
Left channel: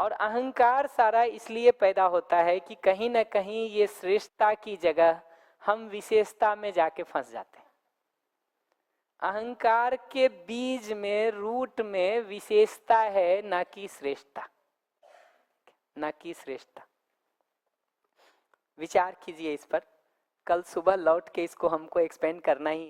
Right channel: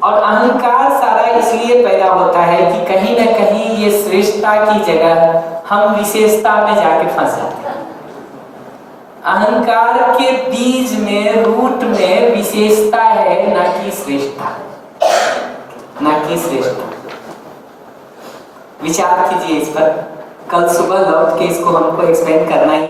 और अहंकार सारा इसलिए पैदा होता है कि कहीं ना कहीं ये श्रेष्ठता की जगह हम विशेषता में जाके फंस जाते हैं। अहंकार के बीज में, रूट में विशेषता है, ना कि श्रेष्ठता, ना कि श्रेष्ठता। विचार कीजिए इस पर, कल सुबह लौट के इसको हमको एक्सप्लेन करना ही